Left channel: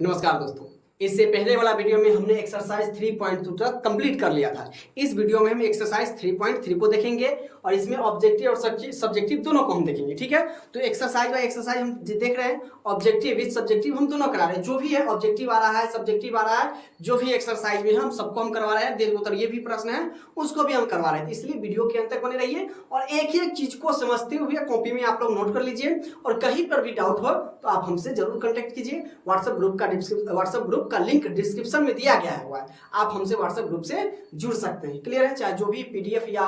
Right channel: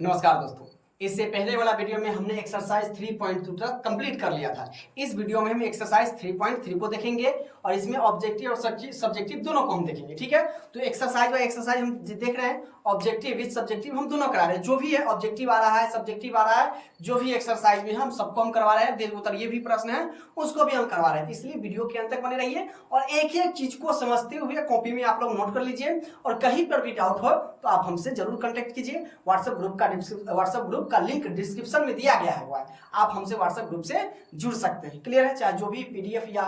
नमस्कार दोस्तों। इससे पहले वाला वीडियो में हमने एक्सरसाइज 3.2 तक कंप्लीट कर लिया था। इस वीडियो में हम एक्सरसाइज 3.3 को देखेंगे और इसमें ऑब्जेक्टिव और सब्जेक्टिव दोनों को हम देखेंगे। ठीक है, तो एक्सरसाइज बाय एक्सरसाइज हम देख रहे हैं। ऑब्जेक्टिव विद सब्जेक्टिव हम दोनों करा रहे हैं। जो भी है ऑब्जेक्टिव आ रहा है, सब्जेक्टिव आ रहा है, जो भी एक्सरसाइज में हम सबको हम करवा रहे हैं। देर उत्तर ये भी प्रश्न है उसको भी हम करवा रहे हैं, इसलिए वीडियो के अंत तक बने रहिए और एक एक चीज को समझते हुए कॉपी में आप लोग नोट कर लीजिए। और कहीं पर भी डाउट हो तो आप हमसे जरूर कांटेक्ट कीजिए। व्हाट्सएप ग्रुप का लिंक डिस्क्रिप्शन में दिया गया हुआ है, आप हमसे व्हाट्सएप ग्रुप से जुड़ सकते हैं। क्लियर है? चाहे जो भी पीडीएफ या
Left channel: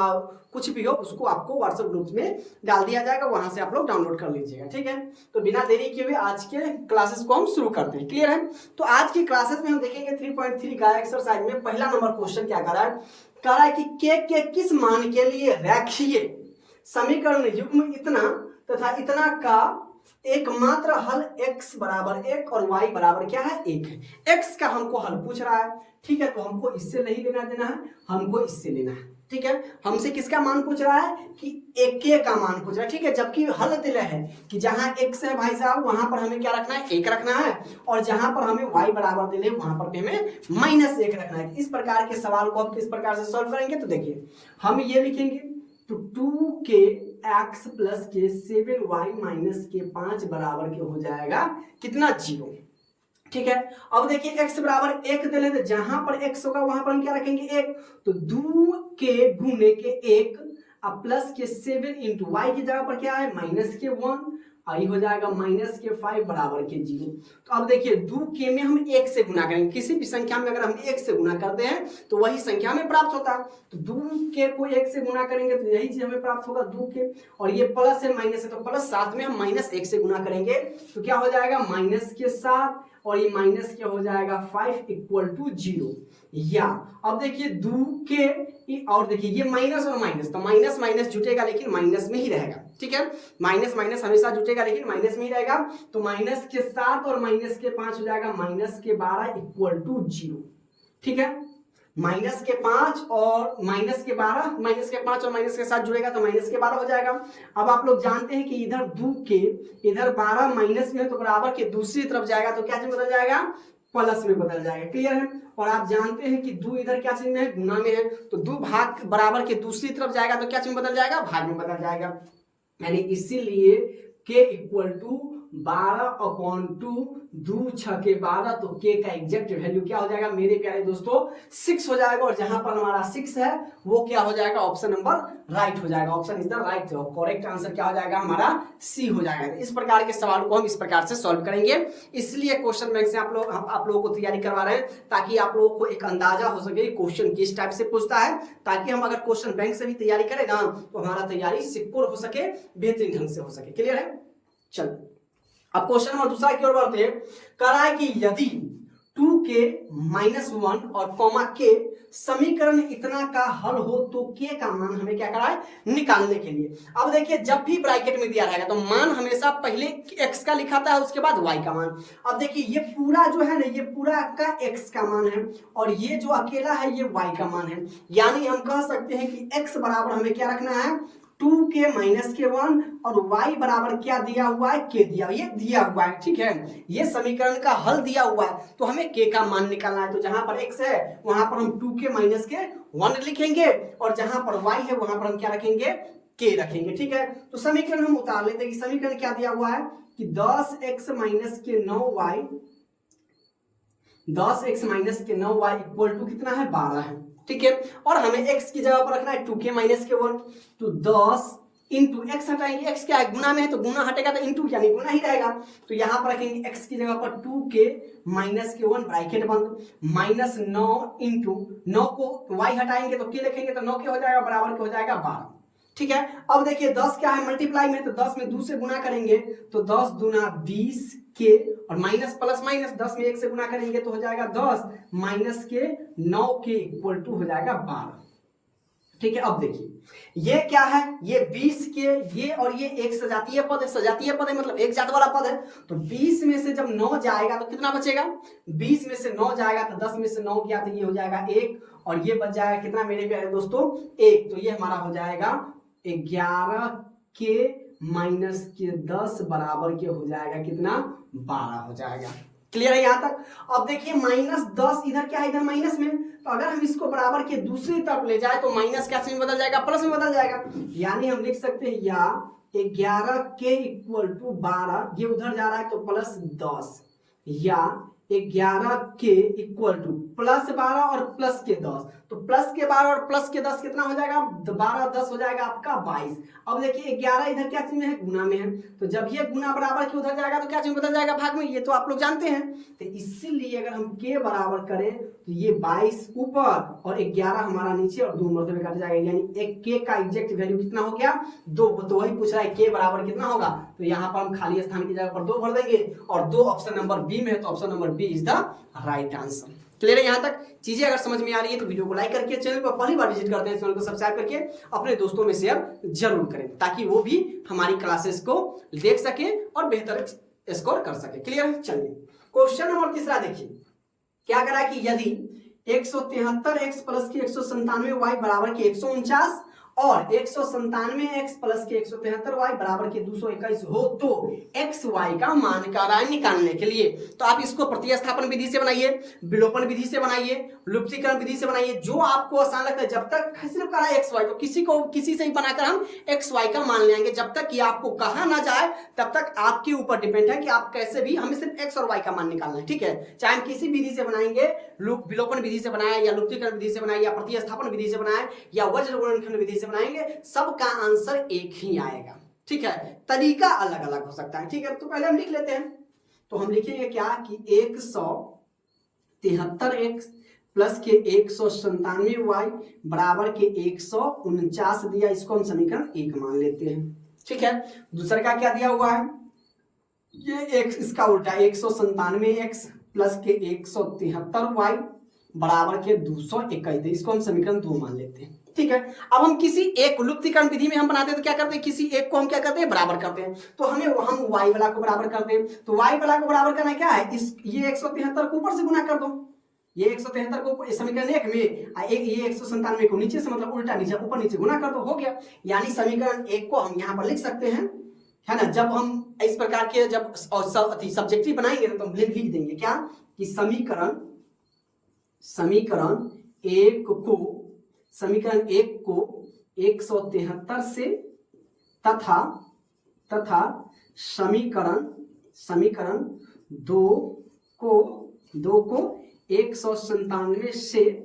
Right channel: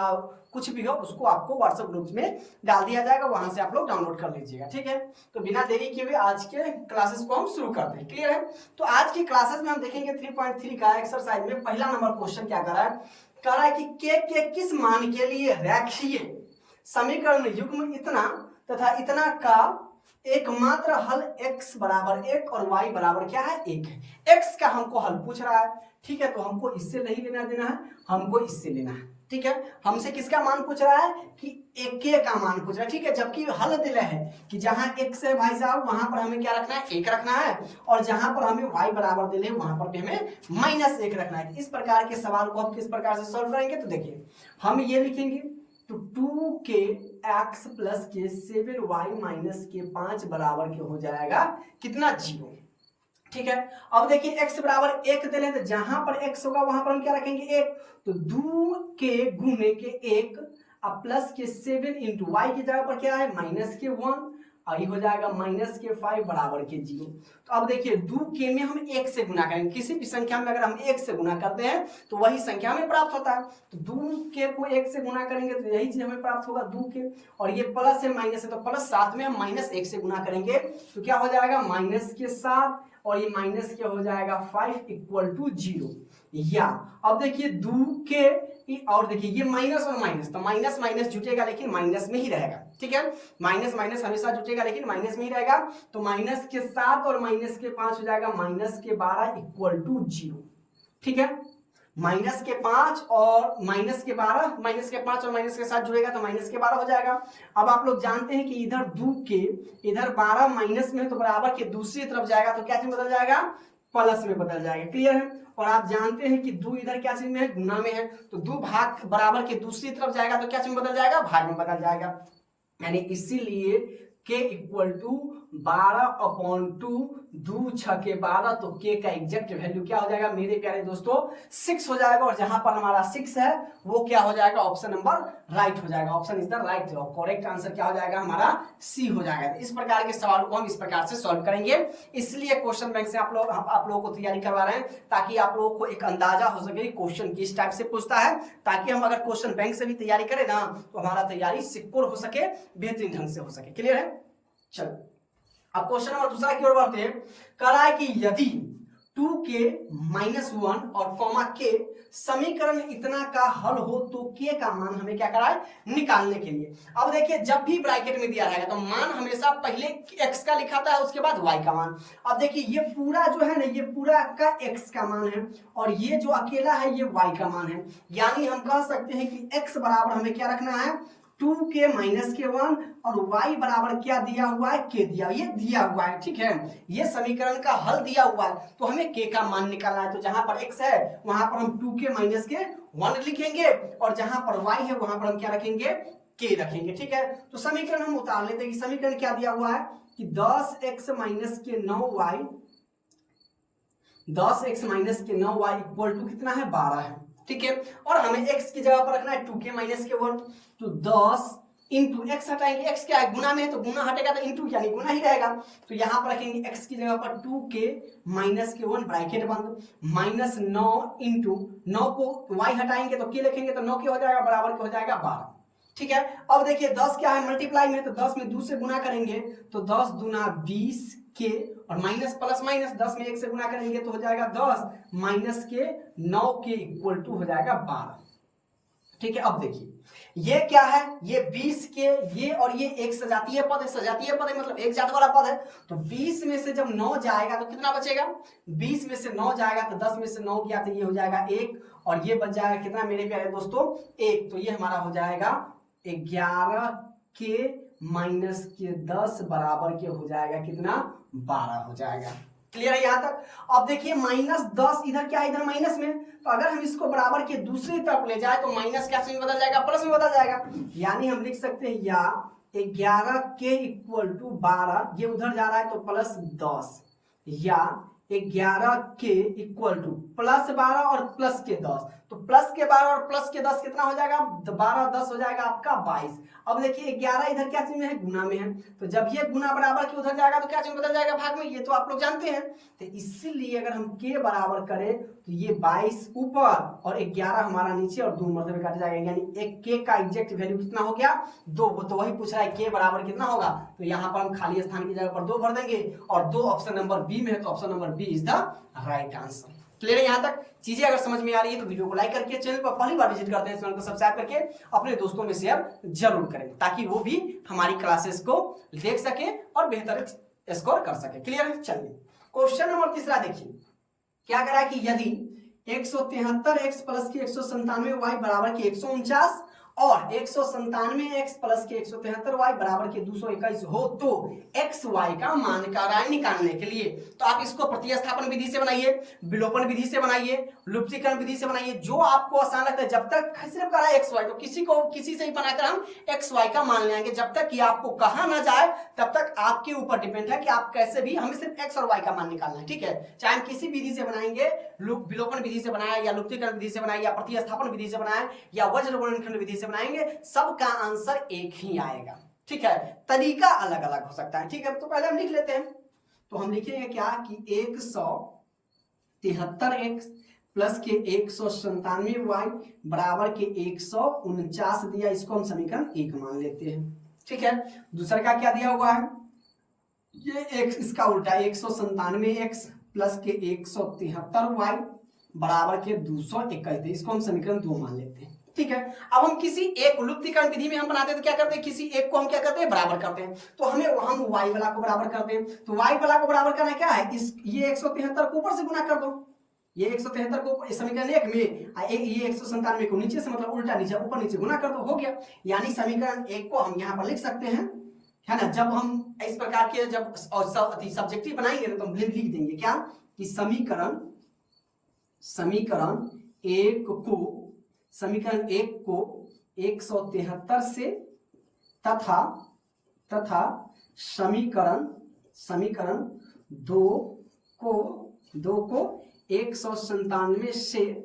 कुछ भी हो उसको आपको व्हाट्सएप ग्रुप में डाल दिया जाएगा, वहां से आप लोग डाउनलोड कर लीजिएगा। ठीक है, तो बिना देरी किए हुए आज के क्लासेस को हम शुरू करते हैं। क्लियर है? तो आज की क्लासेस में हम देखेंगे 3.3 का एक्सरसाइज में पहला नंबर क्वेश्चन क्या कर रहा है कि के किस मान के लिए रेखीय समीकरण युग्म इतना तथा इतना का एकमात्र हल x बराबर 1 और y बराबर क्या है 1 है। x का हमको हल पूछ रहा है। ठीक है, तो हमको इससे नहीं लेना देना है, हमको इससे लेना है। ठीक है, हमसे किसका मान पूछ रहा है कि एक के का मान पूछ रहा है। ठीक है, जबकि हल दिया है कि जहां x है भाई साहब वहां पर हमें क्या रखना है 1 रखना है, और जहां पर हमें y बराबर दिले वहां पर भी हमें -1 रखना है। इस प्रकार के सवाल को हम किस प्रकार से सॉल्व करेंगे, तो देखिए हम ये लिखेंगे तो 2kx प्लस के 7y माइनस के 5 बराबर के हो जाएगा कितना 0। ठीक है, अब देखिए x बराबर 1 दे लेते, जहां पर x होगा वहां पर हम क्या रखेंगे 1, तो 2k गुने के 1 अब प्लस के 7 इंटू वाई की जगह पर क्या है माइनस के 1, आई हो जाएगा माइनस के 5 बराबर के 0। तो अब देखिए 2k में हम 1 से गुना करेंगे। किसी भी संख्या में अगर हम 1 से गुना करते हैं तो वही संख्या में प्राप्त होता है। तो 2k को 1 से गुना करेंगे तो यही चीज हमें प्राप्त होगा 2k, और ये प्लस है माइनस है तो प्लस 7 में हम -1 से गुना करेंगे तो क्या हो जाएगा माइनस के 7, और ये माइनस क्या हो जाएगा 5 इक्वल टू 0। या अब देखिए 2k और देखिए ये माइनस और माइनस, तो माइनस माइनस जुटेगा लेकिन माइनस में ही रहेगा। ठीक है, माइनस माइनस हमेशा जुटेगा लेकिन माइनस में ही रहेगा। तो माइनस के 7 और माइनस के 5 हो जाएगा माइनस के 12 इक्वल टू 0। ठीक है, माइनस के 5 और माइनस के 12, माइनस के 5 और माइनस के 7 जुड़ेगा तो माइनस के 12 हो जाएगा। अब आप लोग जानते हैं कि इधर 2k इधर 12 माइनस में तो बराबर के दूसरी तरफ जाएगा तो क्या चीज बदल जाएगा प्लस में बदल जाएगा। क्लियर है? और आप जानते हैं कि 2 इधर क्या चीज में है गुना में है, तो 2 भाग बराबर के दूसरी तरफ जाएगा तो क्या चीज बदल जाएगा भाग में बदल जाएगा। यानी इसीलिए k इक्वल टू 12/2, 2 6 के 12, तो k का एग्जैक्ट वैल्यू क्या हो जाएगा मेरे प्यारे दोस्तों 6 हो जाएगा। और जहां पर हमारा 6 है वो क्या हो जाएगा ऑप्शन नंबर राइट हो जाएगा। ऑप्शन इज द राइट जवाब। करेक्ट आंसर क्या हो जाएगा हमारा सी हो जाएगा। इस प्रकार के सवाल को हम इस प्रकार से सॉल्व करेंगे। इसलिए क्वेश्चन बैंक से आप लोगों को तैयारी करवा रहे हैं ताकि आप लोगों को एक अंदाजा हो सके क्वेश्चन किस टाइप से पूछता है, ताकि हम अगर क्वेश्चन बैंक से भी तैयारी करें ना तो हमारा तैयारी सिक्योर हो सके, बेहतरीन ढंग से हो सके। क्लियर है? चलो अब क्वेश्चन नंबर दूसरा की ओर बढ़ते हैं। कह रहा है कि यदि 2k -1 और k समीकरण इतना का हल हो तो k का मान हमें क्या करा है निकालने के लिए। अब देखिए जब भी ब्रैकेट में दिया रहेगा तो मान हमेशा पहले x का लिखाता है उसके बाद y का मान। अब देखिए ये पूरा जो है ना ये पूरा आपका x का मान है और ये जो अकेला है ये y का मान है। यानी हम कह सकते हैं कि x बराबर हमें क्या रखना है 2k - 1 और y बराबर क्या दिया हुआ है k दिया हुआ है। ठीक है, ये समीकरण का हल दिया हुआ है तो हमें k का मान निकालना है। तो जहां पर x है वहां पर हम 2k - 1 लिखेंगे और जहां पर y है वहां पर हम क्या रखेंगे k रखेंगे। ठीक है, तो समीकरण हम उतार लेते हैं कि समीकरण क्या दिया हुआ है कि 10x - 9y 10x - 9y equal to कितना है 12 है। ठीक है, और हमें x की जगह पर रखना है 2k - 1, तो 10 इंटू x हटाएंगे, x क्या है गुना में है तो गुना हटेगा तो इंटू यानी गुना ही रहेगा। तो यहां पर रखेंगे x की जगह पर 2k - 1 ब्रैकेट बंद -9 इंटू 9 को y हटाएंगे तो k लिखेंगे तो 9 के हो जाएगा बराबर के हो जाएगा 12। ठीक है, अब देखिए 10 क्या है मल्टीप्लाई में, तो 10 में 2 से गुना करेंगे तो 10 दूना 20 के और माइनस प्लस माइनस 10 में 1 से गुना करेंगे तो हो जाएगा 10 माइनस के 9 के इक्वल टू हो जाएगा 12। ठीक है, अब देखिए ये क्या है ये 20 के ये और ये एक सजातीय पद है। सजातीय पद है मतलब एक जात वाला पद है। तो 20 में से जब 9 जाएगा तो कितना बचेगा 20 में से 9 जाएगा तो 10 में से 9 गया तो ये हो जाएगा 1 और ये बच जाएगा कितना मेरे प्यारे दोस्तों 1। तो ये हमारा हो जाएगा 11 के -10 बराबर के हो जाएगा कितना 12 हो जाएगा। क्लियर है यहाँ तक? अब देखिए -10 इधर क्या है, इधर माइनस में, तो अगर हम इसको बराबर के दूसरी तरफ ले जाए तो माइनस क्या में बदल जाएगा, प्लस में बदल जाएगा। यानी हम लिख सकते हैं या 11k = 12, ये उधर जा रहा है तो +10, या 11k = +12 और +10, तो +12 और +10 कितना हो जाएगा, 12 10 हो जाएगा आपका 22। अब देखिए 11 इधर क्या चीज में है, गुना में है, तो जब ये गुना बराबर के उधर जाएगा तो क्या चीज बदल जाएगा, भाग में, ये तो आप लोग जानते हैं। तो इसीलिए अगर हम k बराबर करें तो ये 22 ऊपर और 11 हमारा नीचे और 2 मरतबे काट जाएगा, यानी एक k का एग्जैक्ट वैल्यू कितना हो गया, 2। तो वही पूछ रहा है k बराबर कितना होगा, तो यहाँ पर हम खाली स्थान की जगह पर 2 भर देंगे, और 2 ऑप्शन नंबर बी में है, तो option number B is the right answer. Clear है यहाँ तक? चीजें अगर समझ में आ रही है तो वीडियो को लाइक करके, चैनल पर पहली बार विजिट करते हैं चैनल को सब्सक्राइब करके अपने दोस्तों में शेयर जरूर करें, ताकि वो भी हमारी क्लासेस को देख सके और बेहतर स्कोर कर सके। क्लियर है? चलिए क्वेश्चन नंबर 3 देखिए, क्या करा कि यदि 173x + के 197y बराबर के 149 और 197x + के 173y बराबर के 221 हो तो एक्स वाई का मान निकालने के लिए, तो आप इसको प्रतिस्थापन विधि से बनाइए, विलोपन विधि से बनाइए, लुप्तीकरण विधि से बनाइए, जो आपको आसान लगता है। जब तक सिर्फ करा एक्स वाई, तो किसी से ही बनाकर हम एक्स वाई का मान ले आएंगे, जब तक कि आपको कहा ना जाए तब तक आपके ऊपर डिपेंड है कि आप कैसे भी, हमें सिर्फ एक्स और वाई का मान निकालना है। ठीक है, चाहे हम किसी विधि से बनाएंगे, विलोपन विधि से बनाया या लुप्तीकरण विधि से बनाया या प्रतिस्थापन विधि से बनाया या वज्र गुणनखंड विधि से बनाएंगे, सबका आंसर एक ही आएगा। ठीक है, तरीका अलग अलग हो सकता है। ठीक है, तो पहले हम लिख लेते हैं, तो हम लिखेंगे क्या कि 173x + के 197y बराबर के 149 दिया, इसको हम समीकरण 1 मान लेते हैं। ठीक है, दूसरा का क्या दिया हुआ है, ये x इसका उल्टा 197x + के 173y बराबर के 221, इसको हम समीकरण 2 मान लेते हैं। ठीक है, अब हम किसी एक लुप्तीकरण विधि में हम बनाते हैं तो क्या करते हैं, किसी एक को हम क्या करते हैं, बराबर करते हैं, तो हम y वाला को बराबर करते हैं। तो y वाला को बराबर करना क्या है, ये 173 को ऊपर से गुना कर दो, ये 173 को समीकरण 1 में, ये 197 को नीचे से, मतलब उल्टा नीचे ऊपर नीचे गुना कर दो, हो गया। यानी समीकरण 1 को हम यहाँ पर लिख सकते हैं, है ना। जब हम इस प्रकार के जब सब्जेक्टिव बनाएंगे तो हम लिख देंगे क्या कि समीकरण 1 को 173 से तथा समीकरण 2 को 197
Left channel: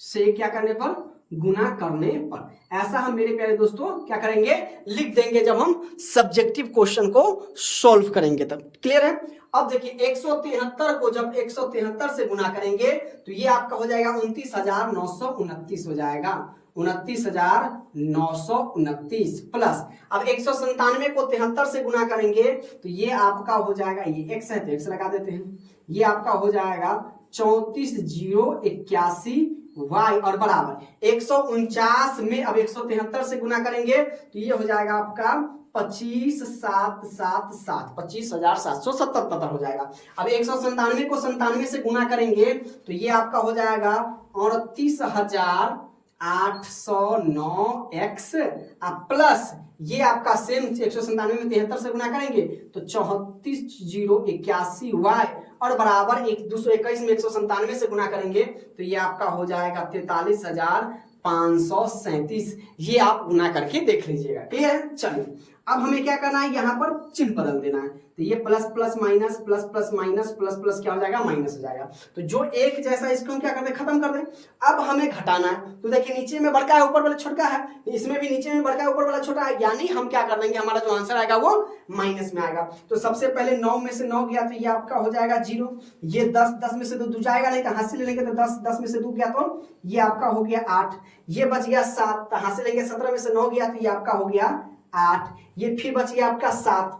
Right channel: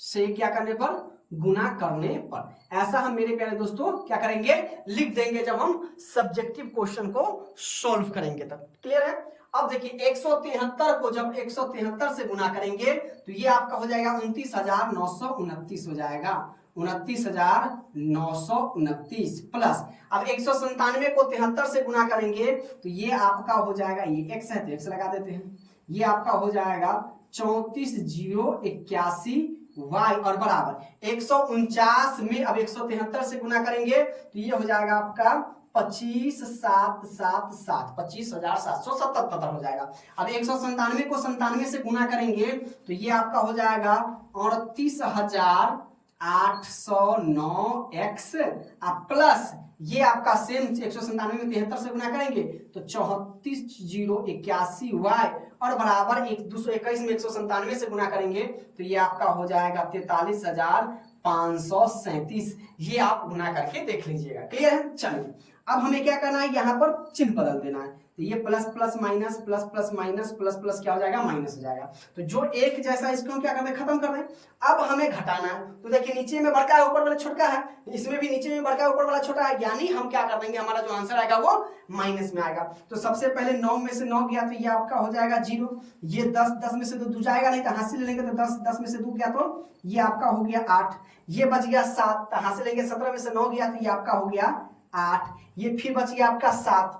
से क्या करने पर, गुना करने पर। ऐसा हम मेरे प्यारे दोस्तों क्या करेंगे, लिख देंगे जब हम सब्जेक्टिव क्वेश्चन को सॉल्व करेंगे तब। क्लियर है? अब देखिए 173 को जब 173 से गुना करेंगे तो ये आपका हो जाएगा 29,929 हो जाएगा, 29,929 प्लस, अब 197 को 73 से गुना करेंगे तो ये आपका हो जाएगा, ये x है तो x लगा देते हैं, ये आपका हो जाएगा 34,081 y और बराबर 149 में अब 173 से गुना करेंगे तो ये हो जाएगा आपका 25,777, 25,777 हो जाएगा। अब 197 को 97 से गुना करेंगे तो ये आपका हो जाएगा 38,809x प्लस, ये आपका सेम 197 में 73 से गुना करेंगे तो 34,081 y और बराबर 221 में 197 से गुना करेंगे तो ये आपका हो जाएगा 43,537। ये आप गुना करके देख लीजिएगा। क्लियर है? चलिए अब हमें क्या करना है, यहाँ पर चिन्ह बदल देना है, तो ये plus plus minus plus plus minus plus plus क्या हो जाएगा, माइनस हो जाएगा। तो जो एक जैसा इसको हम क्या कर दें, खत्म कर दें। अब हमें घटाना है, तो देखिए नीचे में बड़का है ऊपर वाला छोटा है, इसमें भी नीचे में बड़का है ऊपर वाला छोटा है, यानी हम क्या कर देंगे, हमारा जो आंसर आएगा वो माइनस में आएगा। तो सबसे पहले 9 में से 9 गया तो ये आपका हो जाएगा 0, ये 10 में से 2 जाएगा नहीं तो हाथ से ले लेंगे तो 10 में से 2 गया तो ये आपका हो गया 8, ये बच गया 7, तो हाथ से लेंगे 17 में से 9 गया तो ये आपका हो गया 8, ये फिर बच गया आपका 7,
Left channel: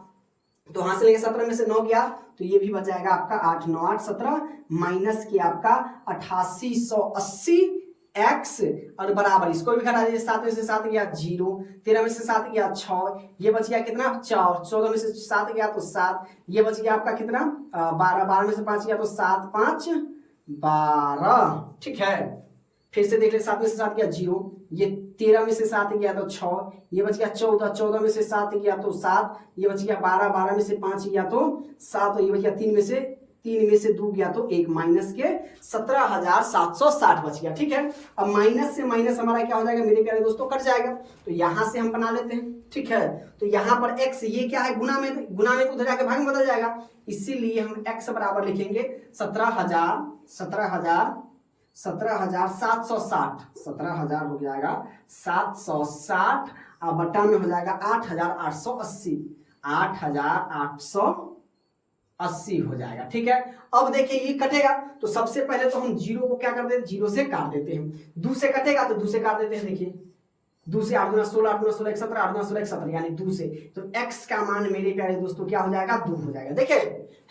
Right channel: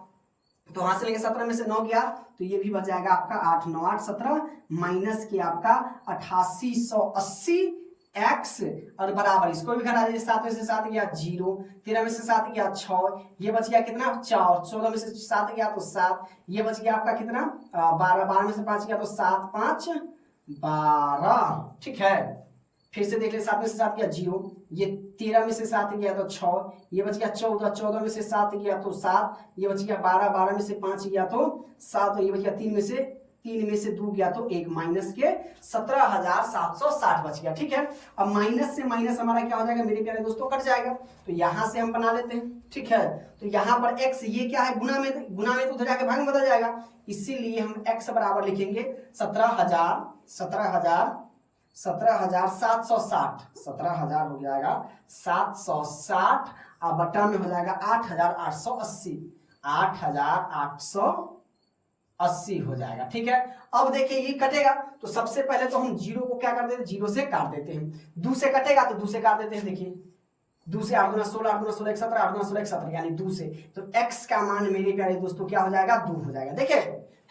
तो वहां से लेके 17 में से 9 गया तो ये भी बच जाएगा आपका 8, 9 8 17 माइनस किया आपका 8880 x और बराबर इसको भी घटा दीजिए, 7 में से 7 गया 0, 13 में से 7 गया 6, ये बच गया कितना 4, 14 में से 7 गया तो 7, ये बच गया आपका कितना 12, 12 में से 5 गया तो 7 5 12। ठीक है, फिर से देख ले, 7 में से 7 गया 0, ये 13 में से 7 गया तो 6, ये बच गया 14, 14 में से 7 गया तो 7, ये बच गया 12, 12 में से 5 गया तो 7, ये बच गया 3 में से 3 में से 2 गया तो 1 माइनस के 17,760 बच गया। ठीक है, अब माइनस से माइनस हमारा क्या हो जाएगा मेरे प्यारे दोस्तों, कट जाएगा। तो यहां से हम बना लेते हैं। ठीक है, तो यहाँ पर x ये क्या है, गुना में तो उधर जाके भाग में बदल जाएगा, इसीलिए हम x बराबर लिखेंगे 17,760 हो जाएगा 760 और बटा में हो जाएगा 8,880 हो जाएगा। ठीक है, अब देखिए ये कटेगा तो सबसे पहले तो हम जीरो को क्या कर देते हैं, जीरो से काट देते हैं। 2 से कटेगा तो 2 से काट देते हैं। देखिए 2 से 8 गुना 16, 8 गुना 16 17, 8 गुना 16 17 यानी 2 से, तो x का मान मेरे प्यारे दोस्तों क्या हो जाएगा, 2 हो जाएगा। देखिए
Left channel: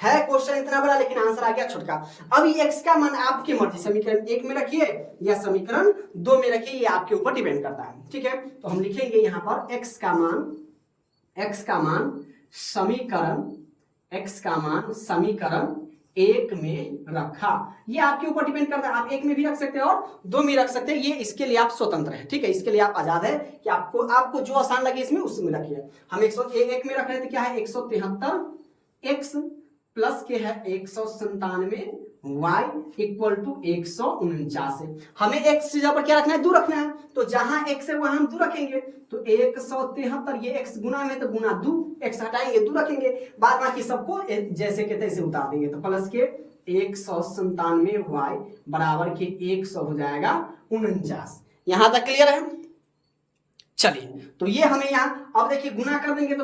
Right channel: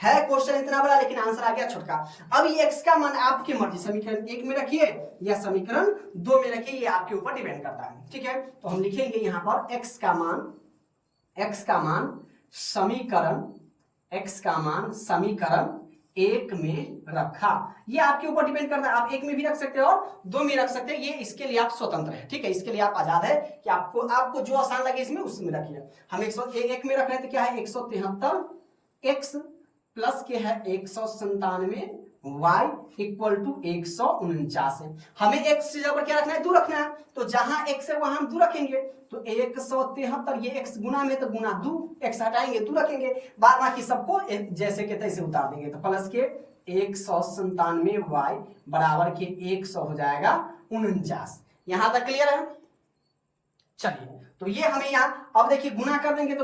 है क्वेश्चन इतना बड़ा लेकिन आंसर आ गया छोटा। अब ये x का मान आपकी मर्जी, समीकरण 1 में रखिए या समीकरण 2 में रखिए, ये आपके ऊपर डिपेंड करता है। ठीक है, तो हम लिखेंगे यहाँ पर x का मान समीकरण 1 में रखा। ये आपके ऊपर डिपेंड करता है, आप 1 में भी रख सकते हैं और 2 में रख सकते हैं, ये इसके लिए आप स्वतंत्र है। ठीक है, इसके लिए आप आजाद है कि आपको जो आसान लगे इसमें उसमें रखिए। हम 101 में रख रहे हैं तो क्या है 173x प्लस के है 197 y इक्वल टू 149 है। हमें x की जगह पर क्या रखना है, 2 रखना है, तो जहां x है वहां हम 2 रखेंगे। तो 173 ये x गुना में तो गुना 2, x हटाएंगे 2 रखेंगे, बाद बाकी सबको जैसे के तैसे उतार देंगे। तो प्लस के 197 y बराबर के 100 हो जाएगा 49। यहां तक क्लियर है। चलिए तो ये हमें यहाँ अब देखिए गुना कर देंगे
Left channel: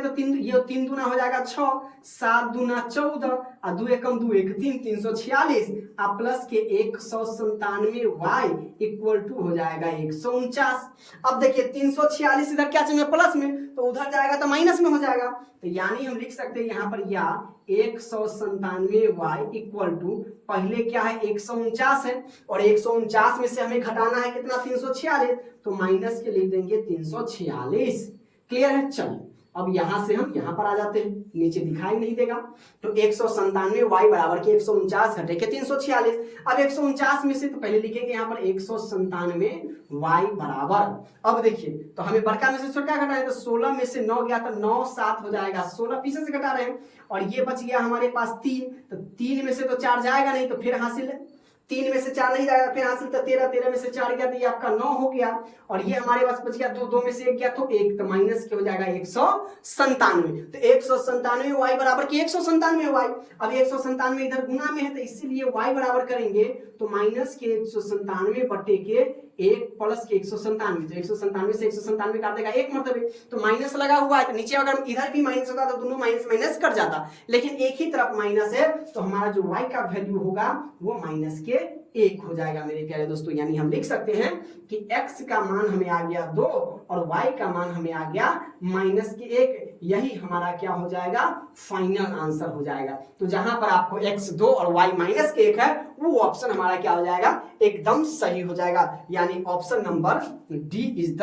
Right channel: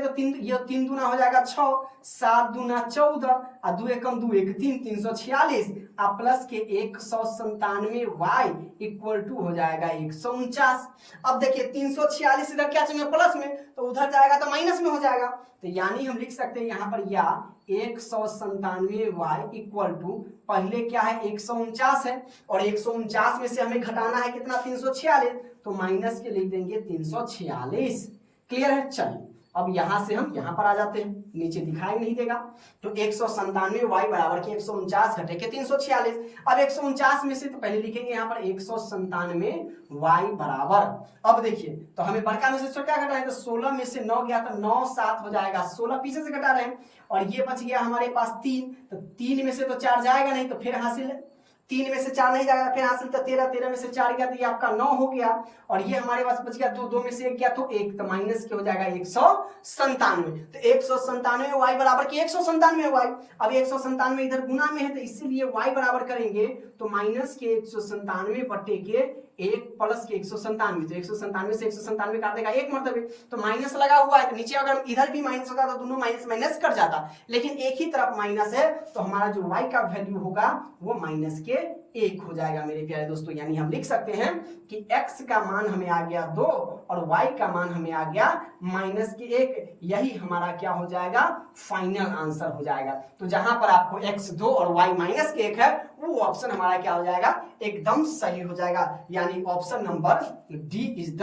तो 3 दूना हो जाएगा 6, 7 दूना 14 और 2 एकम 2 1 3 346 और प्लस के 197 y इक्वल टू हो जाएगा 149। अब देखिए 346 इधर क्या चाहिए प्लस में, तो उधर जाएगा तो माइनस में हो जाएगा। तो यानी हम लिख सकते हैं यहाँ पर या 197 y इक्वल टू पहले क्या है 149 है और 149 में से हमें घटाना है कितना 346, तो माइनस के लिख देंगे 346। क्लियर है। चलिए अब यहां से हम यहां पर आ जाते हैं, नीचे दिखाई नहीं देगा। तो 197 y बराबर के 149 घटे के 346। अब 149 में से तो पहले लिखेंगे यहाँ पर 197 y बराबर, अब देखिए तो हमें बड़का में से छोटा घटा है, तो 16 में से 9 गया तो 9 7 हो जाएगा, 16 पीछे से घटा रहे हैं और ये बच गया हमारे पास 3, तो 3 में से तो 4 जाएगा नहीं, तो फिर हासिल 3 में से 4 नहीं जाएगा, फिर हासिल तो 13, 13 में से 4 गया तो ये आपका 9 हो गया और ये हमारे पास बच गया 2, 2 में से 1 गया तो 1, तो माइनस के हो जाएगा 197। तो 197 y बराबर के 197 y। अब 197 इधर गुना में है तो इसीलिए y बराबर करेंगे तो माइनस के 197 बटे के 1 प्लस के 197, तो 197 से 197 काट देगा 1 मरतबे, तो माइनस लगा हुआ है, नीचे अगर इधर भी माइनस होता तो दोनों माइनस माइनस कट जाता, लेकिन एक ही तरफ माइनस है तो हमारा जो y का वैल्यू होगा वो माइनस के 1 हो जाएगा मेरे प्यारे दोस्तों। यानी हम लिख सकते हैं कि x का मान हमें आ गया 2 और y का मान हमें आ गया माइनस के 1, यही हमारा क्या हो जाएगा फाइनल आंसर हो जाएगा। तो जहां पर आपको x 2 और y माइनस के 1 है वो ऑप्शन हमारा क्या हो जाएगा, एकदम सही हो जाएगा। यानी option number D is the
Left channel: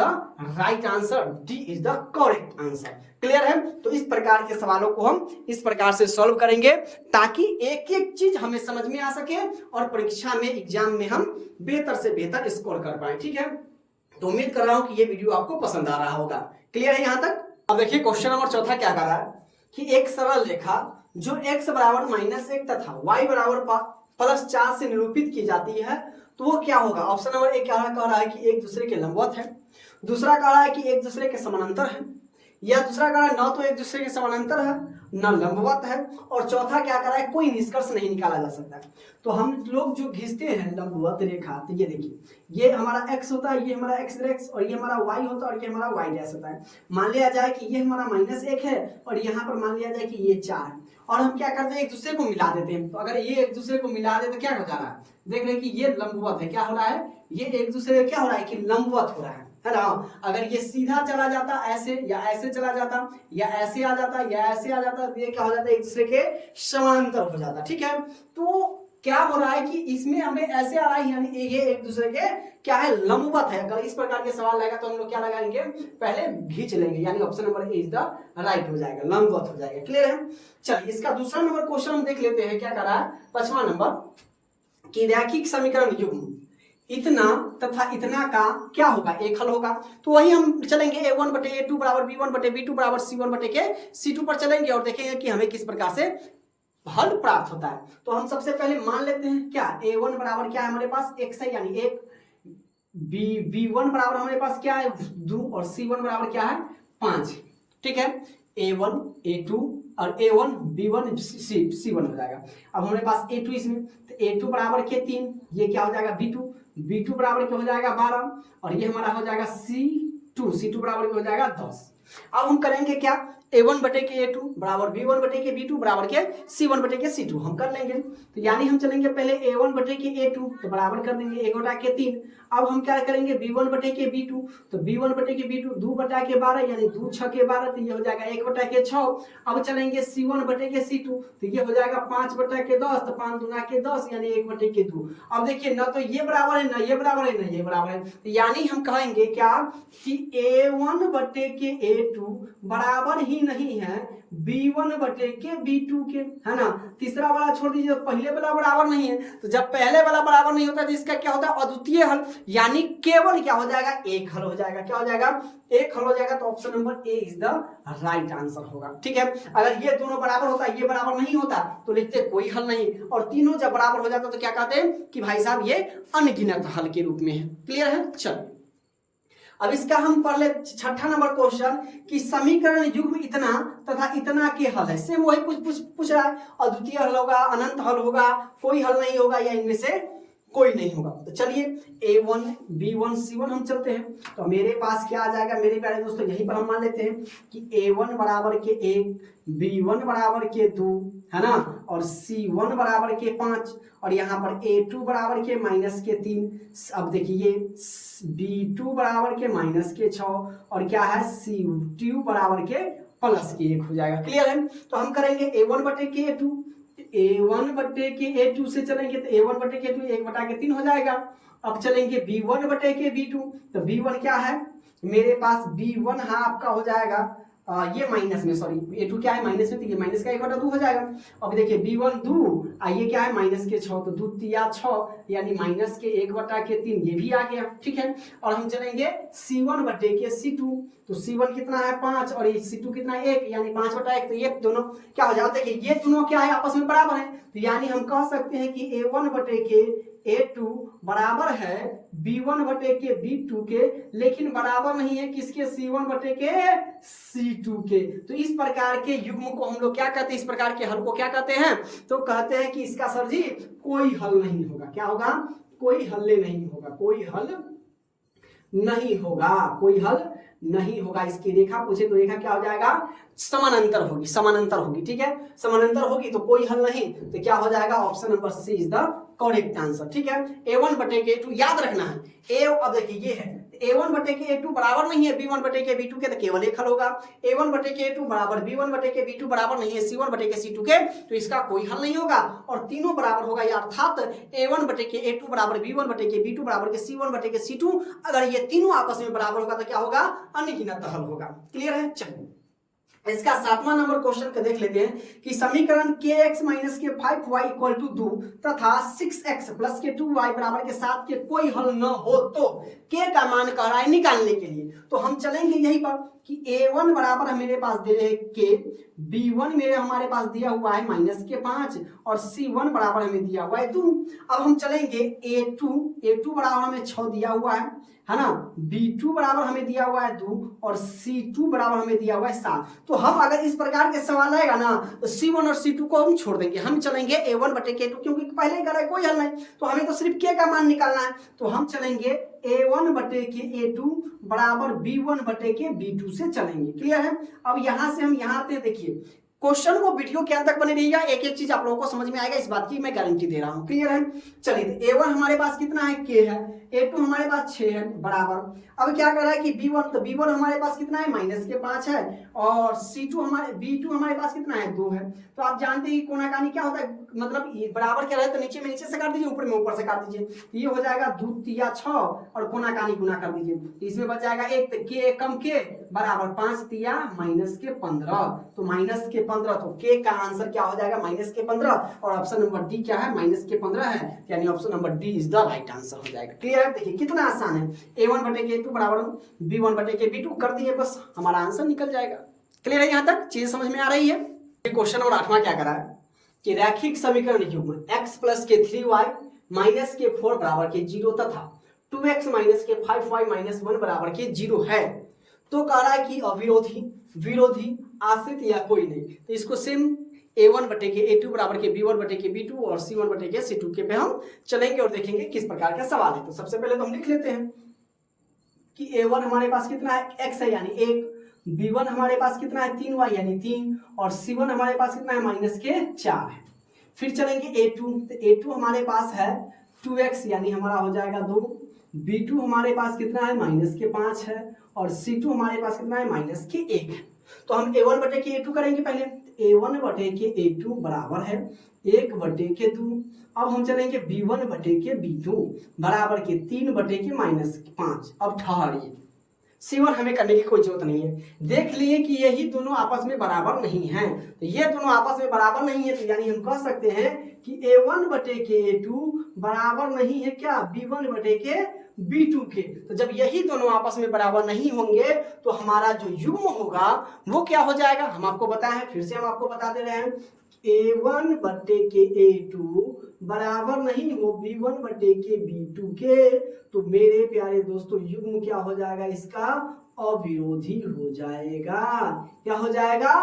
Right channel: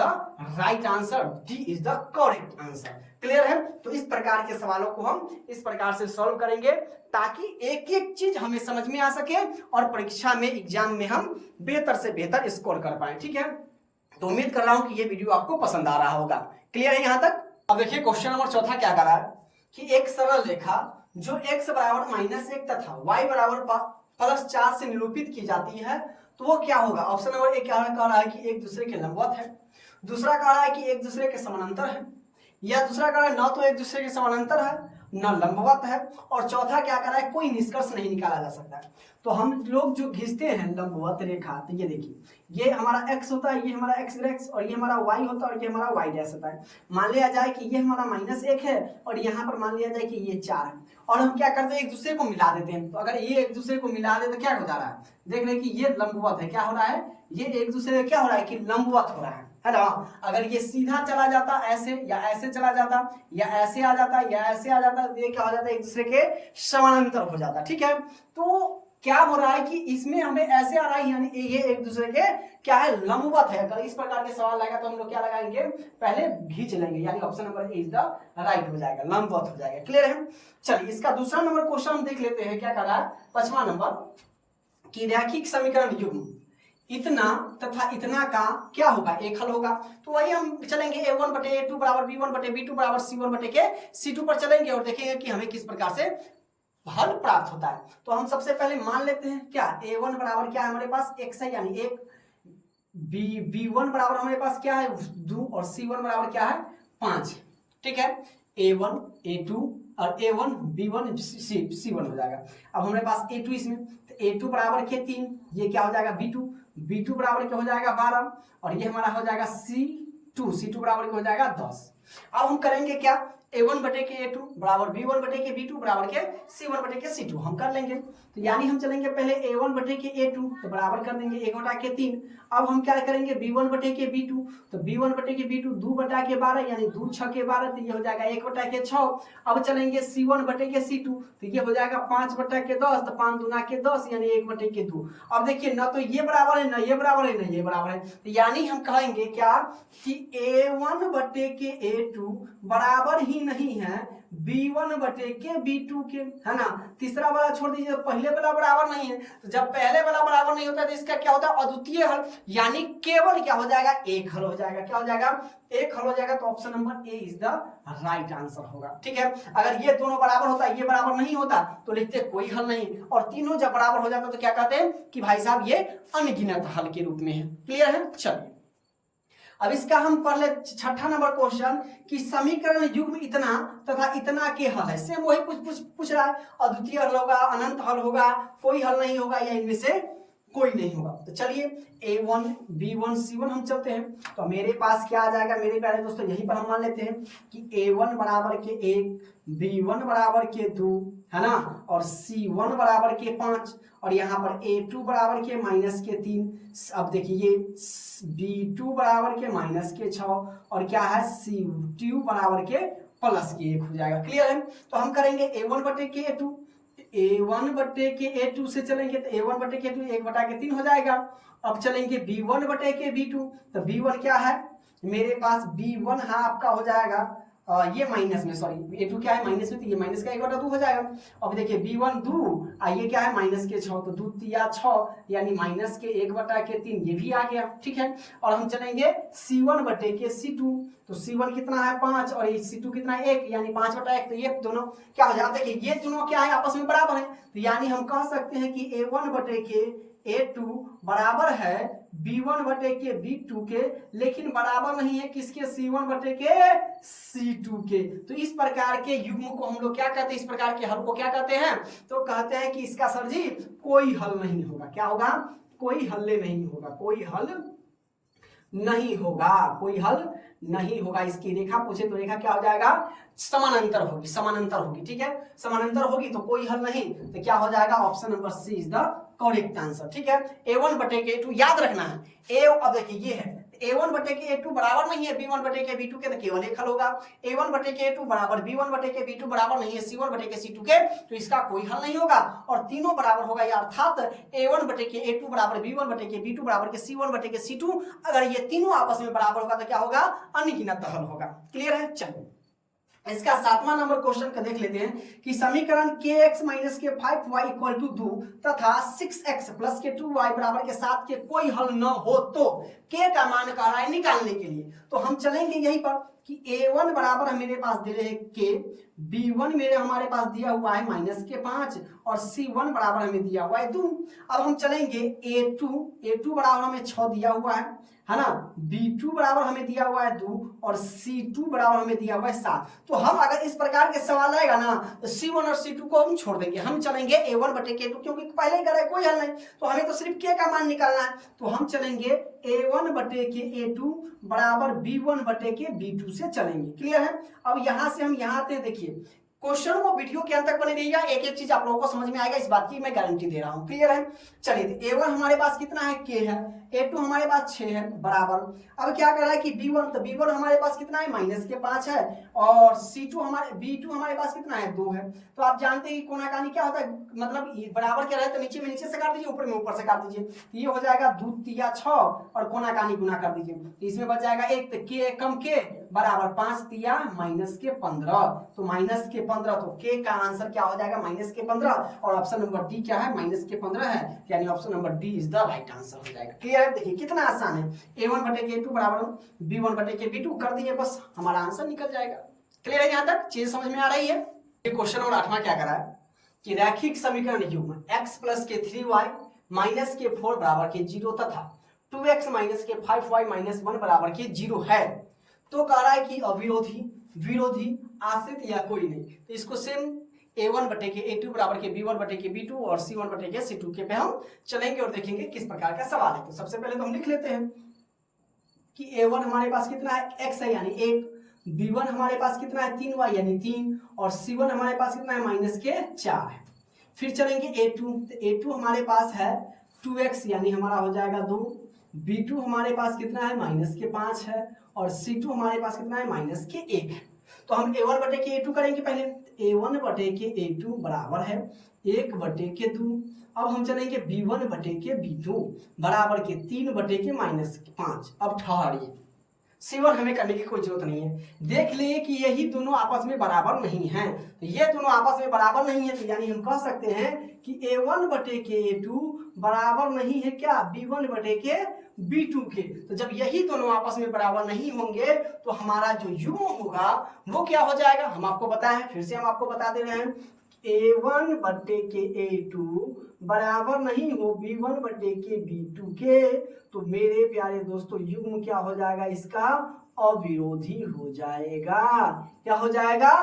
right answer, D is the correct answer. Clear है। तो इस प्रकार के सवालों को हम इस प्रकार से सॉल्व करेंगे ताकि एक एक चीज हमें समझ में आ सके और परीक्षा में एग्जाम में हम बेहतर से बेहतर स्कोर कर पाए। ठीक है, तो उम्मीद कर रहा हूं कि ये वीडियो आपको पसंद आ रहा होगा। क्लियर है यहां तक। अब देखिए क्वेश्चन नंबर 4 क्या कर रहा है कि एक सरल रेखा जो x बराबर -1 तथा y बराबर +4 से निरूपित की जाती है तो वो क्या होगा। ऑप्शन नंबर 1 क्या कह रहा है कि एक दूसरे के लंबवत है, दूसरा कह रहा है कि एक दूसरे के समानांतर है, या दूसरा कह रहा है न तो एक दूसरे के समानांतर है न लंबवत है, और चौथा क्या कर रहा है कोई निष्कर्ष नहीं निकाला जा सकता। तो हम लोग जो खींचते हैं लंबवत रेखा, तो ये देखिए ये हमारा x होता है, ये हमारा x और ये हमारा y होता है और ये हमारा y डैश होता है। मान लिया जाए कि ये हमारा -1 है और यहाँ पर मान लिया जाए कि ये 4 है और हम क्या करते हैं एक दूसरे को मिला देते हैं। तो अगर ये एक दूसरे को मिला दे तो क्या हो जा रहा है, देख रहे हैं कि ये लंबवत है, क्या हो रहा है ये एक दूसरे को क्या हो रहा है कि लंबवत हो रहा है ना। अगर ये सीधा चला जाता ऐसे या ऐसे चला जाता या ऐसे आ जाता या ऐसे आ जाता, ये क्या हो जाता है एक दूसरे के समानांतर हो जाता। ठीक है, तो क्या हो रहा है कि इसमें हमें ऐसे आ रहा है यानी ये एक दूसरे के क्या है लंबवत है। अगर इस प्रकार के सवाल आएगा तो हम लोग क्या लगाएंगे पहले खींच लेंगे, यानी option number A is the right हो जाएगा, लंबवत हो जाएगा। क्लियर है। चलिए इसका दूसरा नंबर क्वेश्चन हम देख लेते हैं क्या कर रहा है। 5वां नंबर कि रैखिक समीकरण युग्म इतना तथा इतना का क्या होगा एक हल होगा। तो वही हम चलेंगे a1 बटे a2 बराबर b1 बटे b2 बराबर c1 बटे के c2 पर चलेंगे और देखेंगे कि हमें किस प्रकार से हल प्राप्त होता है। तो हम सबसे पहले मान लेते हैं क्या, a1 बराबर क्या है हमारे पास x है यानी 1, b1 बराबर हमारे पास क्या है 2 और c1 बराबर क्या है 5। ठीक है, a1 a2 और a1 b1 c1 हो जाएगा। अब हमारे पास a2 इसमें, तो a2 बराबर के 3, ये क्या हो जाएगा b2 बराबर क्या हो जाएगा 12 और ये हमारा हो जाएगा c2 बराबर क्या हो जाएगा 10। अब हम करेंगे क्या, a1 बटे के a2 बराबर b1 बटे के b2 बराबर के c1 बटे के c2 हम कर लेंगे। तो यानी हम चलेंगे पहले a1 बटे के a2 तो बराबर कर देंगे 1 बटा के 3। अब हम क्या करेंगे b1 बटे के b2, तो b1 बटे के b2 2 बटा के 12 यानी 2 6 के 12 तो ये हो जाएगा 1 बटा के 6। अब चलेंगे c1 बटे के c2 तो ये हो जाएगा 5 बटा के 10, तो 5 दूना के 10 यानी 1 बटे के 2। अब देखिए ना तो ये बराबर है ना ये बराबर है ना ये बराबर है, तो यानी हम कहेंगे क्या कि a1 बटे के a2 बराबर ही नहीं है b1 बटे के b2 के, है ना। तीसरा वाला छोड़ दीजिए, पहले वाला बराबर नहीं है, तो जब पहले वाला बराबर नहीं होता तो इसका क्या होता है अद्वितीय हल, यानी केवल क्या हो जाएगा एक हल हो जाएगा। क्या हो जाएगा एक हल हो जाएगा, तो option number A is the right answer होगा। ठीक है, अगर ये दोनों बराबर होता ये बराबर नहीं होता तो लिखते कोई हल नहीं, और तीनों जब बराबर हो जाता तो क्या कहते हैं कि भाई साहब ये अनगिनत हल के रूप में है। क्लियर है, चलिए अब इसका हम पढ़ ले 6ठा नंबर क्वेश्चन कि समीकरण युग्म इतना तथा इतना के हल है। सेम वही पूछ रहा है, अद्वितीय हल होगा, अनंत हल होगा, कोई हल नहीं होगा या इनमें से कोई नहीं होगा। तो चलिए a1 b1 c1 हम चलते हैं, तो मेरे पास क्या आ जाएगा मेरे प्यारे दोस्तों, यहीं पर हम मान लेते हैं कि a1 बराबर के 1, b1 बराबर के 2, है ना, और c1 बराबर के 5 और यहाँ पर a2 बराबर के -3। अब देखिए b2 बराबर के -6 और क्या है c2 बराबर के +1 हो जाएगा। क्लियर है, तो हम करेंगे a1 बटे के a2, a1 बटे के a2 से चलेंगे तो a1 बटे के 2 1 बटा के 3 हो जाएगा। अब चलेंगे b1 बटे के b2, तो b1 क्या है मेरे पास b1 है आपका हो जाएगा ये माइनस में, सॉरी a2 क्या है माइनस में, तो ये माइनस का 1/2 हो जाएगा। अब देखिए b1 2 ये क्या है -6, तो 2 तिया 6 यानी माइनस के 1/3 ये भी आ गया। ठीक है, और हम चलेंगे c1 बटे के c2, तो c1 कितना है 5 और ये c2 कितना है 1 यानी 5/1, तो ये दोनों क्या हो जाता है, देखिए ये दोनों क्या है आपस में बराबर है, तो यानी हम कह सकते हैं कि a1 बटे के a2 बराबर है b1 बटे के b2 के, लेकिन बराबर नहीं है किसके c1 बटे के c2 के। तो इस प्रकार के युग्म को हम लोग क्या कहते हैं, इस प्रकार के हल को क्या कहते हैं, तो कहते हैं कि इसका सर जी कोई हल नहीं होगा। क्या होगा, कोई हल नहीं होगा, कोई हल नहीं होगा, कोई हल नहीं होगा। इसकी रेखा पूछे तो रेखा क्या हो जाएगा समानांतर होगी, समानांतर होगी। ठीक है, समानांतर होगी तो कोई हल नहीं, तो क्या हो जाएगा option number C is the correct answer. ठीक है, a1 बटे के a2 याद रखना है, अब देखिए ये है a1 बटे के a2 बराबर नहीं है b1 बटे के b2 के, तो केवल एक हल होगा। a1 बटे के a2 बराबर b1 बटे के b2 बराबर नहीं है c1 बटे के c2 के, तो इसका कोई हल नहीं होगा और तीनों बराबर होगा, अर्थात a1 बटे के a2 बराबर b1 बटे के b2 बराबर के c1 बटे के c2, अगर ये तीनों आपस में बराबर होगा तो क्या होगा अनगिनत हल होगा। क्लियर है, चलिए इसका 7वां नंबर क्वेश्चन का देख लेते हैं कि समीकरण kx माइनस के 5y इक्वल टू 2 तथा 6x प्लस के 2y बराबर के 7 के कोई हल न हो तो k का मान कह रहा है निकालने के लिए। तो हम चलेंगे यहीं पर कि a1 बराबर मेरे पास दे रहे हैं k, b1 मेरे हमारे पास दिया हुआ है -5 और c1 बराबर हमें दिया हुआ है 2। अब हम चलेंगे a2 बराबर हमें 6 दिया हुआ है ना, b2 बराबर हमें दिया हुआ है 2 और c2 बराबर हमें दिया हुआ है 7। तो हम अगर इस प्रकार के सवाल आएगा ना तो c1 और c2 को हम छोड़ देंगे, हम चलेंगे a1 बटे k2, क्योंकि पहले ही करा है कोई हल नहीं, तो हमें तो सिर्फ k का मान निकालना है। तो हम चलेंगे a1 बटे के a2 बराबर b1 बटे के b2 से चलेंगे। क्लियर है, अब यहां से हम यहां आते हैं, देखिए क्वेश्चन को वीडियो के अंत तक बने रहिएगा, एक एक चीज आप लोगों को समझ में आएगा, इस बात की मैं गारंटी दे रहा हूं। क्लियर है, चलिए a1 हमारे पास कितना है k है, a2 हमारे पास 6 है बराबर। अब क्या कर रहा है कि b1, तो b1 हमारे पास कितना है -5 है और b2 हमारे पास कितना है 2 है। तो आप जानते हैं कोणाकानी क्या होता है, मतलब बराबर क्या रहे तो नीचे में नीचे से काट दीजिए, ऊपर में ऊपर से काट दीजिए, तो ये हो जाएगा 2 तिया 6 और कोणाकानी गुना कर दीजिए, तो इसमें बच जाएगा 1, तो k कम k बराबर 5 तिया -15, तो -15, तो k का आंसर क्या हो जाएगा -15 और ऑप्शन नंबर डी क्या है -15 है, यानी option number D is the right answer हो जाएगा। क्लियर है, देखिए कितना आसान है, a1 बटे के a2 बराबर b1 बटे के b2 कर दिए, बस हमारा आंसर निकल जाएगा। क्लियर है, यहां तक चीज समझ में आ रही है। क्वेश्चन नंबर 8वां क्या करा है कि रैखिक समीकरण युग्म x प्लस के 3y माइनस के 4 बराबर के 0 तथा 2x माइनस के 5y माइनस 1 बराबर के 0 है, तो कह रहा है कि अविरोधी, विरोधी, आश्रित या कोई नहीं। तो इसको सेम a1 बटे के a2 बराबर के b1 बटे के b2 और c1 बटे के c2 के पे हम चलेंगे और देखेंगे किस प्रकार का सवाल है। तो सबसे पहले तो हम लिख लेते हैं कि a1 हमारे पास कितना है, x है यानी 1, b1 हमारे पास कितना है 3y यानी 3 और c1 हमारे पास कितना है माइनस के 4 है। फिर चलेंगे a2, तो a2 हमारे पास है 2x यानी हमारा हो जाएगा 2, b2 हमारे पास कितना है माइनस के 5 है और c2 हमारे पास कितना है माइनस के 1 है। तो हम a1 बटे के a2 करेंगे पहले, a1 बटे के a2 बराबर है 1 बटे के 2। अब हम चलेंगे b1 बटे के b2 बराबर के 3 बटे के माइनस 5। अब ठहरिए, C1 हमें करने की कोई जरूरत नहीं है। देख लिए कि यही दोनों आपस में बराबर नहीं हैं, तो ये दोनों आपस में बराबर नहीं है, तो यानी हम कह सकते हैं कि a1 बटे के a2 बराबर नहीं है क्या, b1 बटे के b2 के। तो जब यही दोनों आपस में बराबर नहीं होंगे तो हमारा जो युग्म होगा वो क्या हो जाएगा, हम आपको बताएं, फिर से हम आपको बता दे रहे हैं, a1 बटे के a2 बराबर नहीं हो b1 बटे के b2 के, तो मेरे प्यारे दोस्तों युग्म क्या हो जाएगा, इसका अविरोधी हो जाएगा। क्या हो जाएगा,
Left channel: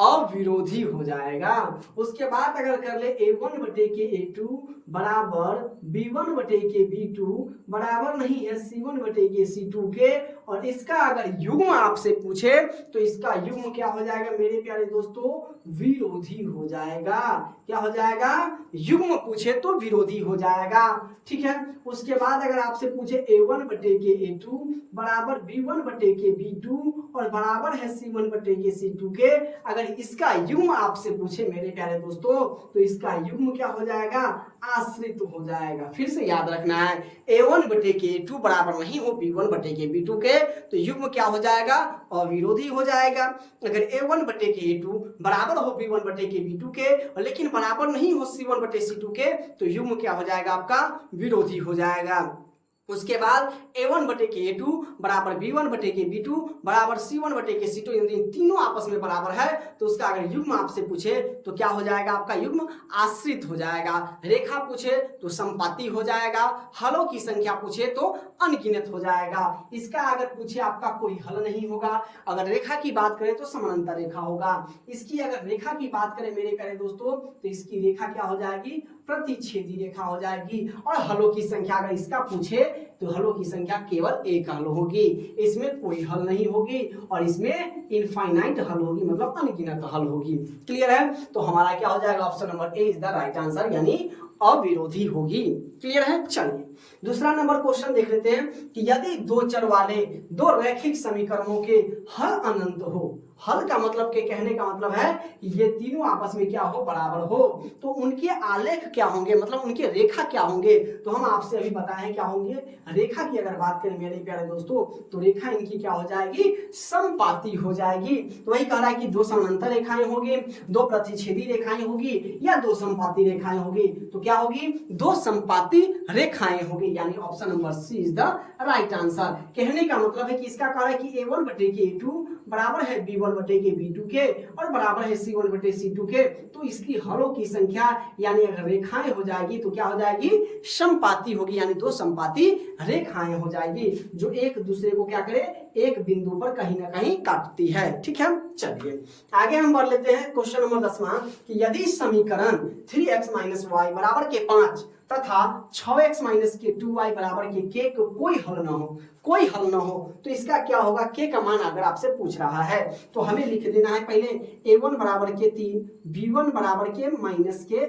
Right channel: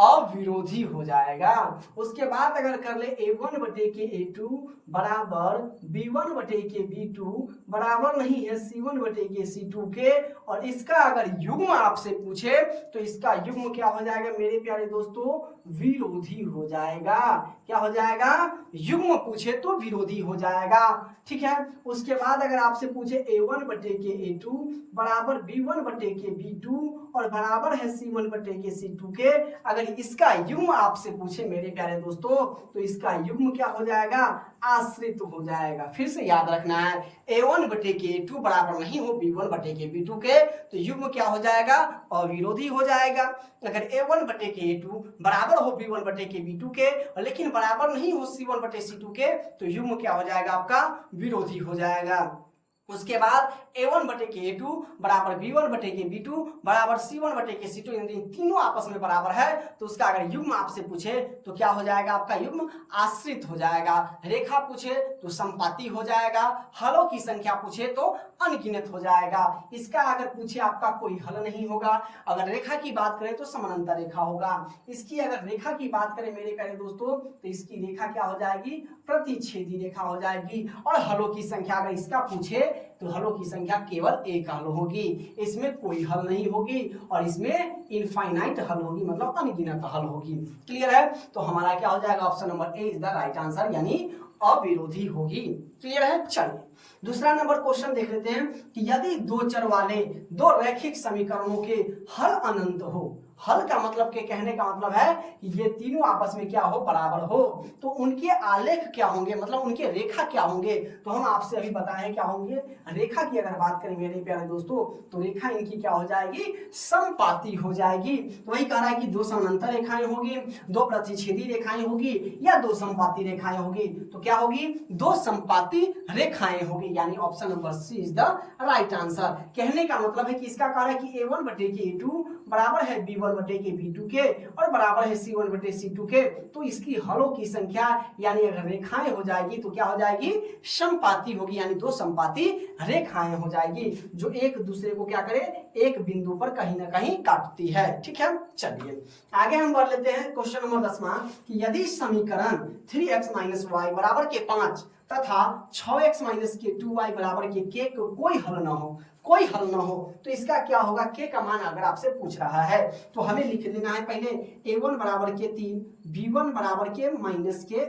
अविरोधी हो जाएगा। उसके बाद अगर कर ले a1 बटे के a2 बराबर b1 बटे के b2 बराबर नहीं है c1 बटे के c2 के, और इसका अगर युग्म आपसे पूछे तो इसका युग्म क्या हो जाएगा मेरे प्यारे दोस्तों, विरोधी हो जाएगा। क्या हो जाएगा, युग्म पूछे तो विरोधी हो जाएगा। ठीक है, उसके बाद अगर आपसे पूछे a1 बटे के a2 बराबर b1 बटे के b2 और बराबर है c1 बटे के c2 के, अगर इसका युग्म आपसे पूछे मेरे प्यारे दोस्तों तो इसका युग्म क्या हो जाएगा, आश्रित हो जाएगा। फिर से याद रखना है, a1 बटे के a2 बराबर नहीं हो b1 बटे के b2 के, तो युग्म क्या हो जाएगा, अविरोधी हो जाएगा। अगर a1 बटे के a2 बराबर हो b1 बटे के b2 के लेकिन बराबर नहीं हो c1 बटे c2 के, तो युग्म क्या हो जाएगा आपका, विरोधी हो जाएगा। उसके बाद a1 बटे के a2 बराबर b1 बटे के b2 बराबर c1 बटे के c2, यदि तीनों आपस में बराबर है तो उसका अगर युग्म आपसे पूछे तो क्या हो जाएगा, आपका युग्म आश्रित हो जाएगा। रेखा पूछे तो संपाती हो जाएगा, हलों की संख्या पूछे तो अनगिनत हो जाएगा। इसका अगर पूछे आपका कोई हल नहीं होगा। अगर रेखा की बात करें तो समानांतर रेखा होगा। इसकी अगर रेखा की बात करें मेरे प्यारे दोस्तों तो इसकी रेखा क्या हो जाएगी, प्रतिच्छेदी रेखा हो जाएगी। और हलों की संख्या अगर इसका पूछे तो हलों की संख्या केवल एक हल होगी, इसमें कोई हल नहीं होगी और इसमें इनफाइनाइट हल होगी, मतलब अनगिनत हल होगी। क्लियर है, तो हमारा क्या हो जाएगा, option number A is the right answer, यानी अविरोधी होगी। क्लियर है, चलिए दूसरा नंबर क्वेश्चन देख लेते हैं कि यदि दो चर वाले दो रैखिक समीकरणों के हल अनंत हो, हल का मतलब के कहने का मतलब है कि ये तीनों आपस में क्या हो, बराबर हो, तो उनके आलेख क्या होंगे, मतलब उनके रेखा क्या होंगे। तो हम आपसे अभी बताएं क्या होंगे। रेखा की अगर बात करें मेरे प्यारे दोस्तों तो रेखा इनकी क्या हो जाएगी, समपाती हो जाएगी। तो वही कह रहा है कि दो समानांतर रेखाएं होगी, दो प्रतिच्छेदी रेखाएं होगी या दो समपाती रेखाएं होगी। तो क्या होगी, दो समपाती रेखाएं होगी, यानी option number C is the right answer. कहने का मतलब है कि इसका कह रहा है कि a1 बटे के a2 बराबर है b1 बटे के b2 के और बराबर है c1 बटे c2 के, तो इसकी हलों की संख्या यानी अगर रेखाएं हो जाएगी तो क्या हो जाएगी, समपाती होगी, यानी दो समपाती रेखाएं हो जाएगी जो एक दूसरे को क्या करे, एक बिंदु पर कहीं ना कहीं काटती है। ठीक है, चलिए आगे हम बढ़ लेते हैं क्वेश्चन नंबर 10वां कि यदि समीकरण 3x माइनस वाई बराबर के 5 तथा 6x माइनस के 2y बराबर के को कोई हल ना हो, कोई हल ना हो, तो इसका क्या होगा, के का मान अगर आपसे पूछ रहा है तो हमें लिख देना है पहले a1 बराबर के 3, b1 बराबर के माइनस के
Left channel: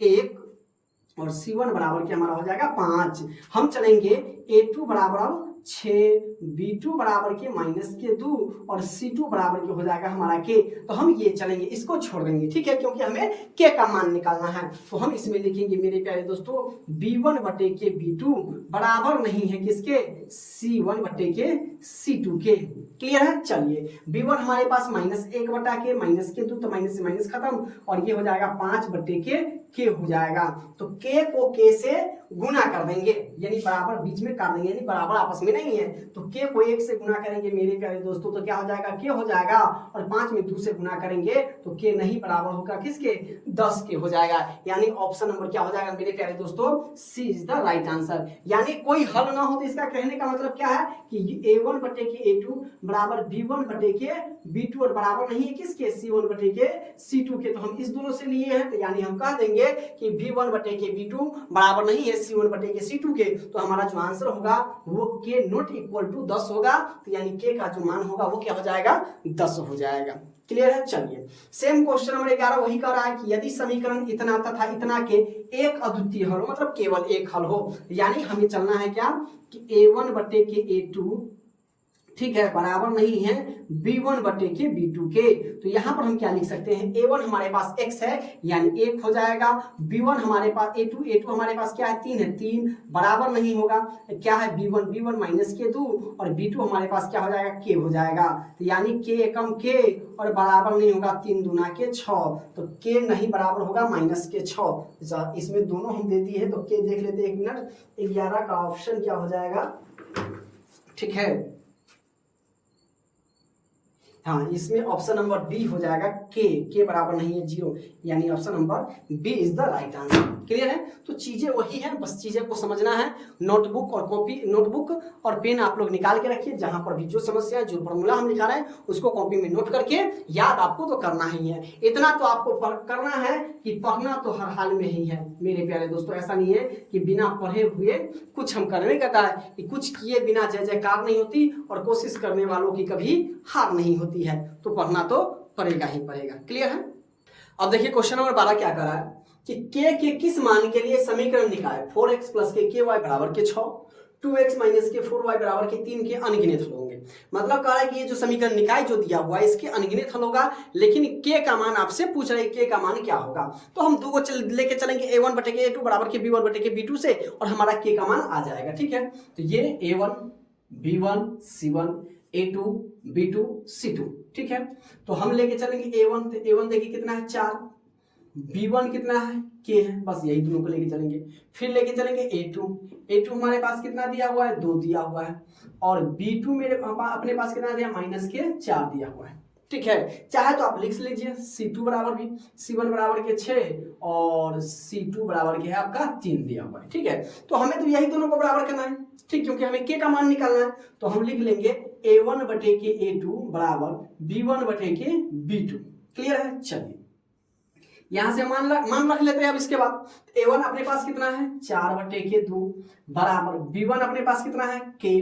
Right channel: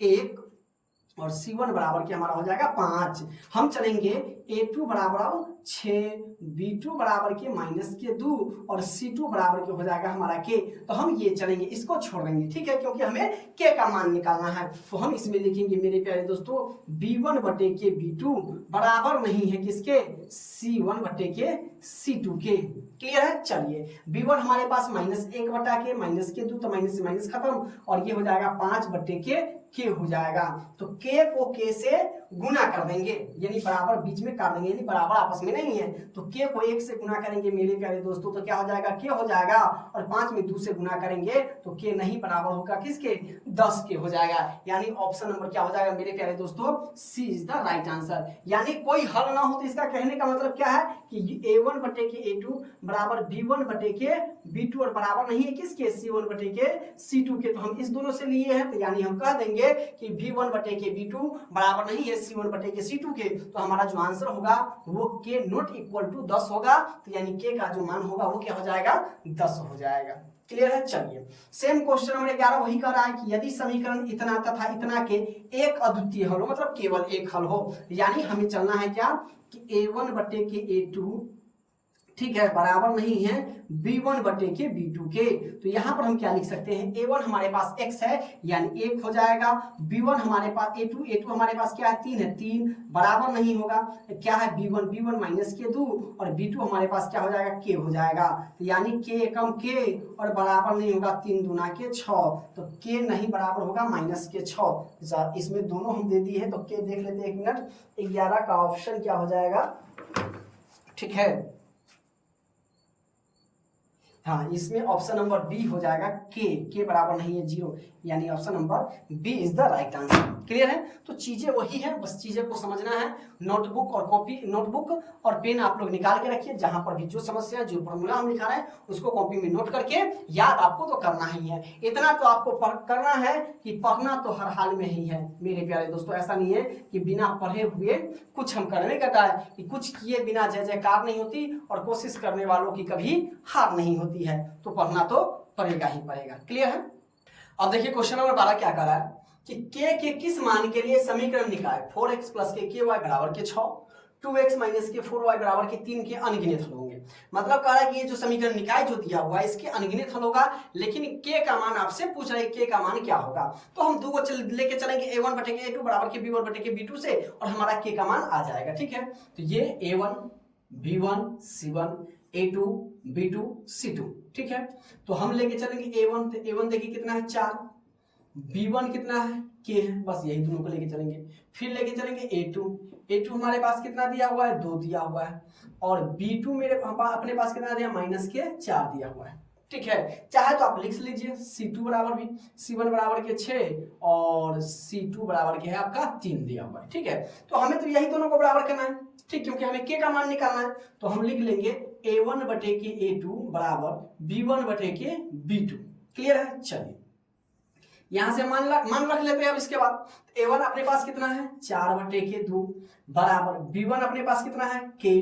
1 और c1 बराबर के हमारा हो जाएगा 5। हम चलेंगे a2 बराबर 6, b2 बराबर के माइनस के 2 और c2 बराबर के हो जाएगा हमारा के। तो हम ये चलेंगे, इसको छोड़ देंगे, ठीक है, क्योंकि हमें के का मान निकालना है। तो हम इसमें लिखेंगे मेरे प्यारे दोस्तों b1 बटे के b2 बराबर नहीं है किसके, c1 बटे के c2 के। क्लियर है, चलिए b1 हमारे पास -1 बटा के माइनस के 2, तो माइनस से माइनस खत्म और ये हो जाएगा 5 बटे के के हो जाएगा। तो के को के से गुना कर देंगे, यानी बराबर बीच में काट देंगे, यानी बराबर आपस में नहीं है। तो के को 1 से गुना करेंगे मेरे प्यारे दोस्तों, तो क्या हो जाएगा, के हो जाएगा। और 5 में 2 से गुना करेंगे तो के नहीं बराबर होगा किसके, 10 के हो जाएगा। यानी ऑप्शन नंबर क्या हो जाएगा मेरे प्यारे दोस्तों, सी इज द राइट आंसर। यानी कोई हल ना हो तो इसका कहने का मतलब क्या है कि a1 बटे के a2 बराबर b1 बटे के b2 और बराबर नहीं है किसके, c1 बटे के c2 के। तो हम इस दोनों से लिए हैं, तो यानी हम कह देंगे कि b1 बटे के b2 बराबर नहीं है c1 बटे के c2 के। तो हमारा जो आंसर होगा वो k नॉट इक्वल टू 10 होगा। तो यानी k का जो मान होगा वो क्या हो जाएगा, 10 हो जाएगा। क्लियर है। चलिए सेम क्वेश्चन नंबर 11 वही कर रहा है कि यदि समीकरण इतना तथा इतना के एक अद्वितीय हल हो, मतलब केवल एक हल हो, यानी हमें चलना है क्या कि a1 बटे के a2 ठीक है बराबर नहीं है b1 बटे के b2 के। तो यहां पर हम क्या लिख सकते हैं, a1 हमारे पास x है यानी 1 हो जाएगा, b1 हमारे पास a2 हमारे पास क्या है 3 है, 3 बराबर नहीं होगा क्या है b1 माइनस के 2 और b2 हमारे पास क्या हो जाएगा k हो जाएगा। तो यानी k एकम k और बराबर नहीं होगा 3 दूना के 6, तो k नहीं बराबर होगा माइनस के 6। इसमें दोनों हम दे दिए हैं, तो k देख लेते हैं 1 मिनट। 11 का ऑप्शन क्या हो जाएगा, ठीक है हाँ इसमें ऑप्शन नंबर डी हो जाएगा, के बराबर नहीं है 0, यानी option number B is the right answer. Clear है। तो चीजें वही है, बस चीजें को समझना है। नोटबुक और कॉपी, नोटबुक और पेन आप लोग निकाल के रखिए, जहां पर भी जो समस्या है, जो फॉर्मूला हम लिखा रहे हैं उसको कॉपी में नोट करके याद आपको तो करना ही है। इतना तो आपको करना है कि पढ़ना तो हर हाल में ही है मेरे प्यारे दोस्तों। ऐसा नहीं है कि बिना पढ़े हुए कुछ हम करने कहता है कि कुछ किए बिना जय जयकार नहीं होती, और कोशिश करने वालों की कभी हार नहीं होती है। तो पढ़ना तो पड़ेगा ही पड़ेगा। क्लियर है। अब देखिए क्वेश्चन नंबर 12 क्या कर रहा है कि k के किस मान के लिए समीकरण निकाय 4x प्लस के y बराबर के 6, 2x माइनस के 4y बराबर के 3 के अनगिनत हल होंगे। मतलब कह रहा है कि ये जो समीकरण निकाय जो दिया हुआ है इसके अनगिनत हल होगा, लेकिन k का मान आपसे पूछ रहा है k का मान क्या होगा। तो हम दो को लेके चलेंगे, a1 बटे के a2 बराबर के b1 बटे के b2 से, और हमारा k का मान आ जाएगा। ठीक है, तो ये a1 b1 c1 a2 b2 c2। ठीक है, तो हम लेके चलेंगे a1 देखिए कितना है 4, b1 कितना है k है, बस यही दोनों को लेके चलेंगे। फिर लेके चलेंगे a2 हमारे पास कितना दिया हुआ है 2 दिया हुआ है, और b2 मेरे अपने पास कितना दिया माइनस के 4 दिया हुआ है। ठीक है, चाहे तो आप लिख लीजिए c2 बराबर भी c1 बराबर के 6 और c2 बराबर के है आपका 3 दिया हुआ है। ठीक है, तो हमें तो यही दोनों को बराबर करना है, ठीक, क्योंकि हमें k का मान निकालना है। तो हम लिख लेंगे a1 बटे के a2 बराबर b1 बटे के b2। क्लियर है। चलिए यहां से मान रख लेते हैं। अब इसके बाद a1 अपने पास कितना है 4 बटे के 2 बराबर b1 अपने पास कितना है k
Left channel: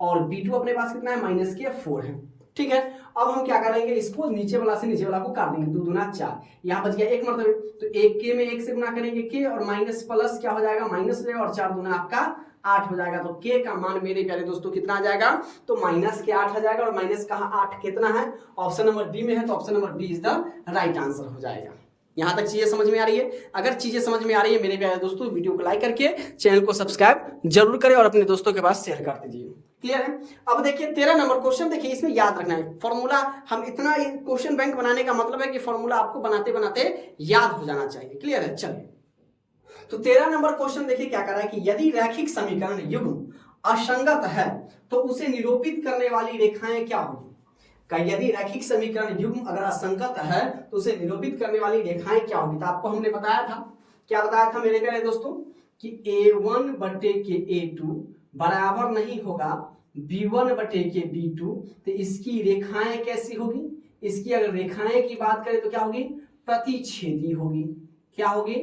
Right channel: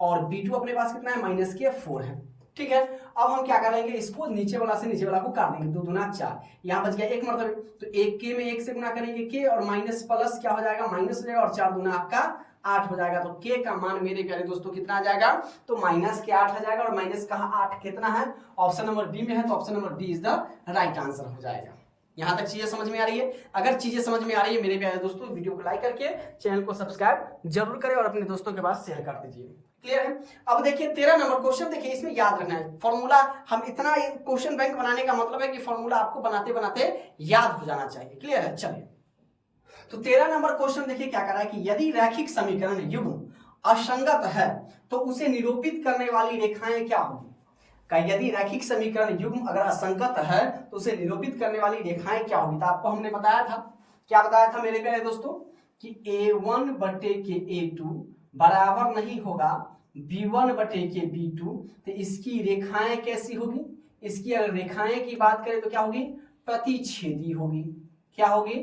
और b2 अपने पास कितना है माइनस के 4 है। ठीक है, अब हम क्या करेंगे, इसको नीचे वाला से नीचे वाला को काट देंगे, 2 दूना 4, यहाँ बच गया 1 मरतबे। तो 1 के में 1 से गुना करेंगे k और माइनस प्लस क्या हो जाएगा माइनस हो जाएगा, और 4 दूना आपका 8 हो जाएगा। तो k का मान मेरे प्यारे दोस्तों कितना आ जाएगा, तो माइनस के 8 आ जाएगा, और माइनस का 8 कितना है ऑप्शन नंबर बी में है, तो option number B is the right answer हो जाएगा। यहां तक चीजें समझ में आ रही है। अगर चीजें समझ में आ रही है मेरे प्यारे दोस्तों, वीडियो को लाइक करके चैनल को सब्सक्राइब जरूर करें और अपने दोस्तों के पास शेयर कर दीजिए। क्लियर है। अब देखिए 13 नंबर क्वेश्चन, देखिए इसमें याद रखना है फॉर्मूला। हम इतना क्वेश्चन बैंक बनाने का मतलब है कि फॉर्मूला आपको बनाते बनाते याद हो जाना चाहिए। क्लियर है। चलिए तो 13 नंबर क्वेश्चन देखिए क्या कर रहा है कि यदि रैखिक समीकरण युग्म असंगत है तो उसे निरूपित करने वाली रेखाएं क्या होगी। यदि रैखिक समीकरण युग्म अगर असंगत है तो उसे निरूपित करने वाली रेखाएं क्या होगी। तो आपको हमने बताया था, क्या बताया था मेरे प्यारे दोस्तों, कि a1 बटे के a2 बराबर नहीं होगा b1 बटे के b2। तो इसकी रेखाएं कैसी होगी, इसकी अगर रेखाएं की बात करें तो क्या होगी, प्रतिच्छेदी होगी। क्या होगी,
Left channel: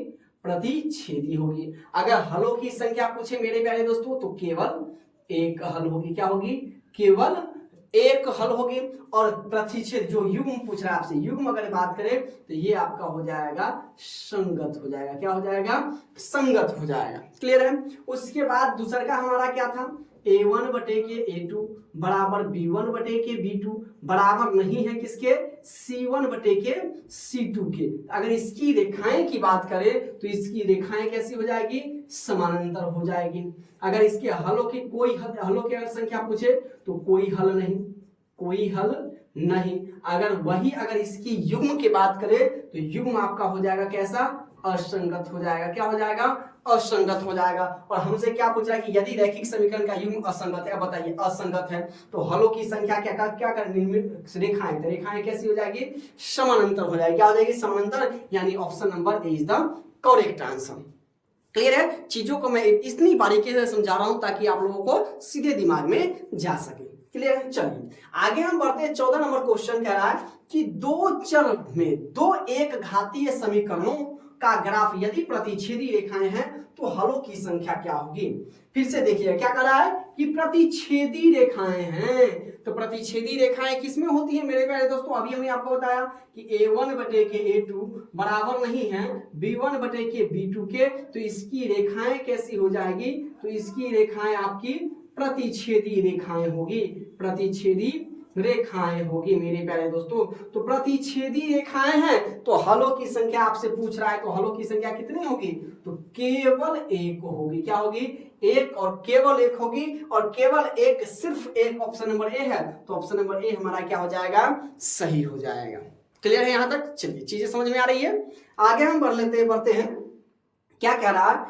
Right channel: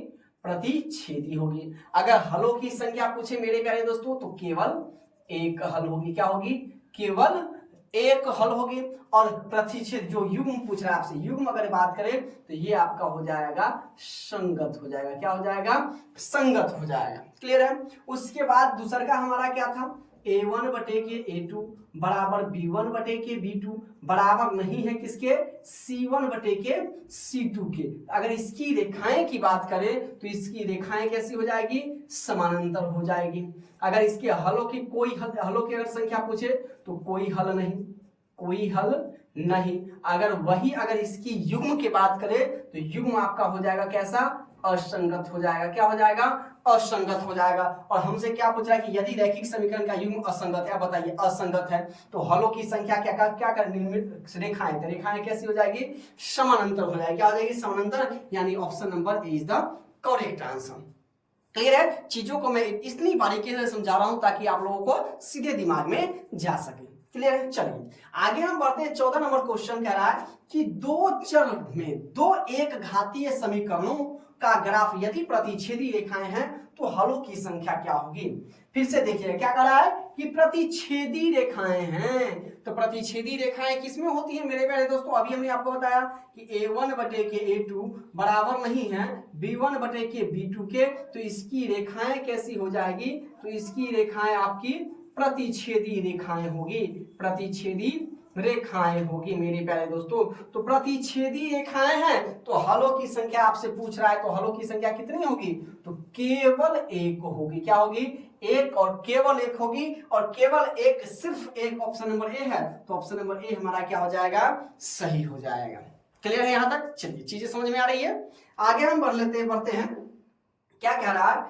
प्रतिच्छेदी होगी। अगर हलों की संख्या पूछे मेरे प्यारे दोस्तों तो केवल एक हल होगी। क्या होगी, केवल एक हल होगी। और प्रतिच्छेद जो युग्म पूछ रहा है आपसे, युग्म अगर बात करें तो ये आपका हो जाएगा संगत हो जाएगा। क्या हो जाएगा, संगत हो जाएगा। क्लियर है। उसके बाद दूसरा का हमारा क्या था, a1 बटे के a2 बराबर b1 बटे के b2 बराबर नहीं है किसके, c1 बटे के c2 के। अगर इसकी रेखाएं की बात करें तो इसकी रेखाएं कैसी हो जाएगी, समानांतर हो जाएगी। अगर इसके हलों की हलों की अगर संख्या पूछे तो कोई हल नहीं, कोई हल नहीं। अगर इसकी युग्म की बात करें तो युग्म आपका हो जाएगा कैसा, असंगत हो जाएगा। क्या हो जाएगा? असंगत हो जाएगा। और हमसे क्या पूछ रहा है कि यदि रैखिक समीकरण का युग्म असंगत है, बताइए असंगत है तो हलों की संख्या क्या कर निर्मित रेखाएं, तो रेखाएं कैसी हो जाएगी? समानांतर हो जाएगी। क्या हो जाएगी? समानांतर, यानी option number A is the correct answer. Clear है? चीजों को मैं इतनी बारीकी से समझा रहा हूं ताकि आप लोगों को सीधे दिमाग में जा सके। क्लियर है? चलिए आगे हम बढ़ते हैं। 14 नंबर क्वेश्चन कह रहा है कि दो चर में दो एक घातीय समीकरणों का ग्राफ यदि प्रतिच्छेदी रेखाएं हैं तो हलों की संख्या क्या होगी? फिर से देखिए क्या कह रहा है कि प्रतिच्छेदी रेखाएं हैं। तो प्रतिच्छेदी रेखाएं किसमें होती है मेरे प्यारे दोस्तों? अभी हमने आपको बताया कि a1 बटे के a2 बराबर नहीं है b1 बटे के b2 के, तो इसकी रेखाएं कैसी हो जाएगी? तो इसकी रेखाएं आपकी प्रतिच्छेदी रेखाएं होगी, प्रतिच्छेदी रेखाएं होगी मेरे प्यारे दोस्तों। तो प्रतिच्छेदी रेखाएं हैं तो हलों की संख्या आपसे पूछ रहा है, तो हलों की संख्या कितनी होगी? तो केवल एक होगी। क्या होगी? एक, और केवल एक होगी, और केवल एक, सिर्फ एक। ऑप्शन नंबर ए है, तो ऑप्शन नंबर ए हमारा क्या हो जाएगा? सही हो जाएगा। क्लियर है यहां तक? चलिए चीजें समझ में आ रही है। आगे हम बढ़ते हैं। क्या कह रहा है?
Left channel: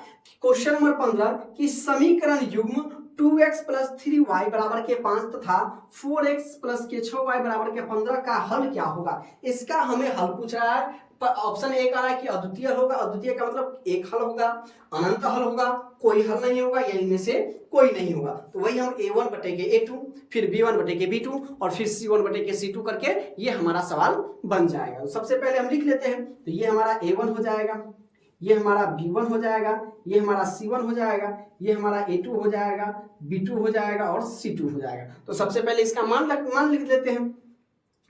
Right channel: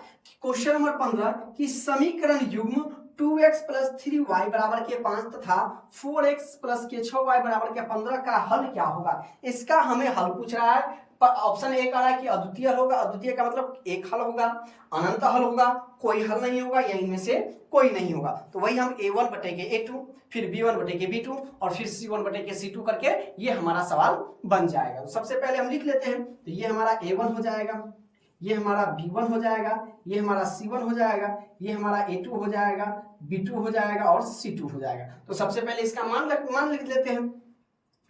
क्वेश्चन नंबर 15 कि समीकरण युग्म 2x प्लस 3y बराबर के 5 तथा 4x प्लस के 6y बराबर के 15 का हल क्या होगा? इसका हमें हल पूछ रहा है। ऑप्शन ए कह रहा है कि अद्वितीय हल होगा। अद्वितीय का मतलब एक हल होगा, अनंत हल होगा, कोई हल नहीं होगा, या इनमें से कोई नहीं होगा। तो वही हम a1 बटे के a2, फिर b1 बटे के b2 और फिर c1 बटे के c2 करके ये हमारा सवाल बन जाएगा। तो सबसे पहले हम लिख लेते हैं। तो ये हमारा a1 हो जाएगा, ये हमारा b1 हो जाएगा, ये हमारा c1 हो जाएगा, ये हमारा a2 हो जाएगा, b2 हो जाएगा और c2 हो जाएगा। तो सबसे पहले इसका मान लिख लेते हैं।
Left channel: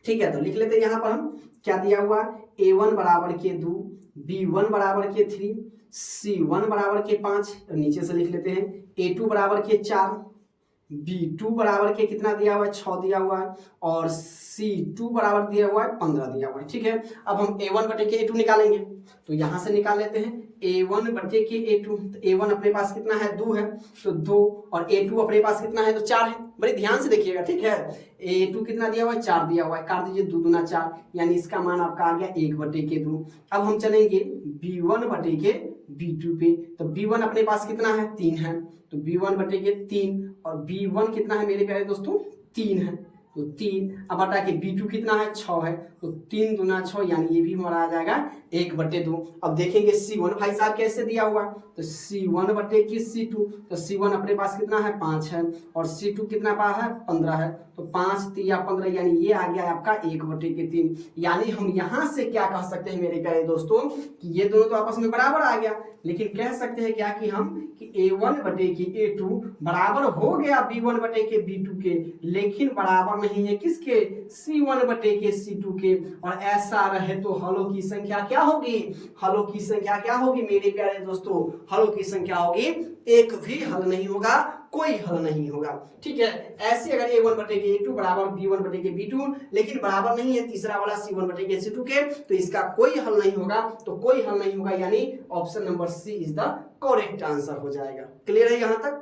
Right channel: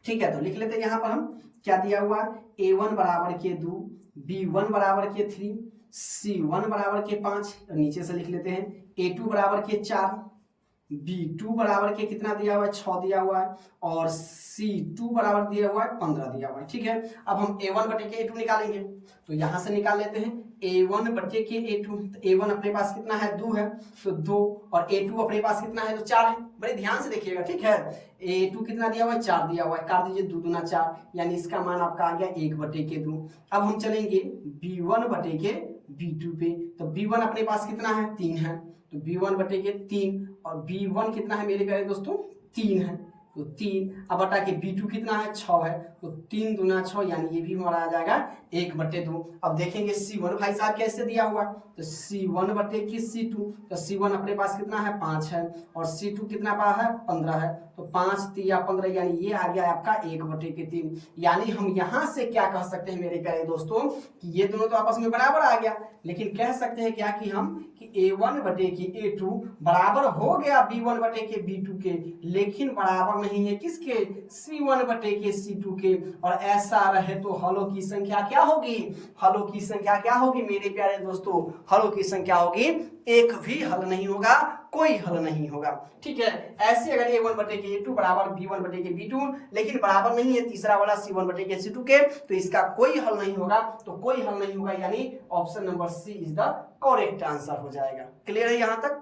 ठीक है, तो लिख लेते हैं। यहाँ पर हम क्या दिया हुआ? a1 बराबर के 2, b1 बराबर के 3, c1 बराबर के 5, और नीचे से लिख लेते हैं a2 बराबर के 4, b2 बराबर के कितना दिया हुआ है? 6 दिया हुआ है, और c2 बराबर दिया हुआ है 15 दिया हुआ है। ठीक है, अब हम a1 बटे के a2 निकालेंगे। तो यहां से निकाल लेते हैं a1 बटे के a2। तो a1 अपने पास कितना है? 2 है, तो 2, और a2 अपने पास कितना है? तो 4 है। बड़े ध्यान से देखिएगा। ठीक है, a2 कितना दिया हुआ है? 4 दिया हुआ है। काट दीजिए, 2 दूना 4, यानी इसका मान आपका आ गया 1 बटे के 2। अब हम चलेंगे b1 बटे के b2 पे। तो b1 अपने पास कितना है? 3 है, तो b1 बटे के 3, और b1 कितना है मेरे प्यारे दोस्तों? 3 है, तो 3। अब बटा के b2 कितना है? 6 है, तो 3 दूना 6, यानी ये भी हमारा आ जाएगा 1 बटे 2। अब देखेंगे c1 भाई साहब कैसे दिया हुआ? तो c1 बटे की c2, तो c1 अपने पास कितना है? 5 है, और c2 कितना पास है? 15 है, तो 5 3 15, यानी ये आ गया आपका 1 बटे के 3। यानी हम यहाँ से क्या कह सकते हैं मेरे प्यारे दोस्तों कि ये दोनों तो आपस में बराबर आ गया, लेकिन कह सकते हैं क्या कि हम कि a1 बटे की a2 बराबर हो गया b1 बटे के b2 के, लेकिन बराबर नहीं है किसके? c1 बटे के c2 के। और ऐसा रहे तो हलों की संख्या क्या होगी? हलों की संख्या क्या होगी मेरे प्यारे दोस्तों? हलों की संख्या होगी, एक भी हल नहीं होगा, कोई हल नहीं होगा। ठीक है, ऐसे अगर a1 बटे के a2 बराबर b1 बटे के b2, लेकिन बराबर नहीं है तीसरा वाला c1 बटे के c2 के, तो इसका कोई हल नहीं होगा। तो कोई हल नहीं होगा, यानी option number C is the correct answer हो जाएगा। क्लियर है यहां तक?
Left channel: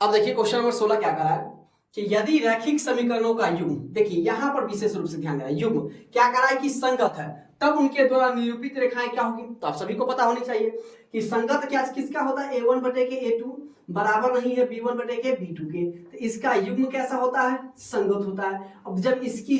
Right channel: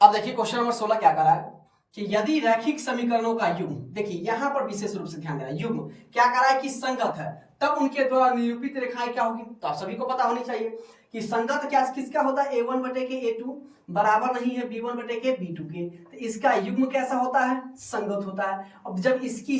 अब देखिए क्वेश्चन नंबर 16 क्या कर रहा है कि यदि रैखिक समीकरणों का युग्म, देखिए यहां पर विशेष रूप से ध्यान देना, युग्म क्या कर रहा है कि संगत है, तब उनके द्वारा निरूपित रेखाएं क्या होगी? तो आप सभी को पता होनी चाहिए कि संगत क्या किसका होता है? a1 बटे के a2 बराबर नहीं है b1 बटे के b2 के, तो इसका युग्म कैसा होता है? संगत होता है। अब जब इसकी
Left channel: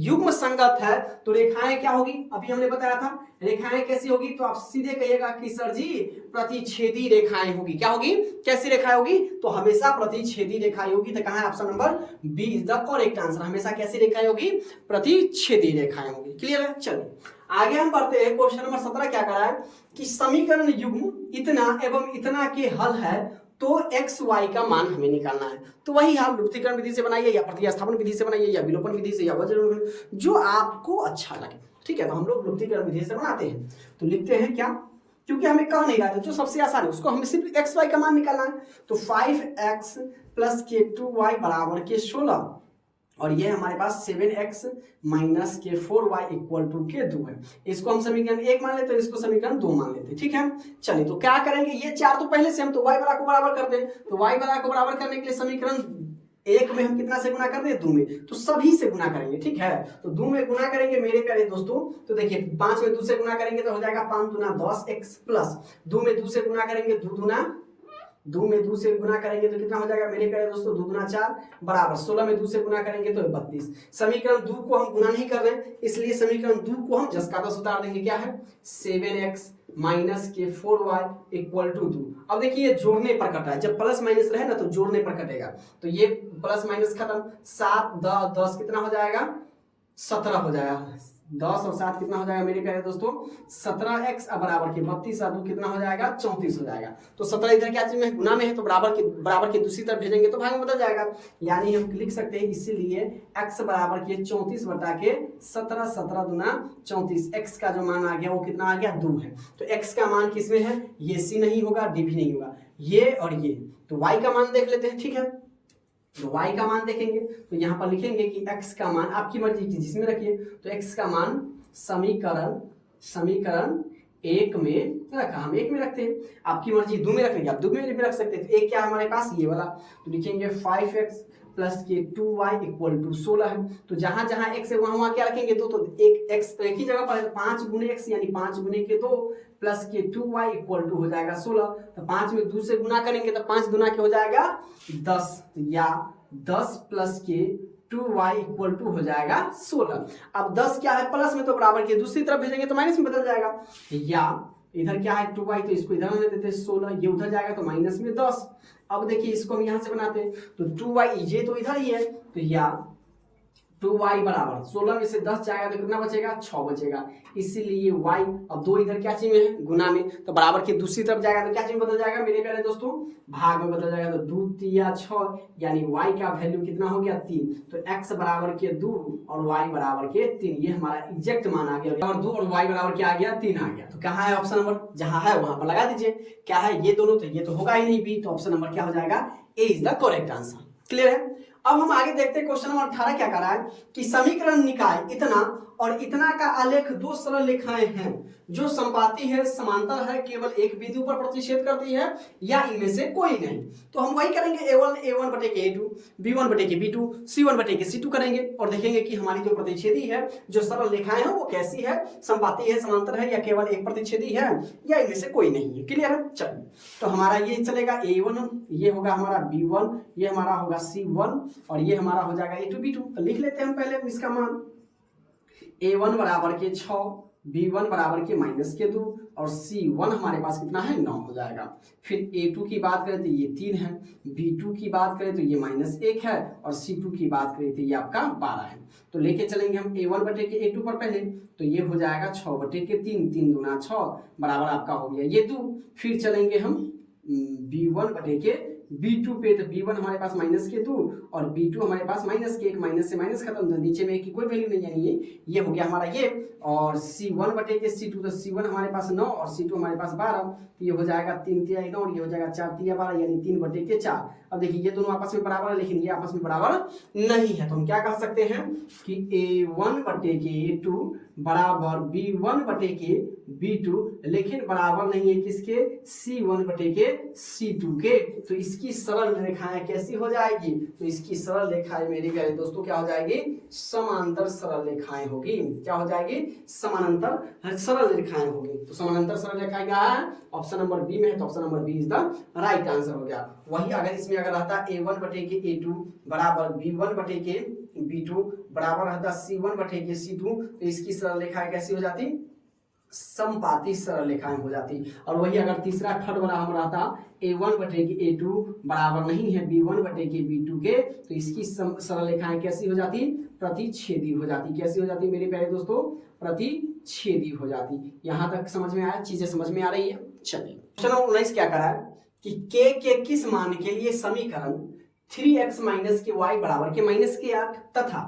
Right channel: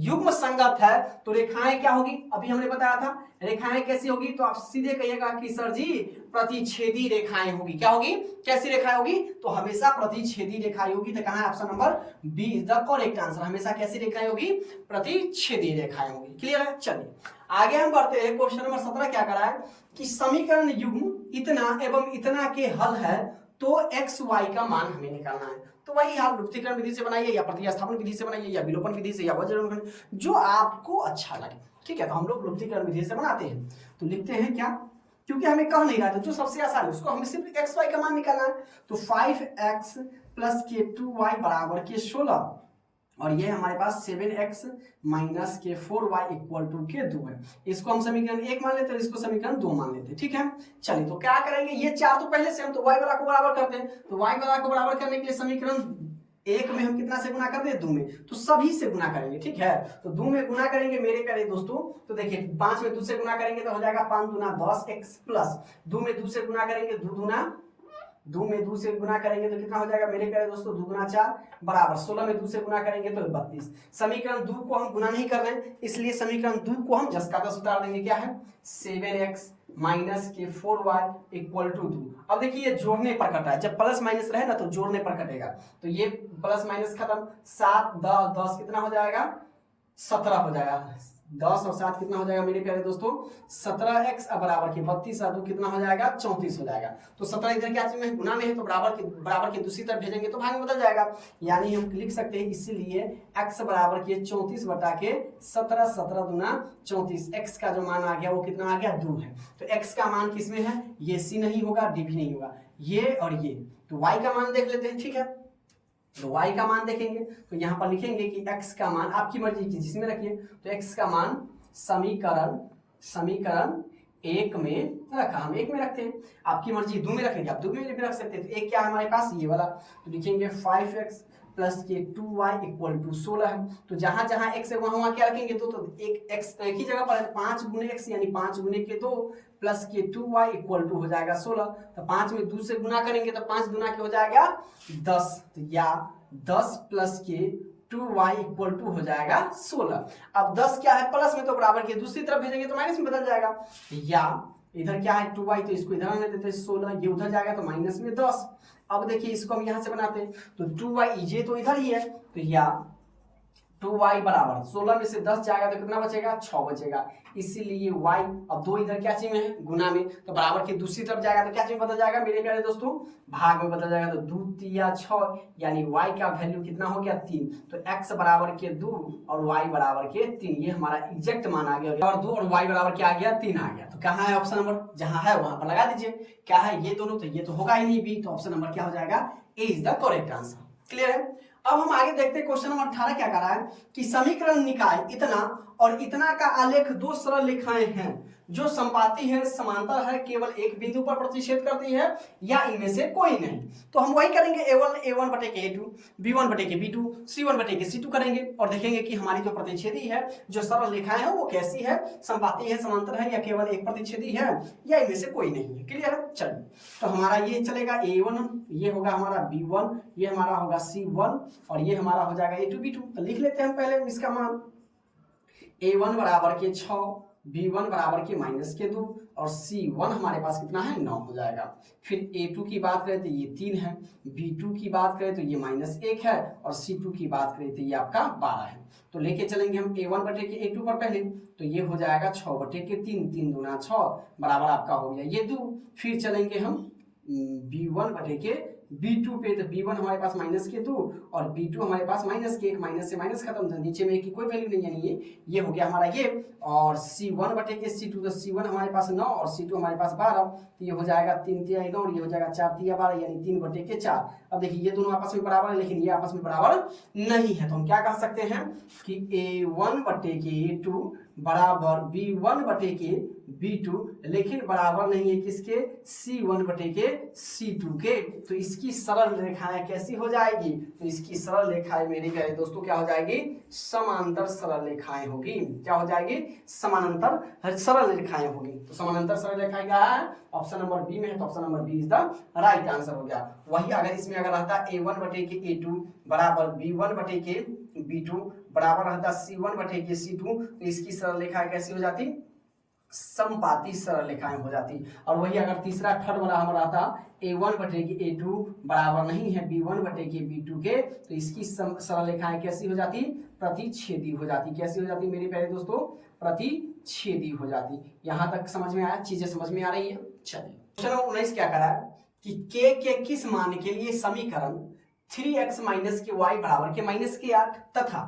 युग्म संगत है तो रेखाएं क्या होगी? अभी हमने बताया था रेखाएं कैसी होगी, तो आप सीधे कहिएगा कि सर जी प्रतिच्छेदी रेखाएं होगी। क्या होगी? कैसी रेखाएं होगी? तो हमेशा प्रतिच्छेदी रेखाएं होगी। तो कहां है? Option number B is the correct answer. हमेशा कैसी रेखाएं होगी? प्रतिच्छेदी रेखाएं होगी। क्लियर है? चलिए आगे हम बढ़ते हैं। क्वेश्चन नंबर 17 क्या करा है कि समीकरण युग्म इतना एवं इतना के हल है, तो एक्स वाई का मान हमें निकालना है। तो वही आप लुप्तीकरण विधि से बनाइए, या प्रतिस्थापन विधि से बनाइए, या विलोपन विधि से, या वज्रगुणन, जो आपको अच्छा लगे। ठीक है, तो हम लोग लुप्तीकरण विधि से बनाते हैं। तो लिखते हैं क्या, क्योंकि हमें कह नहीं रहा था, जो सबसे आसान है उसको हमें सिर्फ एक्स वाई का मान निकालना है। तो 5x प्लस के 2y बराबर के 16, और ये हमारे पास 7x माइनस के 4y इक्वल टू के 2 है। इसको हम समीकरण 1 मान लेते हैं, इसको समीकरण 2 मान लेते हैं। ठीक है, चलिए तो क्या करेंगे, ये 4 तो पहले से हम तो y बराबर को बराबर करते हैं। तो y बराबर को बराबर करने के लिए समीकरण एक में हम कितना से गुना कर रहे हैं, 2 में, तो सभी से गुना करेंगे, ठीक है। तो 2 में गुना करेंगे मेरे प्यारे दोस्तों, तो देखिए 5 में 2 से गुना करेंगे तो हो जाएगा 5 दूना 10 x प्लस 2 में 2 से गुना करेंगे 2 में 2 से गुना करेंगे तो कितना हो जाएगा मेरे प्यारे दोस्तों, 2 दूना 4 बराबर 16 में 2 से गुना करेंगे तो 32। समीकरण 2 को हम गुना नहीं कर रहे हैं, इसलिए समीकरण 2 को हम जस का तस उतार देंगे। क्या है, 7x माइनस के 4y इक्वल टू 2। अब देखिए ये जोड़ने पर कटा है, जब प्लस माइनस रहे ना तो जोड़ने पर कटेगा, तो ये प्लस माइनस खत्म, 7 10 कितना हो जाएगा, 17 हो जाएगा। 10 और 7 कितना हो जाएगा मेरे प्यारे दोस्तों, 17x बराबर के 32 और 2 कितना हो जाएगा, 34 हो जाएगा। तो 17 इधर क्या चीज में, गुना में है, तो बराबर के दूसरी तरफ भेजेंगे तो भाग में बदल जाएगा, यानी हम लिख सकते हैं इसीलिए x बराबर के 34 बटा के 17, 17 दूना 34। x का जो मान आ गया वो कितना आ गया, 2 है। तो x का मान किसमें है, ये c नहीं होगा, d भी नहीं होगा, ये और ये। तो y का मान देख लेते हैं, ठीक है। तो y का मान देखेंगे तो यहाँ पर लिखेंगे कि x का मान आपकी मर्जी की जिसमें रखिए, तो x का मान समीकरण 1 में रखा, हम 1 में रखते हैं, आपकी मर्जी 2 में रख लीजिए, आप 2 में भी रख सकते हैं। तो एक क्या है हमारे पास, ये वाला, तो लिखेंगे 5x प्लस के 2y इक्वल टू 16 है। तो जहां जहां x है वहां क्या रखेंगे, 2, तो एक x एक ही जगह पर है, 5 गुने x यानी 5 गुने के 2 प्लस के 2y इक्वल टू हो जाएगा 16। तो 5 में 2 से गुना करेंगे तो 5 गुना के हो जाएगा 10, तो या 10 प्लस के 2y इक्वल टू हो जाएगा 16। अब 10 क्या है, प्लस में तो बराबर के दूसरी तरफ भेजेंगे तो माइनस में बदल जाएगा, या इधर क्या है 2y, तो इसको इधर ले देते हैं 16, ये उधर जाएगा तो माइनस में 10। अब देखिए इसको हम यहां से बनाते हैं, तो 2y ये तो इधर ही है, तो या 2y बराबर 16 में से 10 जाएगा तो कितना बचेगा, 6 बचेगा, इसीलिए y, अब 2 इधर क्या चीज में है, गुना में, तो बराबर की दूसरी तरफ जाएगा तो क्या चीज में बदल जाएगा मेरे प्यारे दोस्तों, भाग में बदल जाएगा। तो 2 तिया 6 यानी y का वैल्यू कितना हो गया, 3। तो x बराबर के 2 और y बराबर के 3, ये हमारा एग्जैक्ट मान आ गया, और 2 और y बराबर क्या आ गया, 3 आ गया। तो कहाँ है ऑप्शन नंबर, जहां है वहां पर लगा दीजिए। क्या है, ये दोनों, तो ये तो होगा ही नहीं b, तो ऑप्शन नंबर क्या हो जाएगा, A is the correct answer. Clear है। अब हम आगे देखते हैं क्वेश्चन नंबर 18 क्या कर रहा है कि समीकरण निकाय इतना और इतना का आलेख 2 सरल रेखाएं हैं जो संपाती है, समांतर है, केवल एक बिंदु पर प्रतिच्छेद करती है, या इनमें से कोई नहीं। तो हम वही करेंगे, a1 बटे के a2, b1 बटे के b2, c1 बटे के c2 करेंगे और देखेंगे कि हमारी जो प्रतिच्छेदी है, जो सरल रेखाएं हैं वो कैसी है, संपाती है, समांतर है, या केवल एक प्रतिच्छेदी है, या इनमें से कोई नहीं है। क्लियर है। चलिए, तो हमारा ये चलेगा a1, ये होगा हमारा b1, ये हमारा होगा c1 और ये हमारा हो जाएगा a2 b2। तो लिख लेते हैं हम पहले इसका मान, a1 बराबर के 6, b1 बराबर के माइनस के 2 और c1 हमारे पास कितना है, 9 हो जाएगा। फिर a2 की बात करें तो ये 3 है, b2 की बात करें तो ये -1 है और c2 की बात करें तो ये आपका 12 है। तो लेके चलेंगे हम a1 बटे के a2 पर पहले, तो ये हो जाएगा 6 बटे के 3, 3 दूना 6 बराबर आपका हो गया ये 2। फिर चलेंगे हम b1 बटे के b2 पे, तो b1 हमारे पास -2 और b2 हमारे पास -1, माइनस से माइनस खत्म, तो नीचे में की कोई वैल्यू नहीं, यानी ये हो गया हमारा ये। और c1 बटे के c2, तो c1 हमारे पास 9 और c2 हमारे पास 12, तो ये हो जाएगा 3 तिया 9 और ये हो जाएगा 4 तिया 12 यानी 3 बटे के 4। अब देखिए ये दोनों आपस में बराबर है, लेकिन ये आपस में बराबर नहीं है, तो हम क्या कह सकते हैं कि a1 बटे के a2 बराबर b1 बटे के b2, लेकिन बराबर नहीं है किसके, c1 बटे के c2 के। तो इसकी सरल रेखाएं कैसी हो जाएगी, तो इसकी सरल रेखाएं मेरे प्यारे दोस्तों क्या हो जाएगी, समानांतर सरल रेखाएं होगी। क्या हो जाएगी, समानांतर सरल रेखाएं होगी। तो समानांतर सरल रेखाएं क्या है, ऑप्शन नंबर बी में है, तो option number B is the right answer हो गया। वही अगर इसमें अगर रहता a1 बटे के a2 बराबर b1 बटे के b2 बराबर रहता c1 बटे के c2, तो इसकी सरल रेखाएं कैसी हो जाती, समपाती सरल रेखाएं हो जाती। और वही अगर तीसरा थर्ड वाला हमारा था a1 बटे के a2 बराबर नहीं है b1 बटे के b2 के, तो इसकी सरल रेखाएं कैसी हो जाती, प्रतिच्छेदी हो जाती। कैसी हो जाती मेरे प्यारे दोस्तों, प्रतिच्छेदी हो जाती। यहां तक समझ में आया, चीजें समझ में आ रही है। चलिए क्वेश्चन नंबर 19 क्या करा है कि k के किस मान के लिए समीकरण 3x माइनस के y बराबर के -8 तथा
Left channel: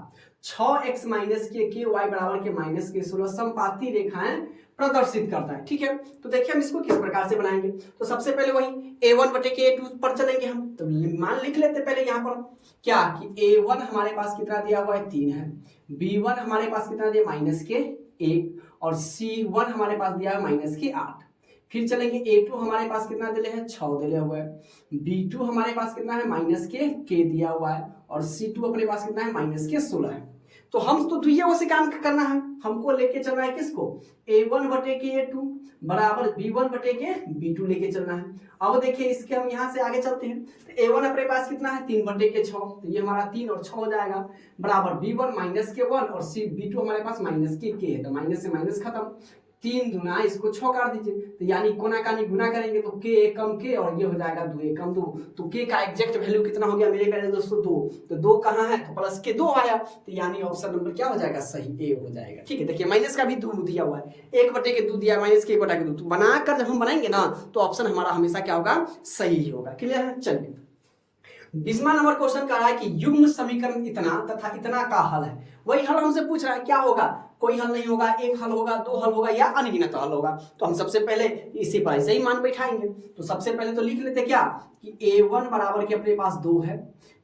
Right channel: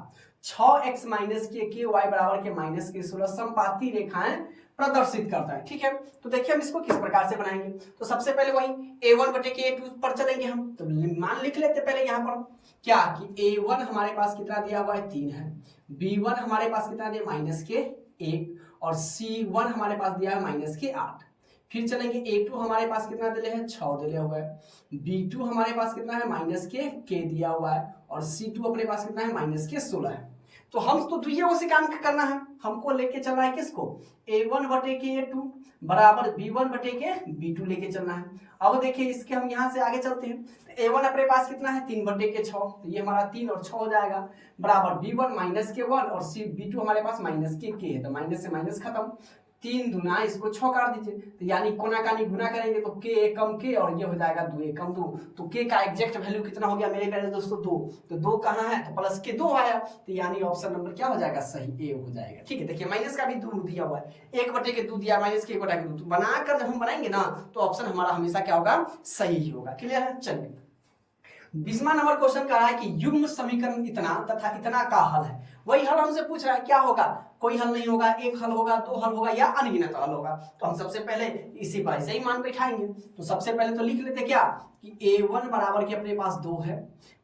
6x माइनस के y बराबर के -16 समपाती रेखाएं प्रदर्शित करता है। ठीक है, तो देखिए हम इसको किस प्रकार से बनाएंगे। तो सबसे पहले वही a1 बटे के a2 पर चलेंगे हम, तो मान लिख लेते पहले यहाँ पर क्या कि a1 हमारे पास कितना दिया हुआ है, 3 है, b1 हमारे पास कितना दिया -1 और c1 हमारे पास दिया है -8। फिर चलेंगे A2 हमारे पास कितना दिले है 6 दिले हुआ है, B2 हमारे पास कितना है -k दिया हुआ है, और C2 अपने पास कितना है -16 है। तो हम तो दुइये को से काम करना है, हमको लेके चलना है किसको A1 बटे के A2 बराबर B1 बटे के B2 लेके चलना है। अब देखिए इसके हम यहाँ से आगे चलते हैं, तो A1 अपने पास कितना है 3 बटे के 6, तो ये हमारा 3 और 6 हो जाएगा बराबर B1 -k1 और B2 हमारे पास -k है, तो माइनस से माइनस खत्म, 3 दूना इसको 6 काट दीजिए, तो यानी कोना कानी गुना करेंगे तो k एकम k और ये हो जाएगा 2 एकम 2, तो k का एग्जैक्ट वैल्यू कितना हो गया मेरे प्यारे दोस्तों 2, तो 2 कहाँ है तो प्लस के 2 आया, तो यानी ऑप्शन नंबर क्या हो जाएगा सही ए हो जाएगा। ठीक है, देखिए माइनस का भी 2 दिया हुआ है, 1 बटे के 2 दिया माइनस के 1 बटे के 2, तो बनाकर जब हम बनाएंगे ना तो ऑप्शन हमारा हमेशा क्या होगा सही होगा। क्लियर है। चलिए 20वां नंबर क्वेश्चन कह रहा है कि युग्म समीकरण इतना तथा इतना का हल है, वही हल हमसे पूछ रहा है क्या होगा, कोई हल नहीं होगा, एक हल होगा, 2 हल होगा या अनगिनत हल होगा। तो हम सबसे पहले इसी पर ऐसे ही मान बैठाएंगे, तो सबसे पहले तो लिख लेते क्या कि A1 बराबर के अपने पास 2 है,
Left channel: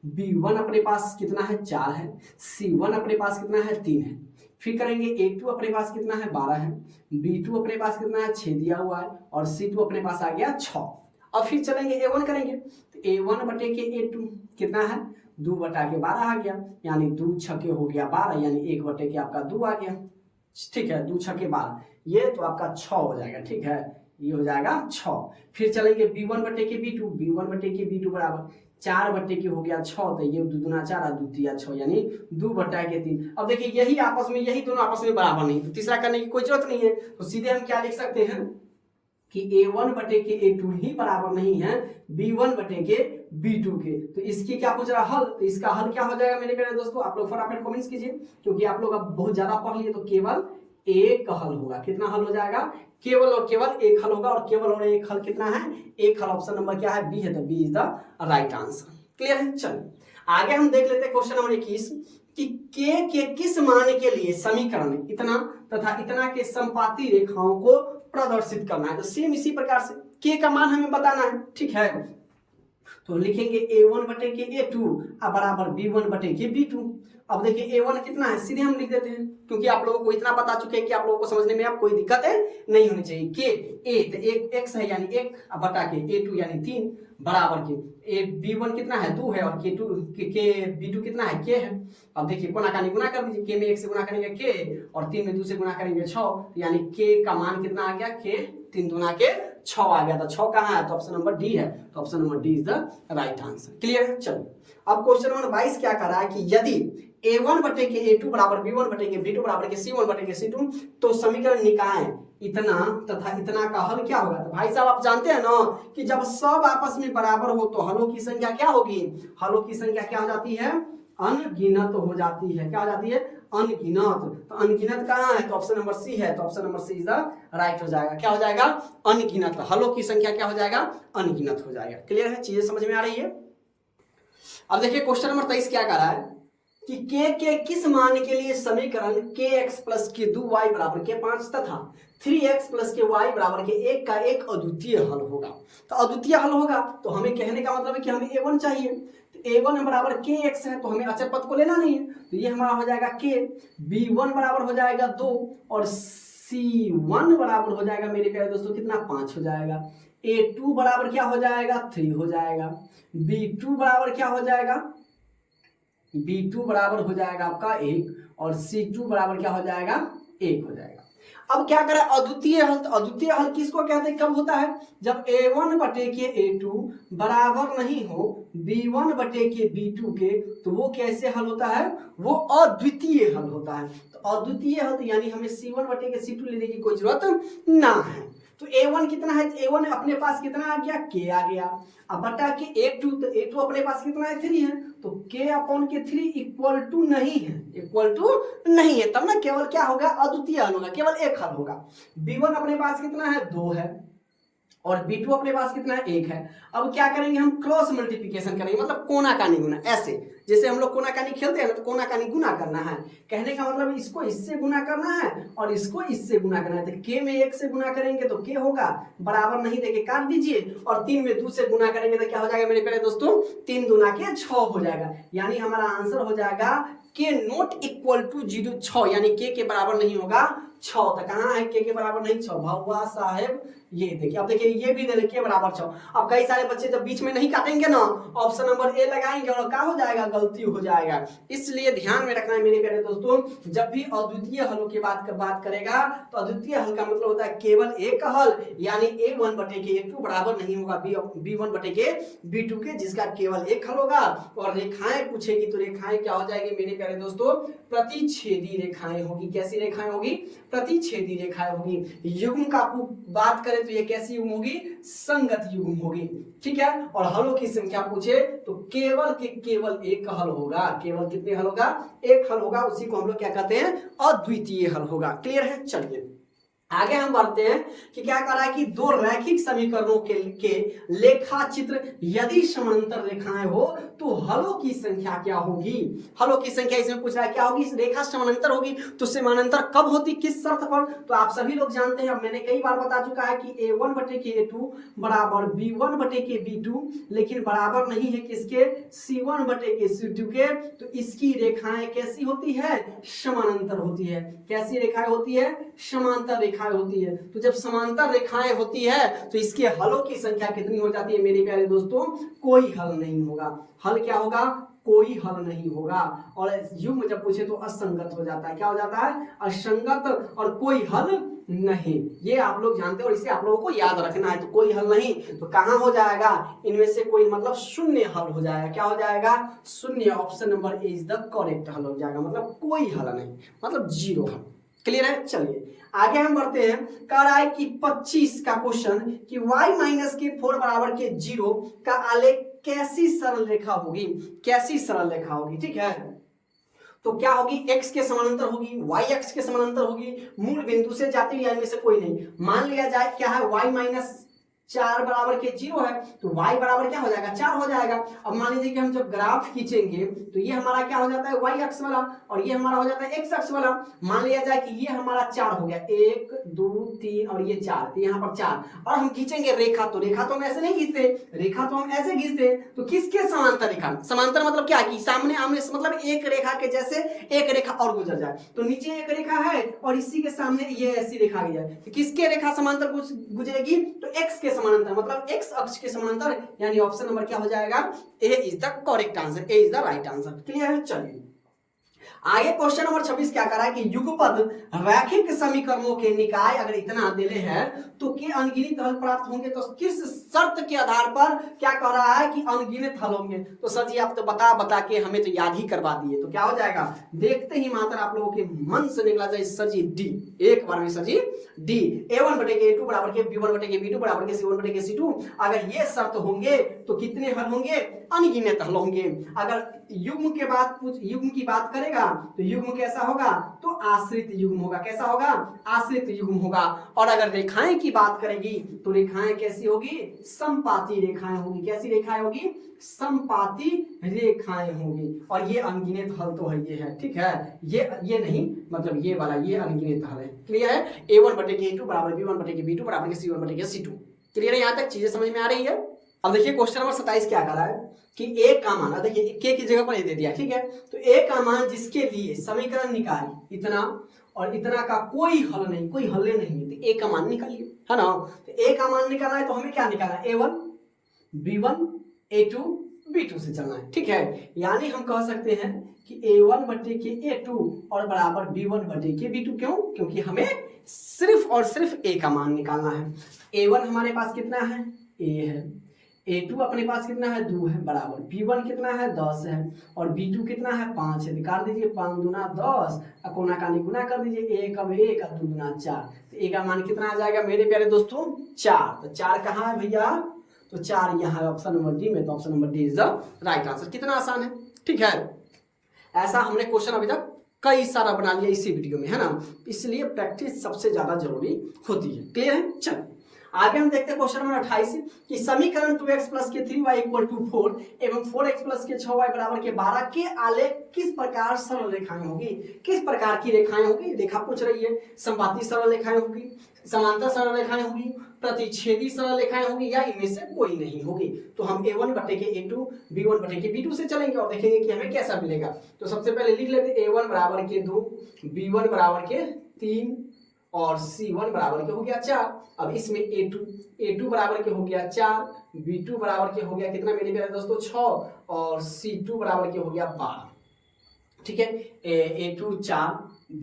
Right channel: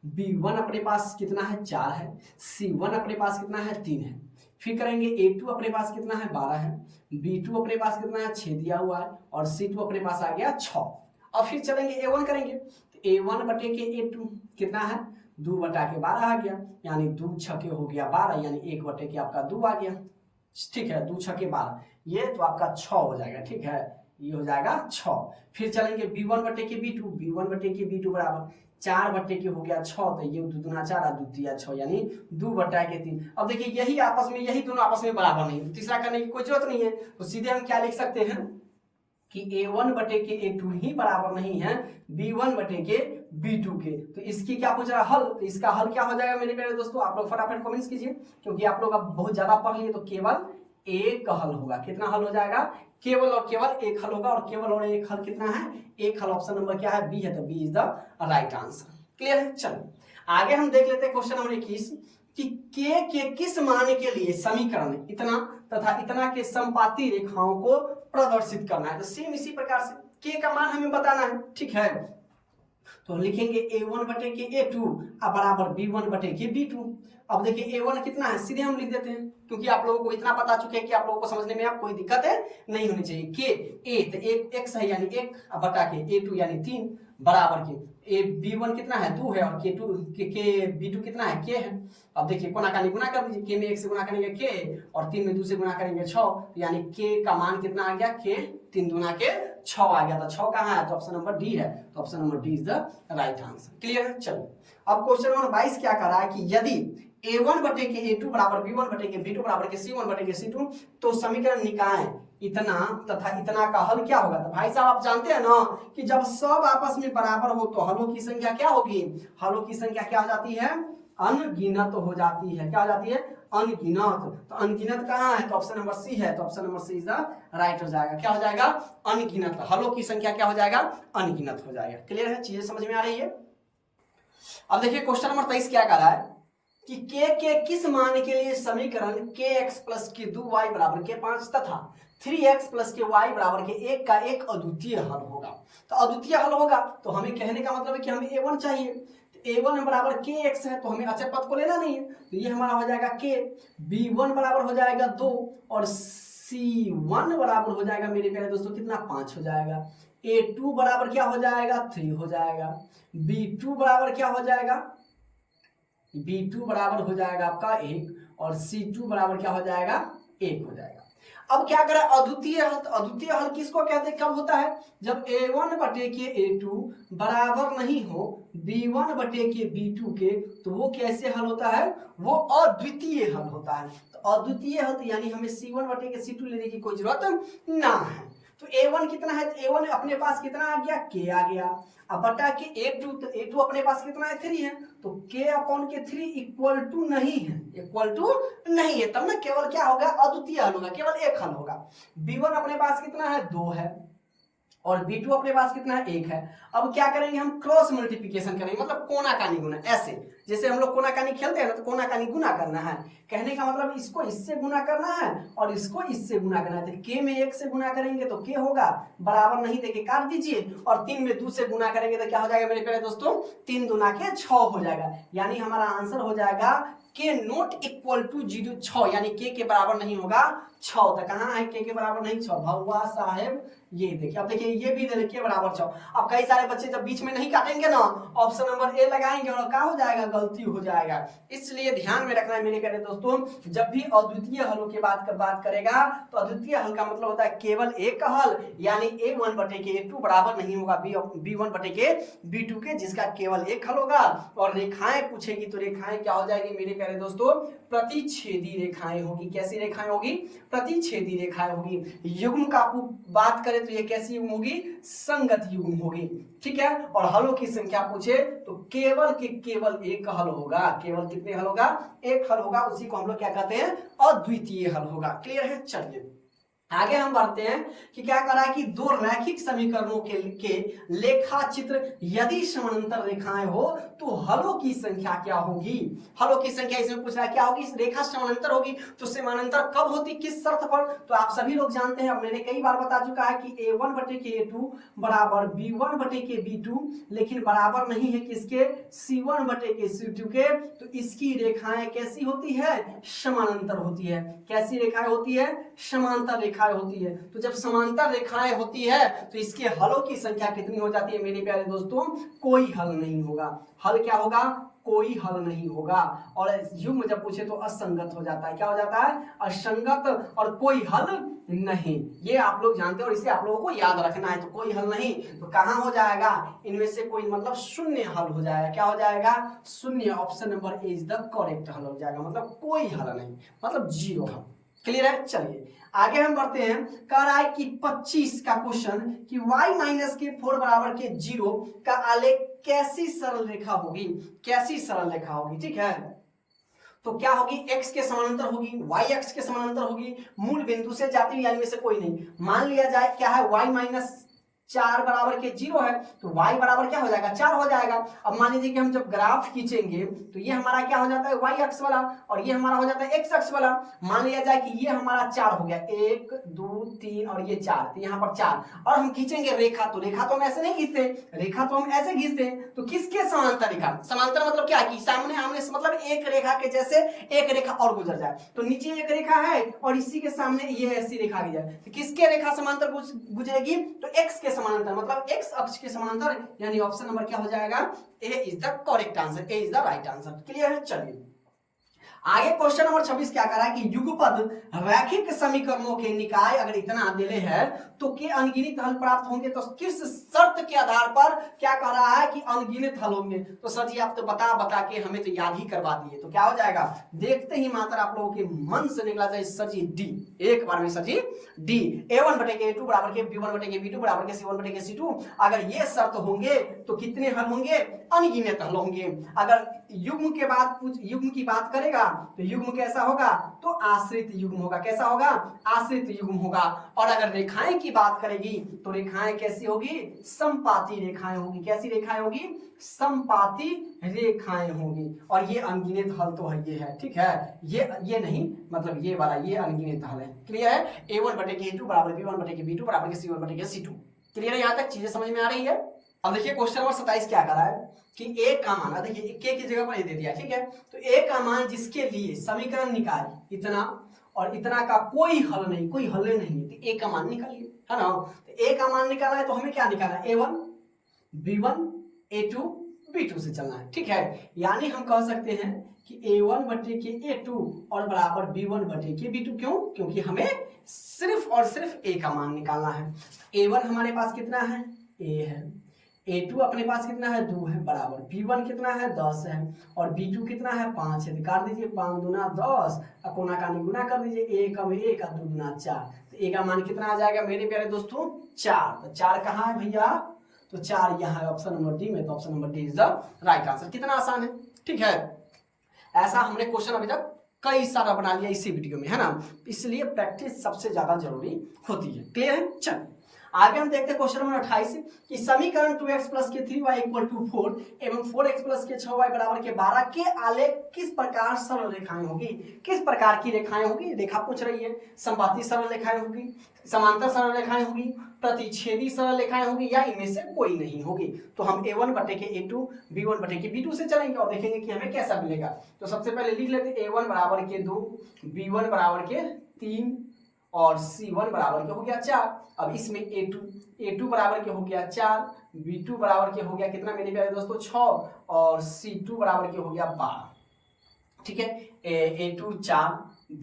B1 अपने पास कितना है 4 है, C1 अपने पास कितना है 3 है, फिर करेंगे A2 अपने पास कितना है 12 है, B2 अपने पास कितना है 6 दिया हुआ है, और C2 अपने पास आ गया 6। अब फिर चलेंगे A1 करेंगे, तो A1 बटे के A2 कितना है 2 बटा के 12 आ गया, यानी 2 छके हो गया 12, यानी 1 बटे के आपका 2 आ गया। ठीक है, 2 छके 12, ये तो आपका 6 हो जाएगा। ठीक है, ये हो जाएगा 6। फिर चलेंगे B1 बटे के B2, B1 बटे के B2 बराबर 4 बटे के हो गया 6, तो ये 2 दूना 4 और 2 तिया 6, यानी 2 बटा के 3। अब देखिए यही आपस में, यही दोनों आपस में बराबर नहीं, तीसरा करने की कोई जरूरत नहीं है, तो सीधे हम क्या लिख सकते हैं कि A1 बटे के A2 ही बराबर नहीं है B1 बटे के B2 के। तो इसकी क्या पूछ रहा है हल, तो इसका हल क्या हो जाएगा मेरे प्यारे दोस्तों, आप लोग फटाफट कमेंट्स कीजिए, क्योंकि आप लोग अब बहुत ज्यादा पढ़ लिए, तो केवल एक हल होगा। कितना हल हो जाएगा, केवल और केवल एक हल होगा, और केवल और एक हल कितना है, एक हल। ऑप्शन नंबर क्या है बी है, तो B is the right answer. Clear है। चलो आगे हम देख लेते हैं क्वेश्चन नंबर 21 कि के किस मान के लिए समीकरण इतना तथा इतना के समपाती रेखाओं को प्रदर्शित करना है। तो सेम इसी प्रकार से के का मान हमें बताना है। ठीक है, तो लिखेंगे A1 बटे के A2 बराबर B1 बटे के B2। अब देखिए A1 कितना है, सीधे हम लिख देते हैं, क्योंकि आप लोगों को इतना पता चुके हैं कि आप लोगों को समझने में अब कोई दिक्कत है नहीं होनी चाहिए। के ए तो एक x है यानी 1 बटा के A2 यानी 3 बराबर के B1 कितना है 2 है, और के B2 कितना है k है। अब देखिए कोना कानी गुना कर दीजिए, के में 1 से गुना करेंगे k, और 3 में 2 से गुना करेंगे 6, यानी k का मान कितना आ गया, k 3 दूना के 6 आ गया था। 6 कहाँ है, तो ऑप्शन नंबर डी है, तो option number D is the right answer. Clear है। चलो अब क्वेश्चन नंबर 22 क्या कर रहा है कि यदि A1 बटे के A2 बराबर B1 बटे के B2 बराबर के C1 बटे के C2, तो समीकरण निकाय इतना तथा इतना का हल क्या होगा। तो भाई साहब आप जानते हैं ना कि जब सब आपस में बराबर हो तो हलों की संख्या क्या होगी, हलों की संख्या क्या हो जाती है, अनगिनत हो जाती है। क्या हो जाती है, अनगिनत। तो अनगिनत कहाँ है, तो ऑप्शन नंबर सी है, तो option number C is the right हो जाएगा। क्या हो जाएगा, अनगिनत। हलों की संख्या क्या हो जाएगा, अनगिनत हो जाएगा। क्लियर है, चीजें समझ में आ रही है। अब देखिए क्वेश्चन नंबर 23 क्या कर रहा है कि के किस मान के लिए समीकरण kx प्लस के 2y बराबर के 5 तथा 3x प्लस के y बराबर के 1 का एक अद्वितीय हल होगा। तो अद्वितीय हल होगा तो हमें कहने का मतलब है कि हमें A1 चाहिए, तो A1 बराबर kx है, तो हमें अचर पद को लेना नहीं है, तो ये हमारा हो जाएगा k, B1 बराबर हो जाएगा 2, और C1 बराबर हो जाएगा मेरे प्यारे दोस्तों कितना 5 हो जाएगा, A2 बराबर क्या हो जाएगा 3 हो जाएगा, B2 बराबर क्या हो जाएगा, B2 बराबर हो जाएगा आपका 1, और C2 बराबर क्या हो जाएगा 1 हो जाएगा। अब क्या करें, अद्वितीय हल। तो अद्वितीय हल किसको कहते हैं, कब होता है, जब A1 बटे के A2 बराबर नहीं हो B1 बटे के B2 के, तो वो कैसे हल होता है, वो अद्वितीय हल होता है। तो अद्वितीय हल तो यानी हमें C1 बटे के C2 लेने की कोई जरूरत ना है। तो A1 कितना है, A1 अपने पास कितना आ गया, k आ गया, अब बटा के A2, तो A2 अपने पास कितना है 3 है, तो k अपॉन के 3 इक्वल टू नहीं है, इक्वल टू नहीं है, तब ना केवल क्या होगा, अद्वितीय हल होगा, केवल एक हल होगा। B1 अपने पास कितना है 2 है, और B2 अपने पास कितना है 1 है। अब क्या करेंगे, हम क्रॉस मल्टीप्लिकेशन करेंगे, मतलब कोना कानी गुना, ऐसे जैसे हम लोग कोना कानी खेलते हैं ना, तो कोना कानी गुना करना है। कहने का मतलब इसको इससे गुना करना है और इसको इससे गुना करना है। तो k में 1 से गुना करेंगे तो k होगा, बराबर नहीं देके काट दीजिए, और 3 में 2 से गुना करेंगे तो क्या हो जाएगा मेरे प्यारे दोस्तों, 3 दूना के 6 हो जाएगा। यानी हमारा आंसर हो जाएगा k नॉट इक्वल टू 6, यानी k के बराबर नहीं होगा 6। तो कहाँ है k के बराबर नहीं 6, भगवा साहेब ये देखिए, अब देखिए ये भी दे रखिए बराबर 4। अब कई सारे बच्चे जब बीच में नहीं काटेंगे ना, ऑप्शन नंबर ए लगाएंगे और क्या हो जाएगा, गलती हो जाएगा। इसलिए ध्यान में रखना है मेरे प्यारे दोस्तों, जब भी अद्वितीय हलों की बात करेगा तो अद्वितीय हल का मतलब होता है केवल एक हल, यानी a1 बटे के a2 बराबर नहीं होगा b1 बटे के b2 के, जिसका केवल एक हल होगा। और रेखाएं पूछेगी तो रेखाएं क्या हो जाएगी मेरे प्यारे दोस्तों, प्रतिच्छेदी रेखाएं होगी। कैसी रेखाएं होगी, प्रतिच्छेदी रेखाएं होगी। युग्म का बात करें तो ये कैसी युग्म होगी, संगत युग्म होगी, ठीक है। और हलों की संख्या पूछे तो केवल एक हल होगा। केवल कितने हल होगा, एक हल होगा, उसी को हम लोग क्या कहते हैं, अद्वितीय हल होगा। क्लियर है। चलिए आगे हम बढ़ते हैं कि क्या कर रहा है कि दो रैखिक समीकरणों के लेखा चित्र यदि समांतर रेखाएं हो तो हलों की संख्या क्या होगी। हलों की संख्या इसमें पूछ रहा है क्या होगी, रेखा समांतर होगी तो समांतर कब होती, किस शर्त पर, तो आप सभी लोग जानते हैं, मैंने कई बार बता चुका है कि a1 बटे के a2 बराबर b1 बटे के b2, लेकिन बराबर नहीं है किसके, c1 बटे के c2 के। तो इसकी रेखाएं कैसी होती है, समानांतर होती है। कैसी रेखाएं होती है, समांतर रेखाएं होती है। तो जब समांतर रेखाएं होती है तो इसके हलों की संख्या कितनी हो जाती है मेरे प्यारे दोस्तों, कोई हल नहीं होगा। हल क्या होगा, कोई हल नहीं होगा। और युग्म जब पूछे तो असंगत हो जाता है। क्या हो जाता है, असंगत और कोई हल नहीं। ये आप लोग जानते हैं और इसे आप लोगों को याद रखना है। तो कोई हल नहीं तो कहां हो जाएगा, इनमें से कोई मतलब शून्य हल हो जाएगा। क्या हो जाएगा, शून्य। Option number A is the correct हल हो जाएगा, मतलब कोई हल नहीं, मतलब जीरो हल। क्लियर है। चलिए आगे हम बढ़ते हैं। कह रहा है कि 25 का क्वेश्चन कि y माइनस के 4 बराबर के 0 का आलेख कैसी सरल रेखा होगी, कैसी सरल रेखा होगी, ठीक है। तो क्या होगी, x के समानांतर होगी, y x के समानांतर होगी, मूल बिंदु से जाती हुई में से कोई नहीं। मान लिया जाए क्या है, y माइनस 4 बराबर के 0 है तो y बराबर क्या हो जाएगा, 4 हो जाएगा। अब मान लीजिए कि हम जब ग्राफ खींचेंगे तो ये हमारा क्या हो जाता है, y अक्ष वाला, और ये हमारा हो जाता है x अक्ष वाला। मान लिया जाए कि ये हमारा 4 हो गया, 1 2 3 और ये 4, तो यहाँ पर 4। और हम खींचेंगे रेखा, तो रेखा तो हम ऐसे नहीं खींचते, रेखा तो हम ऐसे खींचते हैं। तो किसके समांतर रेखा, समांतर मतलब क्या कि सामने आमने, मतलब एक रेखा के जैसे एक रेखा और गुजर जाए। तो नीचे एक रेखा है और इसी के सामने ये ऐसी रेखा गई है, तो किसके रेखा समांतर गुजरेगी, तो x के समानांतर, मतलब x अक्ष के समानांतर, यानी ऑप्शन नंबर क्या हो जाएगा, A is the correct answer, A is the right answer. Clear है। चलिए आगे क्वेश्चन नंबर 26 क्या करा है कि युगपद रैखिक समीकरणों के निकाय अगर इतना दिले हैं तो के अनगिनत हल प्राप्त होंगे। तो किस शर्त के आधार पर क्या कह रहा है कि अनगिनत हल होंगे। तो सर जी आप तो बता के हमें तो याद ही करवा दिए, तो क्या हो जाएगा, देखते ही मात्र आप लोगों के मन से निकला जाए सर जी डी, एक बार में सर जी डी। a1 बटे के a2 बराबर के b1 बटे के b2 बराबर के c1 बटे के c2। अगर ये शर्त होंगे तो कितने हल होंगे, अनगिनत हल होंगे। अगर युग्म की बात करेगा तो युग्म कैसा होगा, तो आश्रित युग्म होगा। कैसा होगा, आश्रित युग्म होगा। और अगर रेखाएं की बात करेगी तो रेखाएं कैसी होगी, समपाती रेखाएं होगी। कैसी रेखाएं होगी, समपाती रेखाएं होंगी। और ये अनगिनत हल तो है, ये है, ठीक है। ये नहीं, मतलब ये वाला ये अनगिनत हल है। क्लियर है। a1 बटे के a2 बराबर b1 बटे के b2 बराबर के c1 बटे के c2। क्लियर है, यहां तक चीजें समझ में आ रही है। अब देखिए क्वेश्चन नंबर 27 क्या करा है कि a का मान, देखिए k की जगह पर ये दे दिया, ठीक है। तो a का मान जिसके लिए समीकरण निकाल इतना और इतना का कोई हल नहीं, कोई हल नहीं है, तो a का मान निकालिए, है ना। तो a का मान निकालना है तो हमें क्या निकालना है, a1 b1 a2 b2 से चलना है, ठीक है। यानी हम कह सकते हैं कि a1 बटे के a2 और बराबर b1 बटे के b2। क्यों, क्योंकि हमें सिर्फ और सिर्फ a का मान निकालना है। a1 हमारे पास कितना है, a है, a2 अपने पास कितना है, 2 है, बराबर b1 कितना है, 10 है, और b2 कितना है, 5 है। निकाल दीजिए, 5 दूना 10, कोना का गुना कर दीजिए, 1 अब 1 और 2 दूना 4। तो a का मान कितना आ जाएगा मेरे प्यारे दोस्तों, 4। तो 4 कहाँ है भैया, तो 4 यहाँ है ऑप्शन नंबर डी में। तो option number D is the right answer. कितना आसान है, ठीक है। ऐसा हमने क्वेश्चन अभी तक कई सारा बना लिया इसी वीडियो में, है ना। इसलिए प्रैक्टिस सबसे ज्यादा जरूरी होती है। क्लियर है। चल आगे हम देखते हैं क्वेश्चन नंबर 28 कि समीकरण 2x प्लस के 3y इक्वल टू 4 एवं 4x प्लस के 6y बराबर के 12 के आलेख किस प्रकार सरल रेखाएं होगी। किस प्रकार की रेखाएं होगी, रेखा पूछ रही है। संपाती सरल रेखाएं होगी, समांतर सरल रेखाएं होगी, प्रतिच्छेदी सरल रेखाएं होगी, या इनमें से कोई नहीं होगी। तो हम a1 बटे के a2 b1 बटे के b2 से चलेंगे और देखेंगे कि हमें कैसा मिलेगा। तो सबसे पहले लिख लेते a1 बराबर के 2 b1 बराबर के 3 और C1 बराबर के हो गया 4। अब इसमें A2 बराबर के हो गया 4, B2 बराबर के हो गया कितना मेरे प्यारे दोस्तों 6, और C2 बराबर के हो गया 12। ठीक है, A2 4,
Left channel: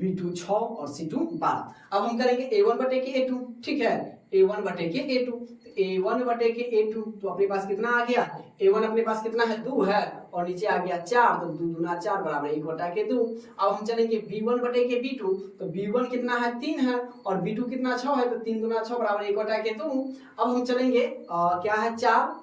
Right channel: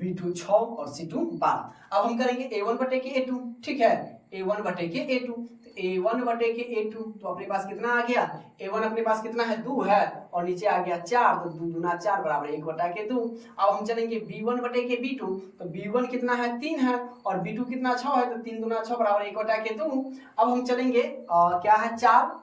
B2 6 और C2 12। अब हम करेंगे A1 बटे के A2। ठीक है, A1 बटे के A2, A1 बटे के A2 तो अपने पास कितना आ गया, A1 अपने पास कितना है 2 है, और नीचे आ गया 4, तो 2 दूना 4 बराबर 1 बटा के 2। अब हम चलेंगे B1 बटे के B2, तो B1 कितना है 3 है, और B2 कितना 6 है, तो 3 दूना 6 बराबर 1 बटा के 2। अब हम चलेंगे क्या है 4,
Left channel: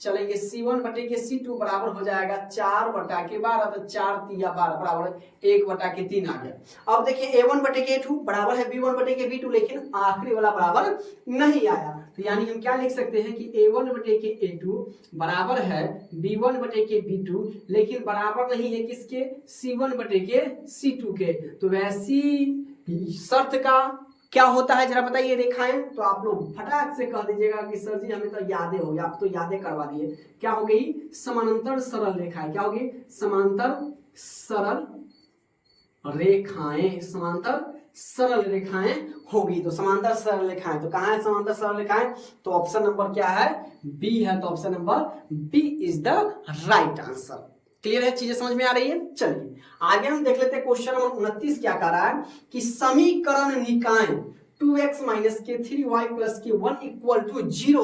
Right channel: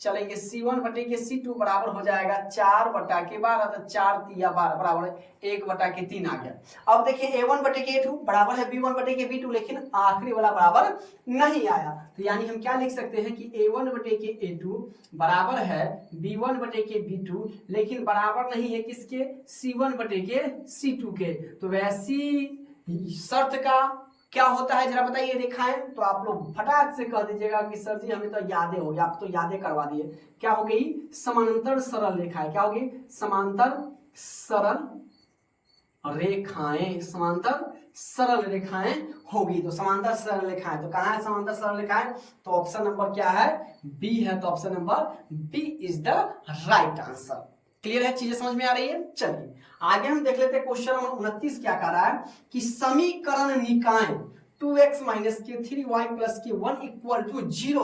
चलेंगे C1 बटे के C2 बराबर हो जाएगा 4 बटा के 12, तो 4 तिया 12 बराबर 1 बटा के 3 आ गया। अब देखिए A1 बटे के A2 बराबर है B1 बटे के B2, लेकिन आखिरी वाला बराबर नहीं आया, तो यानी हम क्या लिख सकते हैं कि A1 बटे के A2 बराबर है B1 बटे के B2, लेकिन बराबर नहीं है किसके, C1 बटे के C2 के। तो वैसी शर्त का क्या होता है जरा बताइए रेखाएं, तो आप लोग फटाक से कह दीजिएगा कि सर जी हमें तो यादें हो, आप तो यादें करवा दिए। क्या हो गई, समांतर सरल रेखाएं। क्या होगी, समांतर सरल रेखाएं, समांतर सरल रेखाएं होगी। तो समांतर सरल रेखाएं, तो कहाँ है समांतर सरल रेखाएं, तो ऑप्शन नंबर क्या है, बी है। तो option number B is the right answer. Clear है, चीजें समझ में आ रही है। चलिए आगे हम देख लेते हैं क्वेश्चन नंबर 29 क्या कह रहा है कि समीकरण निकाय 2x माइनस के 3y प्लस के 1 इक्वल टू 0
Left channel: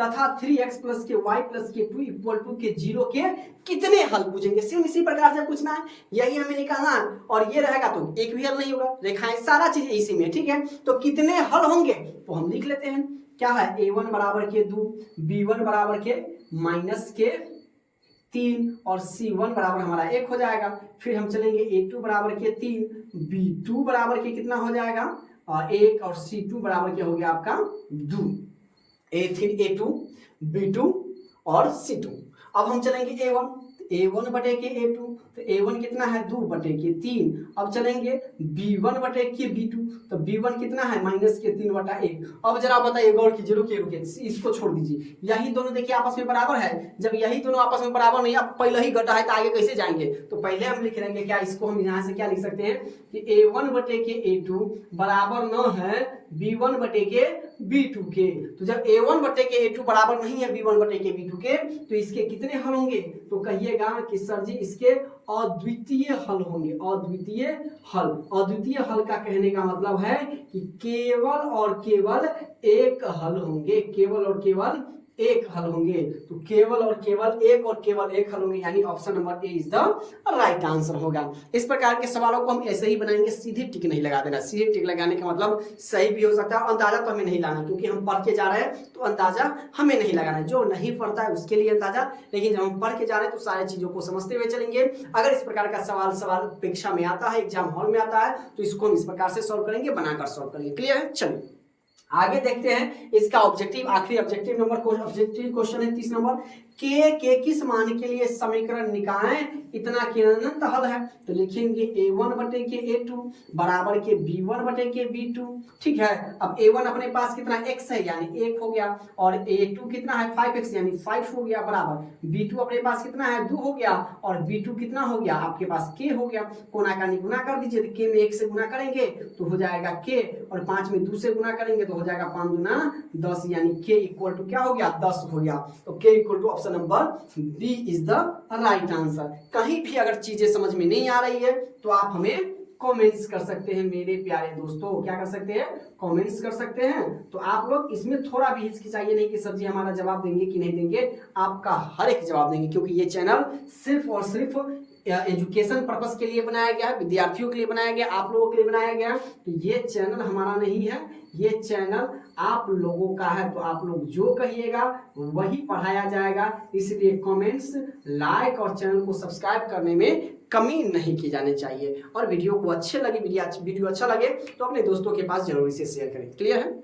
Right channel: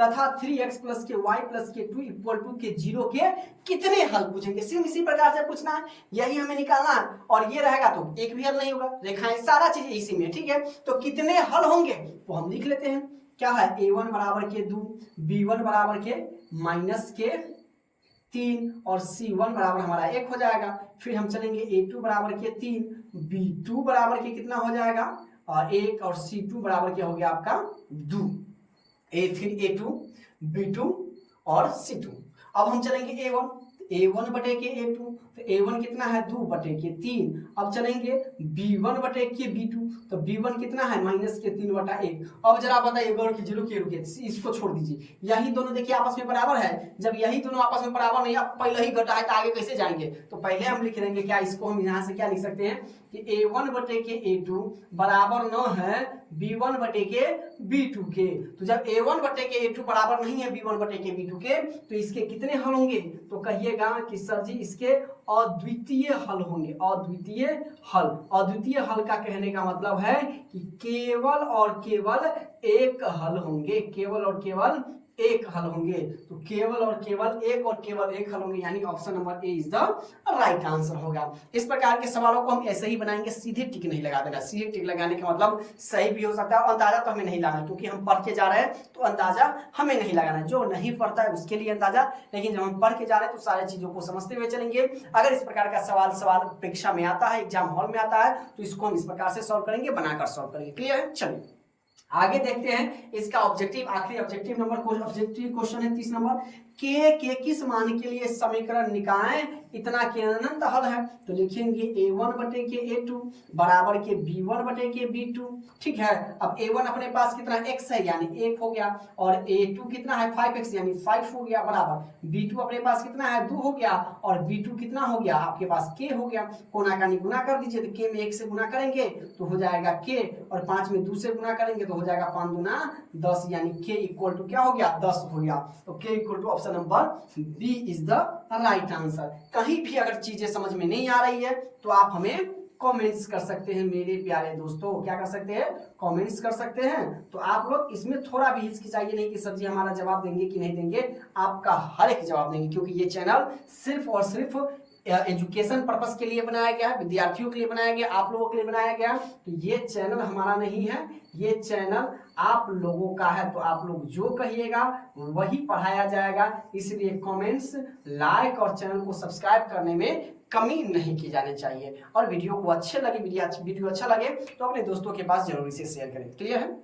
तथा 3x प्लस के y प्लस के 2 इक्वल टू के 0 के कितने हल पूछेंगे। सिर्फ इसी प्रकार से पूछना है, यही हमें निकालना है, और ये रहेगा तो एक भी हल नहीं होगा, रेखाएं सारा चीज इसी में। ठीक है, तो कितने हल होंगे तो हम लिख लेते हैं। क्या है, A1 बराबर के 2, B1 बराबर के माइनस के 3 और C1 बराबर हमारा 1 हो जाएगा। फिर हम चलेंगे A2 बराबर के 3, B2 बराबर के कितना हो जाएगा और 1, और C2 बराबर क्या हो गया आपका 2, A2 B2 और C2। अब हम चलेंगे A1 बटे के A2, तो A1 कितना है 2 बटे के 3। अब चलेंगे B1 बटे के B2, तो B1 कितना है माइनस के 3 बटा 1। अब जरा बताइए गौर कीजिए, रुकिए इसको छोड़ दीजिए, यही दोनों देखिए आपस में बराबर है। जब यही दोनों आपस में बराबर नहीं, अब पहले ही घटा है तो आगे कैसे जाएंगे, तो पहले हम लिख लेंगे क्या, इसको हम यहाँ से क्या लिख सकते हैं कि A1 बटे के A2 बराबर न है B1 बटे के B2 के। तो जब A1 बटे के A2 बराबर नहीं है B1 बटे के B2 के, तो इसके कितने हल होंगे, तो कहिएगा कि सर जी इसके अद्वितीय हल होंगे। अद्वितीय हल का कहने का मतलब है कि केवल और केवल एक हल होंगे, केवल और केवल एक हल होंगे। तो केवल और केवल एक हल होंगे, यानी option number A is the right answer होगा। इस प्रकार के सवालों को हम ऐसे ही बनाएंगे, सीधे टिक नहीं लगा देना। सीधे टिक लगाने का मतलब सही भी हो सकता है, अंदाजा तो हमें नहीं लगाना, क्योंकि हम पढ़ के जा रहे हैं तो अंदाजा हमें नहीं लगाना है। जो नहीं पढ़ता है उसके लिए अंदाजा, लेकिन जब हम पढ़ के जा रहे हैं तो सारी चीजों को समझते हुए चलेंगे। अगर इस प्रकार का सवाल परीक्षा में आता है, एग्जाम हॉल में आता है, तो इसको हम इस प्रकार से सॉल्व करेंगे, बनाकर सॉल्व करेंगे। क्लियर है, चलिए आगे देखते हैं इसका ऑब्जेक्टिव। आखिरी ऑब्जेक्टिव क्वेश्चन है 30 नंबर, के किस मान के लिए समीकरण निकाय इतना के अनंत हल है। तो लिखेंगे A1 बटे के A2 बराबर के B1 बटे के B2। ठीक है, अब A1 अपने पास कितना x है यानी 1 हो गया, और A2 कितना है 5x यानी 5 हो गया, बराबर B2 अपने पास कितना है 2 हो गया, और B2 कितना हो गया आपके पास k हो गया। कोना का गुना कर दीजिए, तो k में 1 से गुना करेंगे तो हो जाएगा k, और 5 में 2 से गुना करेंगे तो हो जाएगा 5 दूना 10, यानी k इक्वल टू क्या हो गया 10 हो गया। तो k equal to option number B is the right answer. कहीं भी अगर चीजें समझ में नहीं आ रही है तो आप हमें कमेंट्स कर सकते हैं मेरे प्यारे दोस्तों। क्या कर सकते हैं, कमेंट्स कर सकते हैं। तो आप लोग इसमें थोड़ा भी हिचकिचाइए नहीं कि सर जी हमारा जवाब देंगे कि नहीं देंगे, आपका हर एक जवाब देंगे, क्योंकि ये चैनल सिर्फ और सिर्फ एजुकेशन पर्पस के लिए बनाया गया है, विद्यार्थियों के लिए बनाया गया, आप लोगों के लिए बनाया गया। तो ये चैनल हमारा नहीं है, ये चैनल आप लोगों का है। तो आप लोग जो कहिएगा वही पढ़ाया जाएगा, इसलिए कमेंट्स, लाइक और चैनल को सब्सक्राइब करने में कमी नहीं की जानी चाहिए। और वीडियो को अच्छे लगे, वीडियो अच्छा लगे तो अपने दोस्तों के पास जरूरी से शेयर करें। क्लियर है।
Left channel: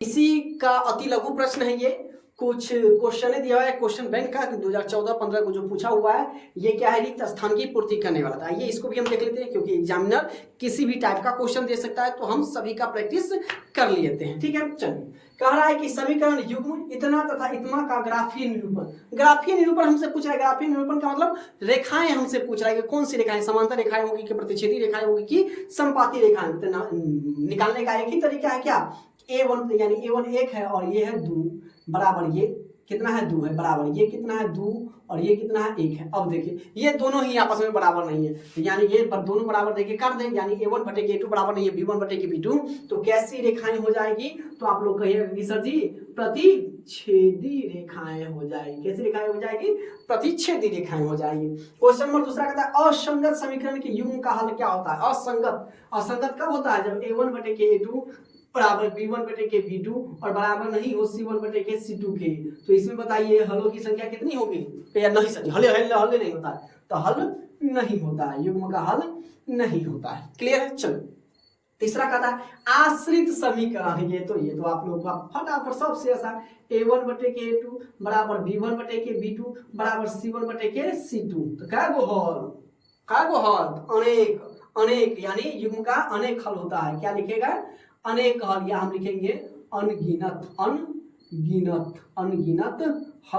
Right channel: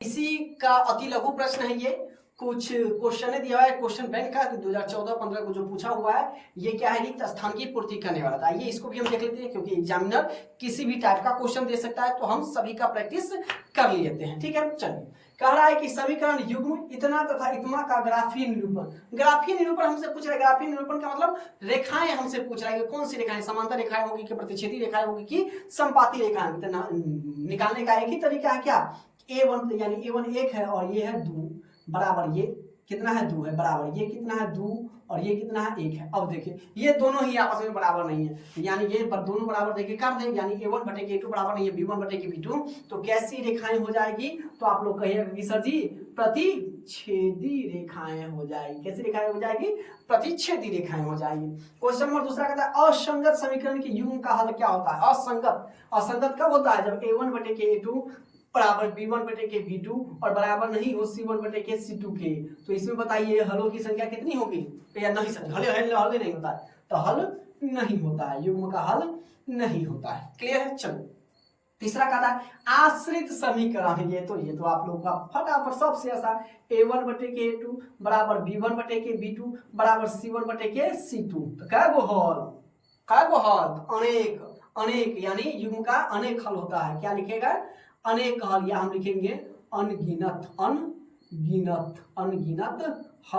इसी का अति लघु प्रश्न है ये, कुछ क्वेश्चन दिया हुआ है क्वेश्चन बैंक का 2014-15 को जो पूछा हुआ है, ये क्या है, रिक्त स्थान की पूर्ति करने वाला था। ये इसको भी हम देख लेते हैं, क्योंकि एग्जामिनर किसी भी टाइप का क्वेश्चन दे सकता है, तो हम सभी का प्रैक्टिस कर लेते हैं। ठीक है, चलिए। कह रहा है कि समीकरण युग्म इतना तथा इतना का ग्राफीय निरूपण। ग्राफीय निरूपण हमसे पूछ रहा है। ग्राफीय निरूपण का मतलब रेखाएं हमसे पूछ रहा है कि कौन सी रेखाएं, समांतर रेखाएं होगी कि प्रतिच्छेदी रेखाएं होगी कि समपाती रेखाएं। निकालने का एक ही तरीका है, क्या, A1 यानी A1 1 है और ये है 2 बराबर, ये कितना है 2 है बराबर, ये कितना है 2 और ये कितना है 1 है। अब देखिए ये दोनों ही आपस में बराबर नहीं है, यानी ये दोनों बराबर देखिए कर दें, यानी A1 बटे A2 बराबर नहीं है B1 बटे B2, तो कैसी रेखाएं हो जाएगी, तो आप लोग कहिएगा कि सर जी प्रतिच्छेदी रेखाएं हो जाएगी। कैसी रेखाएं हो जाएगी, प्रतिच्छेदी रेखाएं हो जाएगी। क्वेश्चन नंबर दूसरा कहता है असंगत समीकरण के युग्म का हल क्या होता है। असंगत कब होता है, जब A1 बटे A2 बराबर B1 बटे B2 और बराबर नहीं हो C1 बटे C2 के। तो इसमें बताइए हलों की संख्या कितनी होगी, या नहीं सर हल नहीं होता है, तो हल नहीं होता है, युग्म का हल नहीं होता है। क्लियर है। चलो तीसरा कहता है आश्रित समीकरण। ये तो आप लोगों का फटाफट सबसे आसान, A1 बटे A2 बराबर B1 बटे B2 बराबर C1 बटे C2। तो क्या वो हल, अनेक यानी युग्म का अनेक हल होता है। क्या लिखेगा, अनेक हल, या हम लिखेंगे अनगिनत हल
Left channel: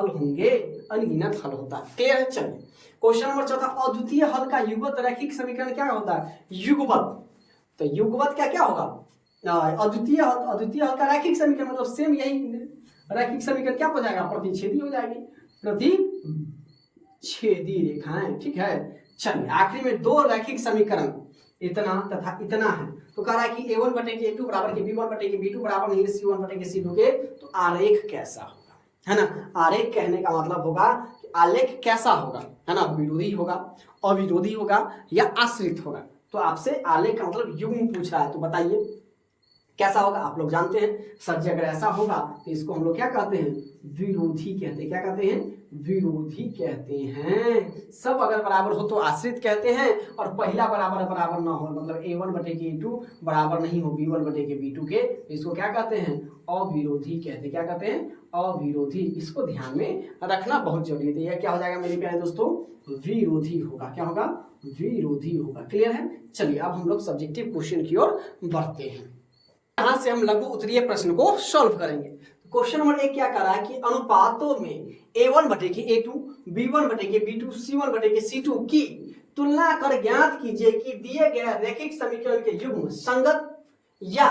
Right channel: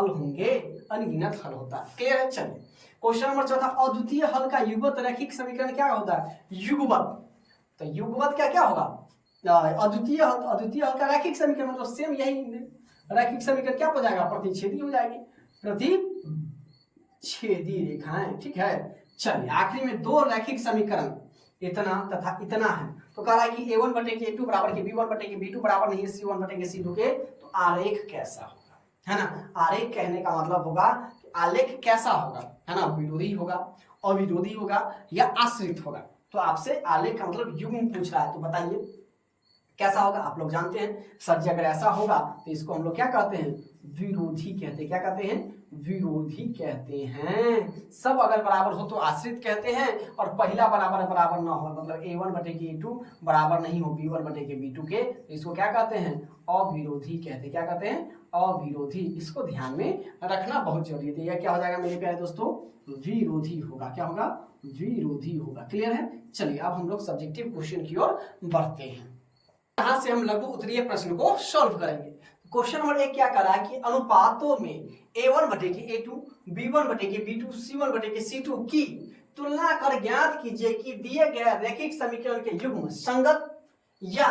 होंगे, अनगिनत हल होता है। क्लियर है। चलिए क्वेश्चन नंबर चौथा अद्वितीय हल का युगपत रैखिक समीकरण क्या होता है, युगपत। तो युगपत क्या होगा, अद्वितीय हल का रैखिक समीकरण मतलब सेम यही रैखिक समीकरण क्या हो जाएगा, प्रतिच्छेदी हो जाएगी, प्रतिच्छेदी रेखाएं। ठीक है। चलिए आखिरी में दो रैखिक समीकरण इतना तथा इतना है। तो कह रहा है कि A1 बटे A2 बराबर के B1 बटे B2 बराबर नहीं है C1 बटे C2 के। तो आरेख कैसा होगा, है ना। आरेख कहने का मतलब होगा कि आलेख कैसा होगा, है ना, विरोधी होगा, अविरोधी होगा या आश्रित होगा। तो आपसे आलेख का मतलब युग्म पूछ रहा है, तो बताइए कैसा होगा। आप लोग जानते हैं सर जी, अगर ऐसा होगा तो इसको हम लोग क्या कहते हैं, विरोधी कहते हैं। क्या कहते हैं, विरोधी कहते हैं। सब अगर बराबर हो तो आश्रित कहते हैं, और पहला बराबर ना हो, मतलब A1 बटे A2 बराबर नहीं हो B1 बटे B2 के, इसको क्या कहते हैं, अविरोधी कहते हैं। क्या कहते हैं, अविरोधी। इसको ध्यान में रखना बहुत जरूरी है। यह क्या हो जाएगा मेरे प्यारे दोस्तों, विरोधी होगा। क्या होगा, विरोधी होगा। क्लियर है। चलिए अब हम लोग सब्जेक्टिव क्वेश्चन की ओर बढ़ते हैं। यहां से हम लघु उत्तरीय प्रश्न को सॉल्व करेंगे। क्वेश्चन नंबर 1 क्या कर रहा है कि अनुपातों में A1 बटे A2 B1 बटे B2 C1 बटे C2 की तुलना कर ज्ञात कीजिए कि दिए गए रैखिक समीकरण के युग्म संगत या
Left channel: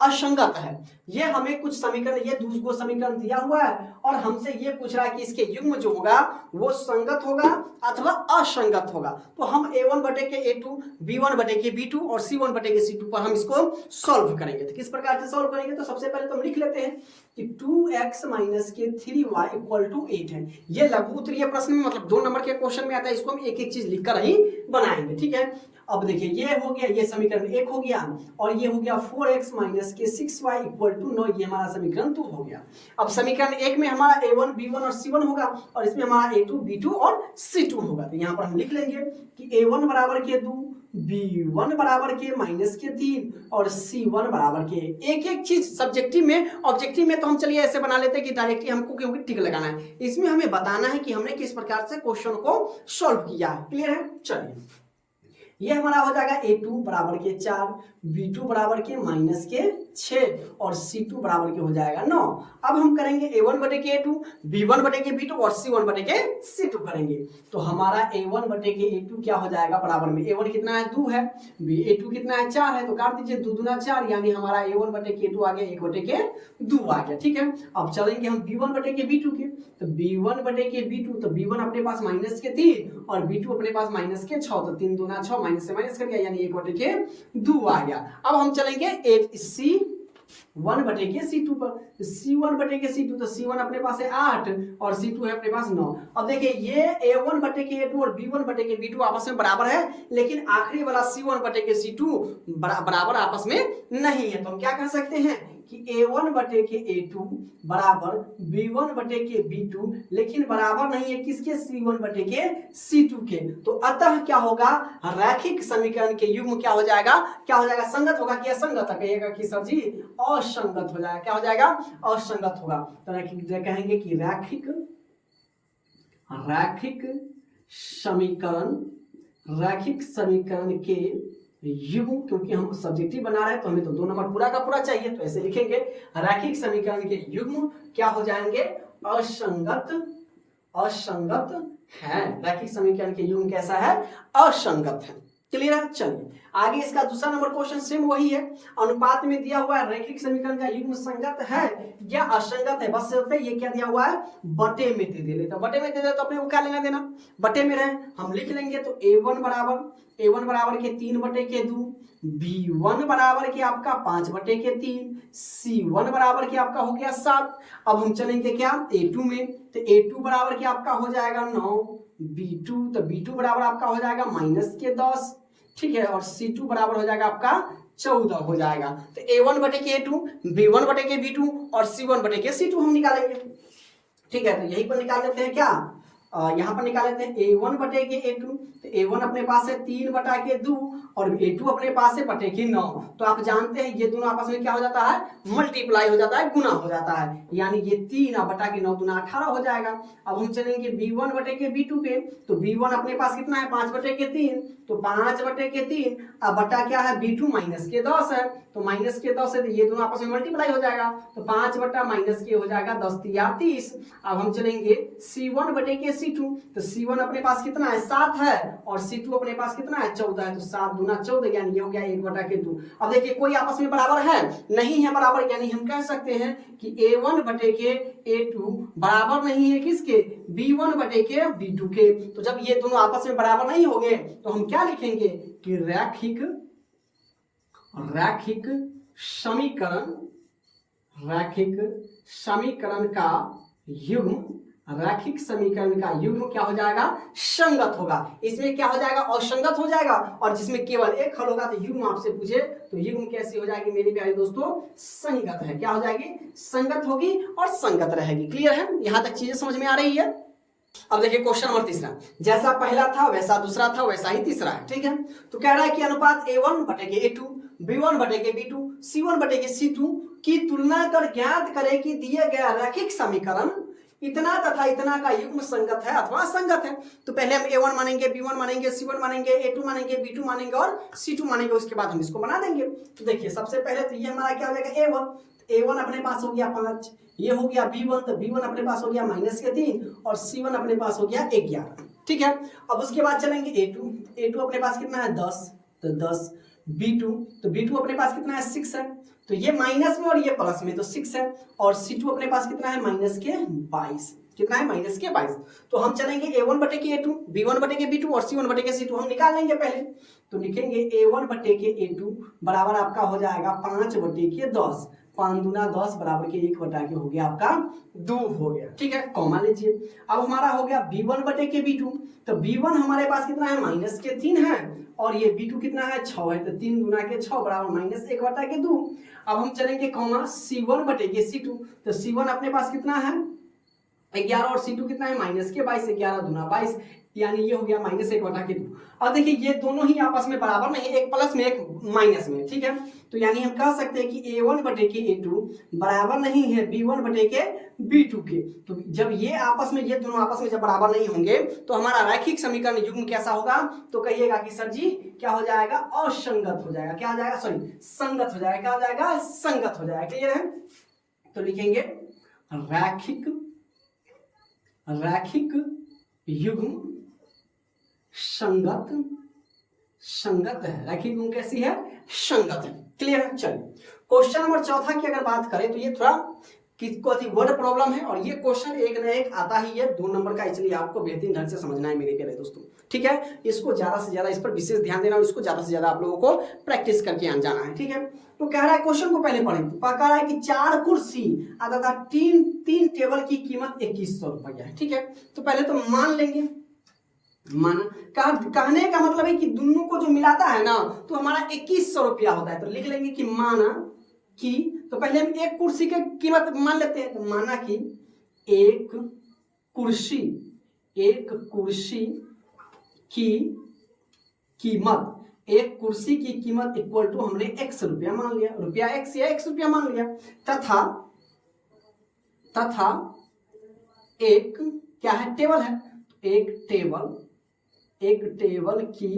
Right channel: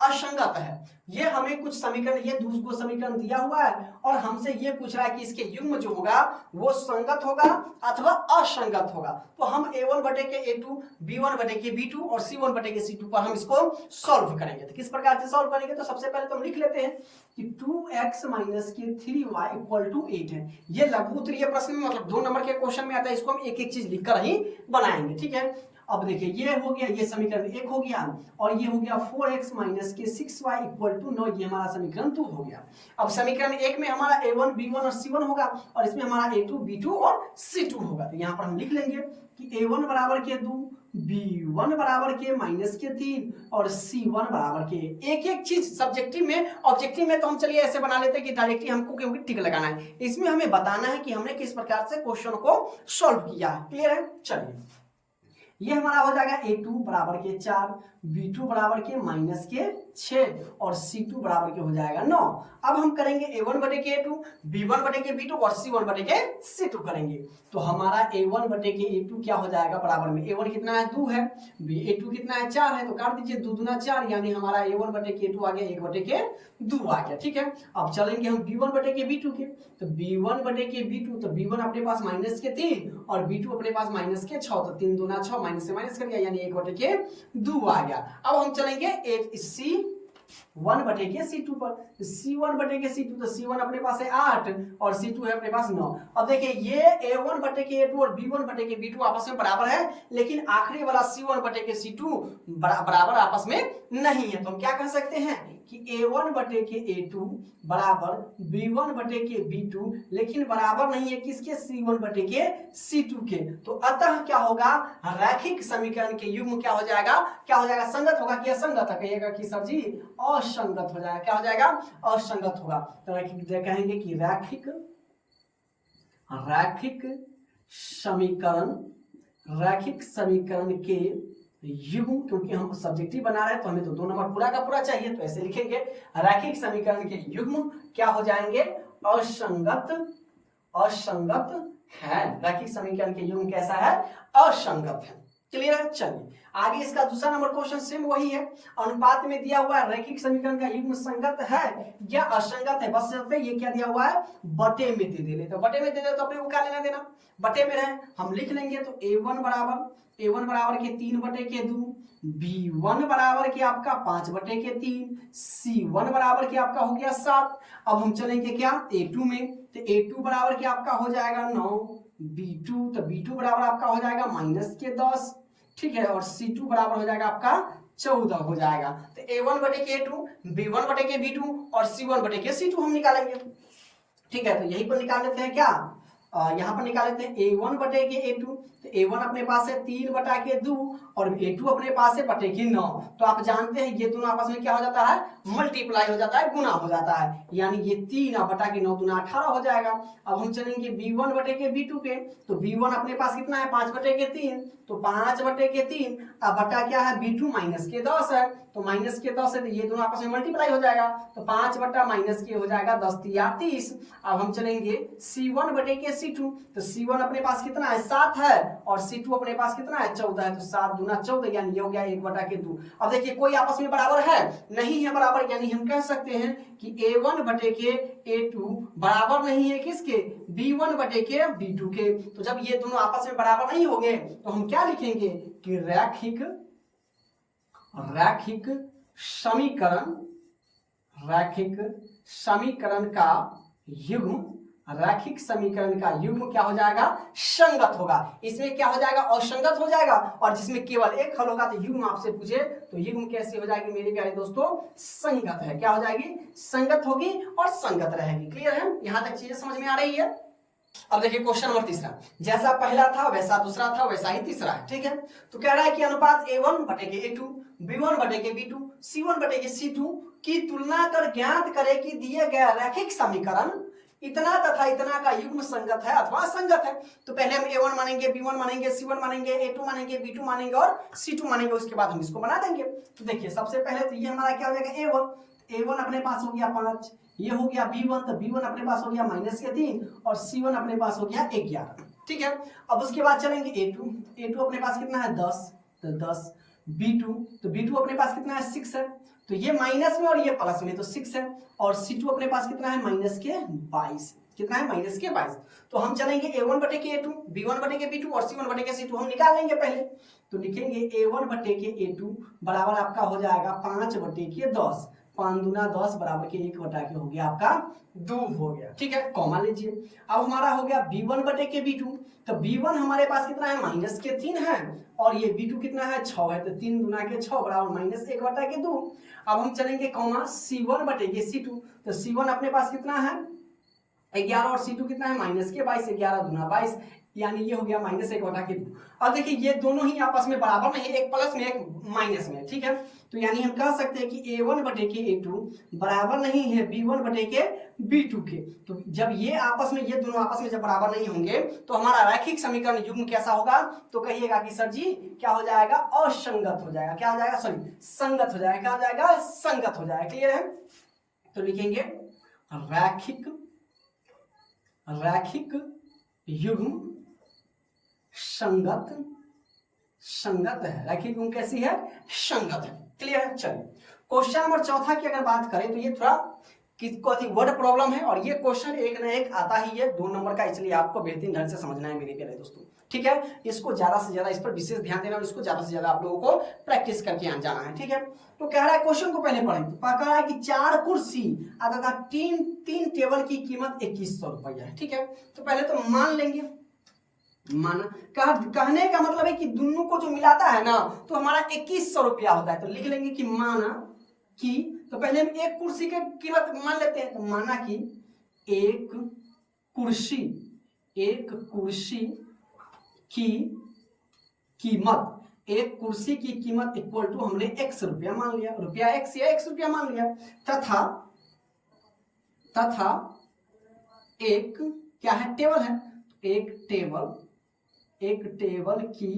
असंगत है। ये हमें कुछ समीकरण, ये दूसरा समीकरण दिया हुआ है और हमसे ये पूछ रहा है कि इसके युग्म जो होगा वो संगत होगा अथवा असंगत होगा। तो हम A1 बटे A2 B1 बटे B2 और C1 बटे C2 पर हम इसको सॉल्व करेंगे। तो किस प्रकार से सॉल्व करेंगे, तो सबसे पहले तो हम लिख लेते हैं कि 2x माइनस के 3y इक्वल टू 8 है। ये लघु उत्तरीय प्रश्न में मतलब 2 नंबर के क्वेश्चन में आता है, इसको हम एक एक चीज लिखकर ही बनाएंगे। ठीक है। अब देखिए ये हो गया, ये समीकरण 1 हो गया और ये हो गया 4x माइनस के 6y इक्वल टू 9, ये हमारा समीकरण 2 हो गया। अब समीकरण 1 में हमारा A1 B1 और C1 होगा और इसमें हमारा A2 B2 और C2 होगा। तो यहाँ पर हम लिख लेंगे कि A1 बराबर के 2, B1 बराबर के माइनस के 3 और C1 बराबर के। एक एक चीज सब्जेक्टिव में, ऑब्जेक्टिव में तो हम चलिए ऐसे बना लेते हैं कि डायरेक्टली हमको क्योंकि टिक लगाना है, इसमें हमें बताना है कि हमने किस प्रकार से क्वेश्चन को सॉल्व किया है। क्लियर है। चलिए ये हमारा हो जाएगा A2 बराबर के 4, B2 बराबर के माइनस के 6 और C2 बराबर के हो जाएगा 9। अब हम करेंगे A1 बटे के A2 B1 बटे के B2 और C1 बटे के C2 करेंगे। तो हमारा A1 बटे के A2 क्या हो जाएगा, बराबर में A1 कितना है 2 है, A2 कितना है 4 है, तो काट दीजिए 2 दूना 4, यानी हमारा A1 बटे के A2 आ गया 1 बटे के 2 आ गया। ठीक है। अब चलेंगे हम B1 बटे के B2 के, तो B1 बटे के B2, तो B1 अपने पास माइनस के 3 और B2 अपने पास माइनस के 6, तो 3 दूना 6 माइनस से माइनस कर दिया, यानी 1 बटे के 2 आ गया। अब हम चलेंगे C1 बटे के C2 पर, C1 बटे के C2, तो C1 अपने पास है 8 और C2 है अपने पास 9। अब देखिए ये A1 बटे के A2 और B1 बटे के B2 आपस में बराबर है, लेकिन आखिरी वाला C1 बटे के C2 बराबर आपस में नहीं है। तो हम क्या कह सकते हैं कि A1 बटे के A2 बराबर B1 बटे के B2, लेकिन बराबर नहीं है किसके, C1 बटे के C2 के। तो अतः क्या होगा, रैखिक समीकरण के युग्म क्या हो जाएगा, क्या हो जाएगा, संगत होगा कि असंगत है, कहिएगा कि सर जी असंगत हो जाएगा, क्या हो जाएगा, असंगत होगा। तो कहेंगे कि रैखिक समीकरण के युग्म, क्योंकि हम सब्जेक्टिव बना रहे हैं तो हमें तो 2 नंबर पूरा का पूरा चाहिए, तो ऐसे लिखेंगे रैखिक समीकरण के युग्म क्या हो जाएंगे, असंगत है। रैखिक समीकरण के युग्म कैसा है, असंगत है। क्लियर है। चलिए आगे इसका दूसरा नंबर क्वेश्चन सेम वही है, अनुपात में दिया हुआ है रैखिक समीकरण का युग्म संगत है या असंगत है, बस ये क्या दिया हुआ है, बटे में दे दे, तो बटे में दे दे तो अपने को क्या लेना देना, बटे में रहे हम लिख लेंगे। तो A1 बराबर के 3 बटे के 2, B1 बराबर के आपका 5 बटे के 3, C1 बराबर के आपका हो गया 7। अब हम चलेंगे क्या, A2 में, तो A2 बराबर के आपका हो जाएगा 9, B2 तो B2 बराबर आपका हो जाएगा -10, ठीक है, और C2 बराबर हो जाएगा आपका 14 हो जाएगा। तो A1 बटे के A2, B1 बटे के B2 और C1 बटे के C2 हम निकालेंगे, ठीक है। तो यहीं पर निकाल देते हैं क्या, यहाँ पर निकाल लेते हैं A1 बटे के A2, तो A1 अपने पास है 3 बटा के 2 और A2 अपने पास है बटे के 9। तो आप जानते हैं ये दोनों आपस में क्या हो जाता है, मल्टीप्लाई हो जाता है, गुना हो जाता है, यानी ये 3 बटा के 9 दूना 18 हो जाएगा। अब हम चलेंगे B1 बटे के B2 पे, तो B1 अपने पास कितना है, 5 बटे के 3, तो 5 बटे के 3 अब बटा क्या है, B2 -10 है, तो -10 है, तो ये दोनों आपस में मल्टीप्लाई हो जाएगा, तो 5 बटा -के हो जाएगा 10 तिया 30। अब हम चलेंगे C1 बटे के C2, तो C1 अपने पास कितना है, 7 है, और C2 अपने पास कितना है, 14 है, तो 7 दूना 14, यानी ये हो गया 1 बटा के 2। अब देखिए कोई आपस में बराबर है, नहीं है बराबर, यानी हम कह सकते हैं कि A1 बटे के A2 बराबर नहीं है किसके, B1 बटे के B2 के। तो जब ये दोनों आपस में बराबर नहीं होंगे तो हम क्या लिखेंगे कि रैखिक समीकरण का युग्म, रैखिक समीकरण का युग्म क्या हो जाएगा, संगत होगा। इसमें क्या हो जाएगा, असंगत हो जाएगा, और जिसमें केवल एक हल होगा तो युग्म आपसे पूछे तो युग्म कैसी हो जाएगी मेरे प्यारे दोस्तों, संगत है। क्या हो जाएगी, संगत होगी और संगत रहेगी। क्लियर है, यहां तक चीजें समझ में आ रही है। अब देखिए क्वेश्चन नंबर तीसरा, जैसा पहला था वैसा दूसरा था वैसा ही तीसरा है, ठीक है। तो कह रहा है कि अनुपात A1 बटे के A2, B1 बटे के B2, C1 बटे के C2 की तुलना कर ज्ञात करे कि दिए गया रैखिक समीकरण इतना तथा इतना का युग्म संगत है अथवा असंगत है। तो पहले हम A1 मानेंगे, B1 मानेंगे, C1 मानेंगे, A2 मानेंगे, B2 मानेंगे और C2 मानेंगे, उसके बाद हम इसको बना देंगे। तो देखिए सबसे पहले तो ये हमारा क्या हो जाएगा A1, A1 अपने पास हो गया 5, ये हो गया B1, तो B1 अपने पास हो गया -3 और C1 अपने पास हो गया 11, ठीक है। अब उसके बाद चलेंगे A2 अपने पास कितना है 10, तो 10, B2 तो B2 अपने पास कितना है 6 है, तो ये माइनस में और ये प्लस में, तो 6 है, और C2 अपने पास कितना है -22, कितना है -22। तो हम चलेंगे A1 बटे के A2, B1 बटे के B2 और C1 बटे के C2 हम निकाल लेंगे पहले। तो लिखेंगे A1 बटे के A2 बराबर आपका हो जाएगा 5 बटे के 10, 5 दूना 10 बराबर के 1 बटा के हो गया आपका 2 हो गया, ठीक है, कॉमा लीजिए। अब हमारा हो गया B1 बटे के B2, तो B1 हमारे पास कितना है -3 है, और ये B2 कितना है 6 है, तो 3 दूना के 6 बराबर -1 बटा के 2। अब हम चलेंगे कॉमा C1 बटे के C2, तो C1 अपने पास कितना है 11 और C2 कितना है -22, 11 दूना 22, यानी ये हो गया -1 बटा के 2। अब देखिए ये दोनों ही आपस में बराबर नहीं, एक प्लस में एक माइनस में, ठीक है। तो यानी हम कह सकते हैं कि A1 बटे के A2 बराबर नहीं है B1 बटे के B2 के। तो जब ये आपस में, ये दोनों आपस में जब बराबर नहीं होंगे तो हमारा रैखिक समीकरण युग्म कैसा होगा, तो कहिएगा कि सर जी क्या हो जाएगा, असंगत हो जाएगा। क्या हो जाएगा, सॉरी संगत हो जाएगा, क्या हो जाएगा, संगत हो जाएगा। क्लियर है। तो लिखेंगे रैखिक युग्म संगत है। रैखिक युग्म कैसी है, संगत है। क्लियर है। चलिए क्वेश्चन नंबर चौथा की अगर बात करें तो ये थोड़ा वर्ड प्रॉब्लम है, और ये क्वेश्चन एक ना एक आता ही है 2 नंबर का, इसलिए आपको बेहतरीन ढंग से समझना है मेरे प्यारे दोस्तों, ठीक है। इसको ज्यादा से ज्यादा, इस पर विशेष ध्यान देना और इसको ज्यादा से ज्यादा आप लोगों को प्रैक्टिस करके आन जाना है, ठीक है। तो कह रहा है, क्वेश्चन को पहले पढ़ें। कह रहा है कि 4 कुर्सी तथा 3 टेबल की कीमत 2100 रुपया है, ठीक है। तो पहले तो मान लेंगे, कहने का मतलब है कि दोनों को जो मिलाता है ना तो हमारा 2100 रुपया होता है। तो लिख लेंगे कि माना कि तो पहले हम एक कुर्सी की कीमत मान लेते हैं। तो माना कि एक कुर्सी की कीमत, एक कुर्सी की कीमत इक्वल टू हमने x रुपया मान लिया, रुपया x या x रुपया मान लिया, तथा एक क्या है, टेबल है, एक टेबल की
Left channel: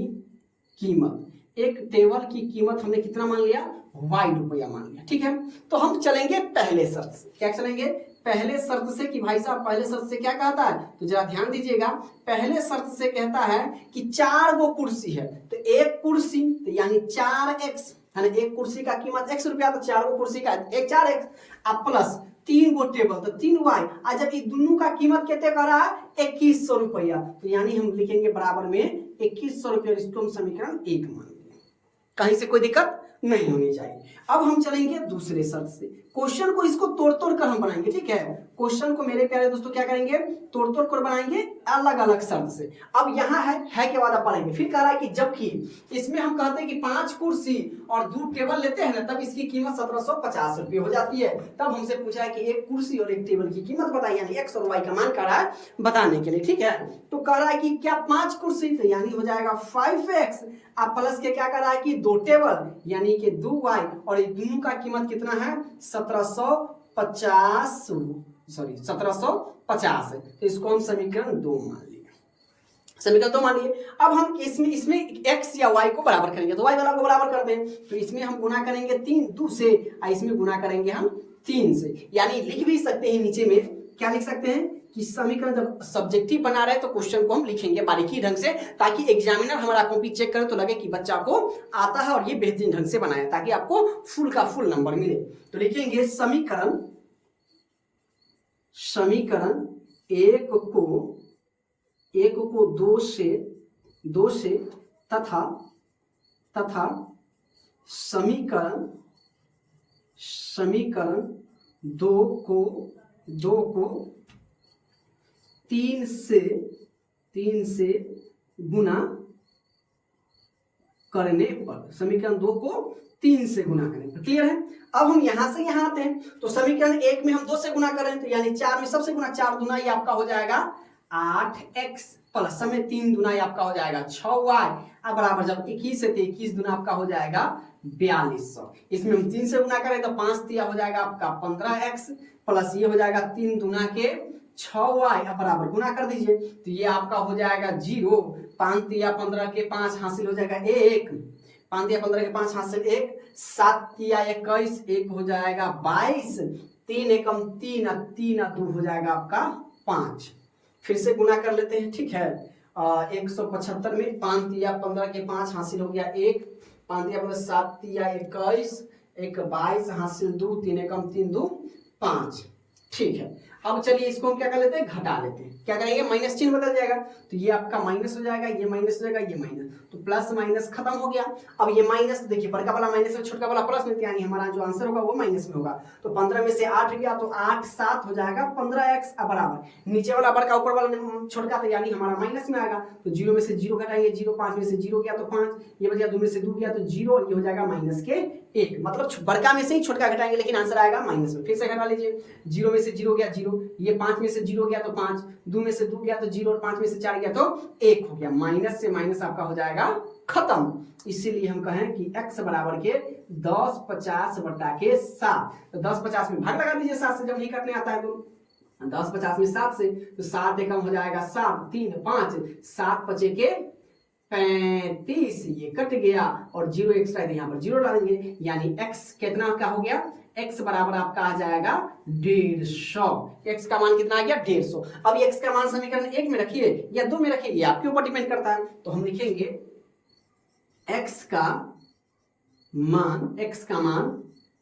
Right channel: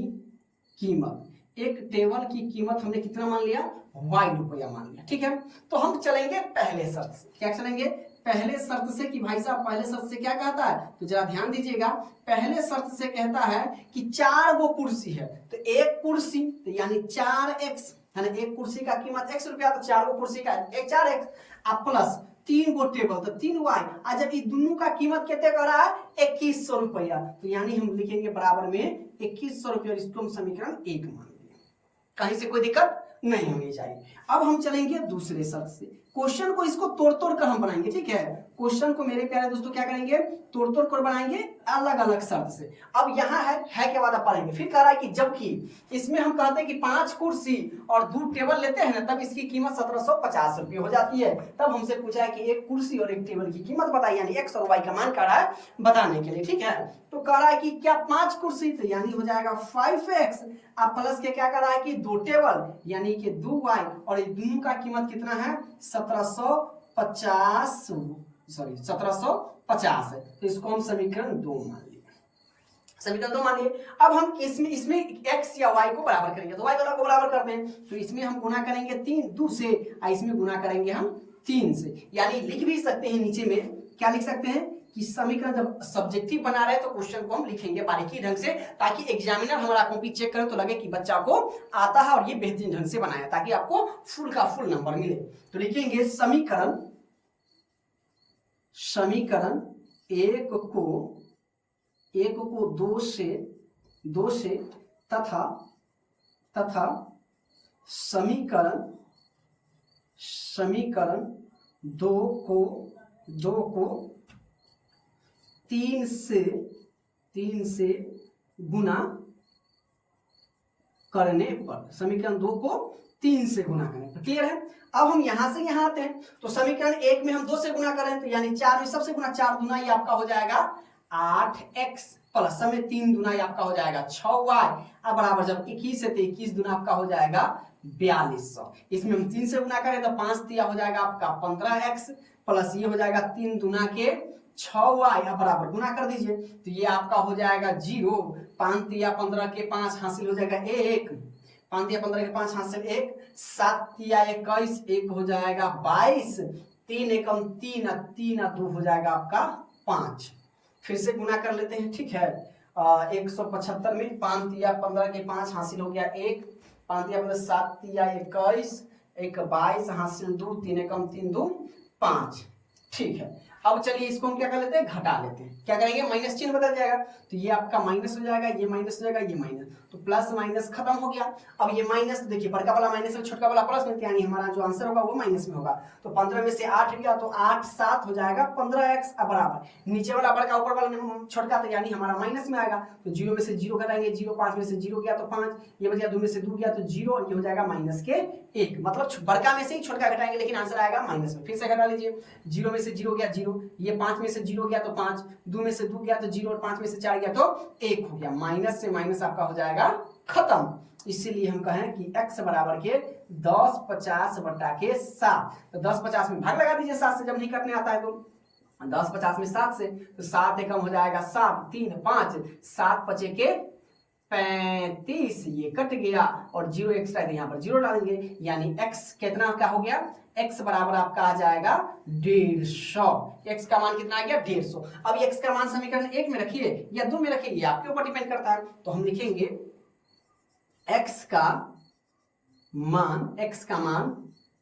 कीमत हमने कितना मान लिया, y रुपया मान लिया। ठीक है, तो हम चलेंगे पहले शर्त से। क्या चलेंगे, पहले शर्त से कि भाई साहब पहले शर्त से क्या कहता है, तो जरा ध्यान दीजिएगा। पहले शर्त से कहता है कि 4 गो कुर्सी है, तो एक कुर्सी तो यानी 4x, यानी एक कुर्सी का कीमत x रुपया, तो 4 गो कुर्सी का 4x अब प्लस 3 गो टेबल तो 3y। आज जब ये दोनों का कीमत कितने कर रहा है, 2100 रुपया, तो यानी हम लिखेंगे बराबर में 2100 रुपया। इसको हम समीकरण 1 मान लेंगे, कहीं से कोई दिक्कत नहीं होनी चाहिए। अब हम चलेंगे दूसरे शर्त से। क्वेश्चन को इसको तोड़ तोड़ कर हम बनाएंगे। ठीक है, क्वेश्चन को मेरे प्यारे दोस्तों क्या करेंगे, तोड़ तोड़ कर बनाएंगे अलग अलग शर्त से। अब यहाँ है के बाद पढ़ेंगे। फिर कह रहा है कि जबकि इसमें हम कहते हैं कि 5 कुर्सी और 2 टेबल लेते हैं ना, तब इसकी कीमत 1750 रुपये हो जाती है। तब हमसे पूछा है कि एक कुर्सी और एक टेबल की कीमत बताइए, यानी x और y का मान कह रहा है बताने के लिए। ठीक है, तो कह रहा है कि क्या 5 कुर्सी, तो यानी हो जाएगा 5x, अब प्लस के क्या कर रहा है कि 2 टेबल यानी कि 2y, और इन दोनों का कीमत कितना है 1750 है। तो इसको हम समीकरण 2 मान लिए, समीकरण 2 मान लिए। अब हम इसमें x या y को बराबर करेंगे, तो y वाला को बराबर कर दें, तो इसमें हम गुना करेंगे 2 से, और इसमें गुना करेंगे हम 3 से। यानी लिख भी सकते हैं नीचे में, क्या लिख सकते हैं कि समीकरण जब सब्जेक्टिव बना रहे तो क्वेश्चन को हम लिखेंगे बारीकी ढंग से, ताकि एग्जामिनर हमारा कॉपी चेक करे तो लगे कि बच्चा को आता है और ये बेहतरीन ढंग से बनाया, ताकि आपको फुल का फुल नंबर मिले। तो लिखेंगे समीकरण एक को 2 से तथा समीकरण 2 को 3 से गुना करने पर, समीकरण 2 को 3 से गुना करने पर। क्लियर है। अब हम यहां से यहां आते हैं, तो समीकरण 1 में हम 2 से गुना करें, तो यानी 4 में सबसे गुना 4 दुना ये आपका हो जाएगा 8x, प्लस में 3 दुना ये आपका हो जाएगा 6y, अब बराबर जब 21 है तो 21 दुना आपका हो जाएगा 4200। इसमें हम 3 से गुना करें तो 5 तिया हो जाएगा आपका 15x, प्लस ये हो जाएगा 3 दुना के 6y, अब बराबर गुना कर दीजिए, तो ये आपका हो जाएगा 0, 5 तिया 15 के 5 हासिल हो जाएगा 1, 5 तिया 15 के 5 हासिल 1, 7 तिया 21, 1 हो जाएगा 22, 3 एकम 3, 3 2 हो जाएगा आपका 5। फिर से गुना कर लेते हैं। ठीक है, 175 में 5 तिया 15 के 5 हासिल हो गया 1, 5 तिया 15 7 तिया 21, 1 22 हासिल 2, 3 एकम 3 2 5। ठीक है, अब चलिए इसको हम क्या कर लेते हैं, घटा लेते हैं। क्या करेंगे, माइनस चिन्ह बदल जाएगा, तो ये आपका माइनस हो जाएगा, ये माइनस हो जाएगा, ये माइनस, तो प्लस माइनस खत्म हो गया। अब ये माइनस, देखिए बड़का वाला माइनस है, छोटा वाला प्लस में, यानी हमारा जो आंसर होगा वो माइनस में होगा। तो 15 में से 8 गया तो 8 7 हो जाएगा 15x, अब बराबर नीचे वाला बड़का ऊपर वाला छोटा, तो यानी हमारा माइनस में आएगा। तो 0 में से 0 घटाएंगे, 0 5 में से 0 गया तो 5, ये बच गया 2 में से 2 गया तो 0, ये हो जाएगा माइनस के 1, मतलब बड़का में से ही छोटका घटाएंगे, लेकिन आंसर आएगा माइनस में। फिर से घटा लीजिए, 0 में से 0 गया 0, ये 5 में से 0 गया तो 5, 2 में से 2 गया तो 0, और 5 में से 4 गया तो 1 हो गया। माइनस से माइनस आपका हो जाएगा खत्म। इसीलिए हम कहें कि x बराबर के 10 50 बटा के 7, तो 10 50 में भाग लगा दीजिए 7 से, जब नहीं करने आता है तो 10 50 में 7 से, तो 7 एकम हो जाएगा 7, 3 5, 7 5 के 35, ये कट गया और 0 एक्स्ट्रा यहाँ पर 0 डालेंगे, यानी x कितना क्या हो गया, x बराबर आपका आ जाएगा 150। x का मान कितना आ गया 150। अब x का मान समीकरण 1 में रखिए या 2 में रखिए, ये आपके ऊपर डिपेंड करता है। तो हम लिखेंगे x का मान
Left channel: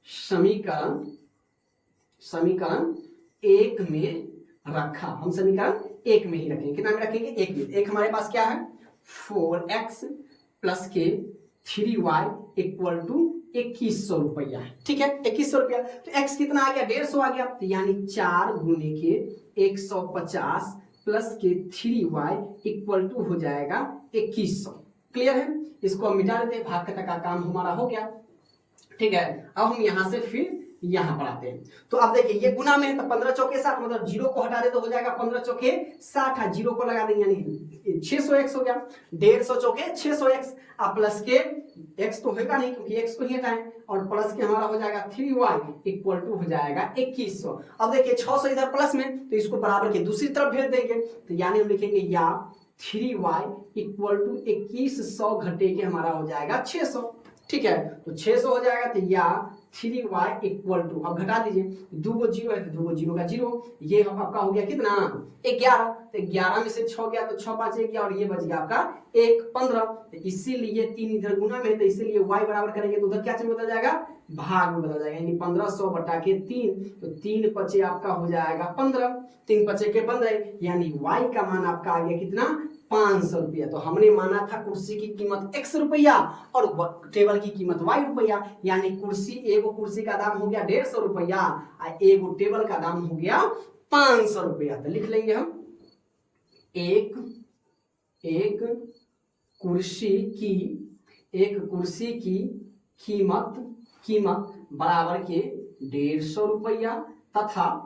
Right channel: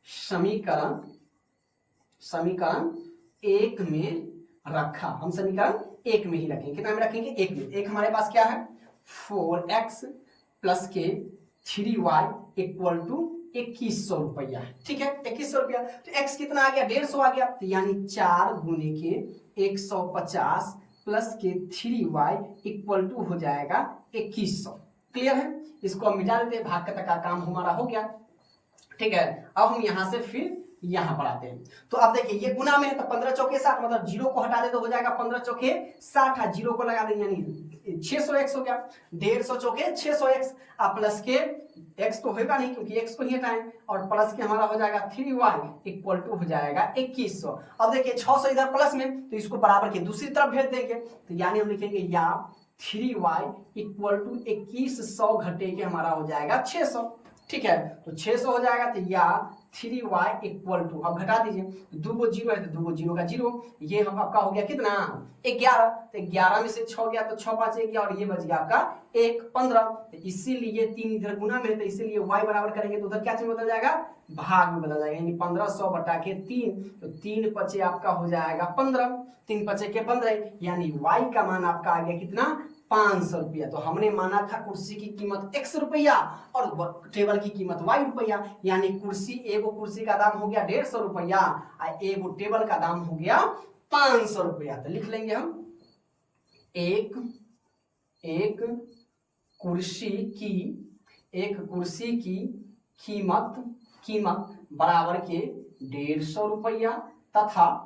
समीकरण 1 में रखा, हम समीकरण 1 में ही रखेंगे। कितना में रखेंगे, 1 में। एक हमारे पास क्या है 4x प्लस के 3y इक्वल टू 2100 रुपया। ठीक है, 2100 रुपया। तो x कितना आ गया 150 आ गया, तो यानी 4 गुने के 150 प्लस के 3y इक्वल टू हो जाएगा 2100। क्लियर है। इसको हम मिटा देते हैं, भाग का काम हमारा हो गया। ठीक है, अब हम यहां से फिर यहाँ पर आते हैं। तो अब देखिए ये गुना में है तो 15 चौके 60, मतलब 0 को हटा दे तो हो जाएगा 15 चौके 60, 0 को लगा देंगे यानी 600x हो गया। 150 चौके 600x, आप प्लस के x तो होगा नहीं क्योंकि x को ही हटाएं, और प्लस के हमारा हो जाएगा 3y इक्वल टू हो जाएगा 2100। अब देखिए 600 इधर प्लस में तो इसको बराबर के दूसरी तरफ भेज देंगे, तो यानी हम लिखेंगे या 3y इक्वल टू 2100 घटे के हमारा हो जाएगा 600। ठीक है, तो 600 हो जाएगा, तो या 3y इक्वल टू, अब घटा दीजिए, दो गो जीरो है तो दो गो जीरो का जीरो, ये हम आपका हो गया कितना 11, तो 11 में से 6 गया तो 6 5 गया, और ये बच गया आपका 1 15, तो इसीलिए 3 इधर गुना में, तो इसीलिए y बराबर करेंगे तो उधर क्या चीज बदल जाएगा, भाग में बदल जाएगा, यानी 1500 बटा के 3, तो 3 पचे आपका हो जाएगा 15, 3 पचे के 15, यानी y का मान आपका आ गया कितना 500 रुपया। तो हमने माना था कुर्सी की कीमत x रुपया और टेबल की कीमत y रुपया, यानी कुर्सी एगो कुर्सी का दाम हो गया 150 रुपया और एगो टेबल का दाम हो गया 500 रुपया। तो लिख लेंगे हम एक कुर्सी की कीमत बराबर के 150 रुपया तथा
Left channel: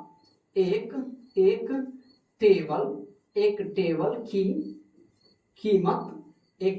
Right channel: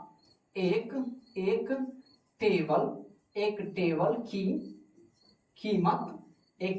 एक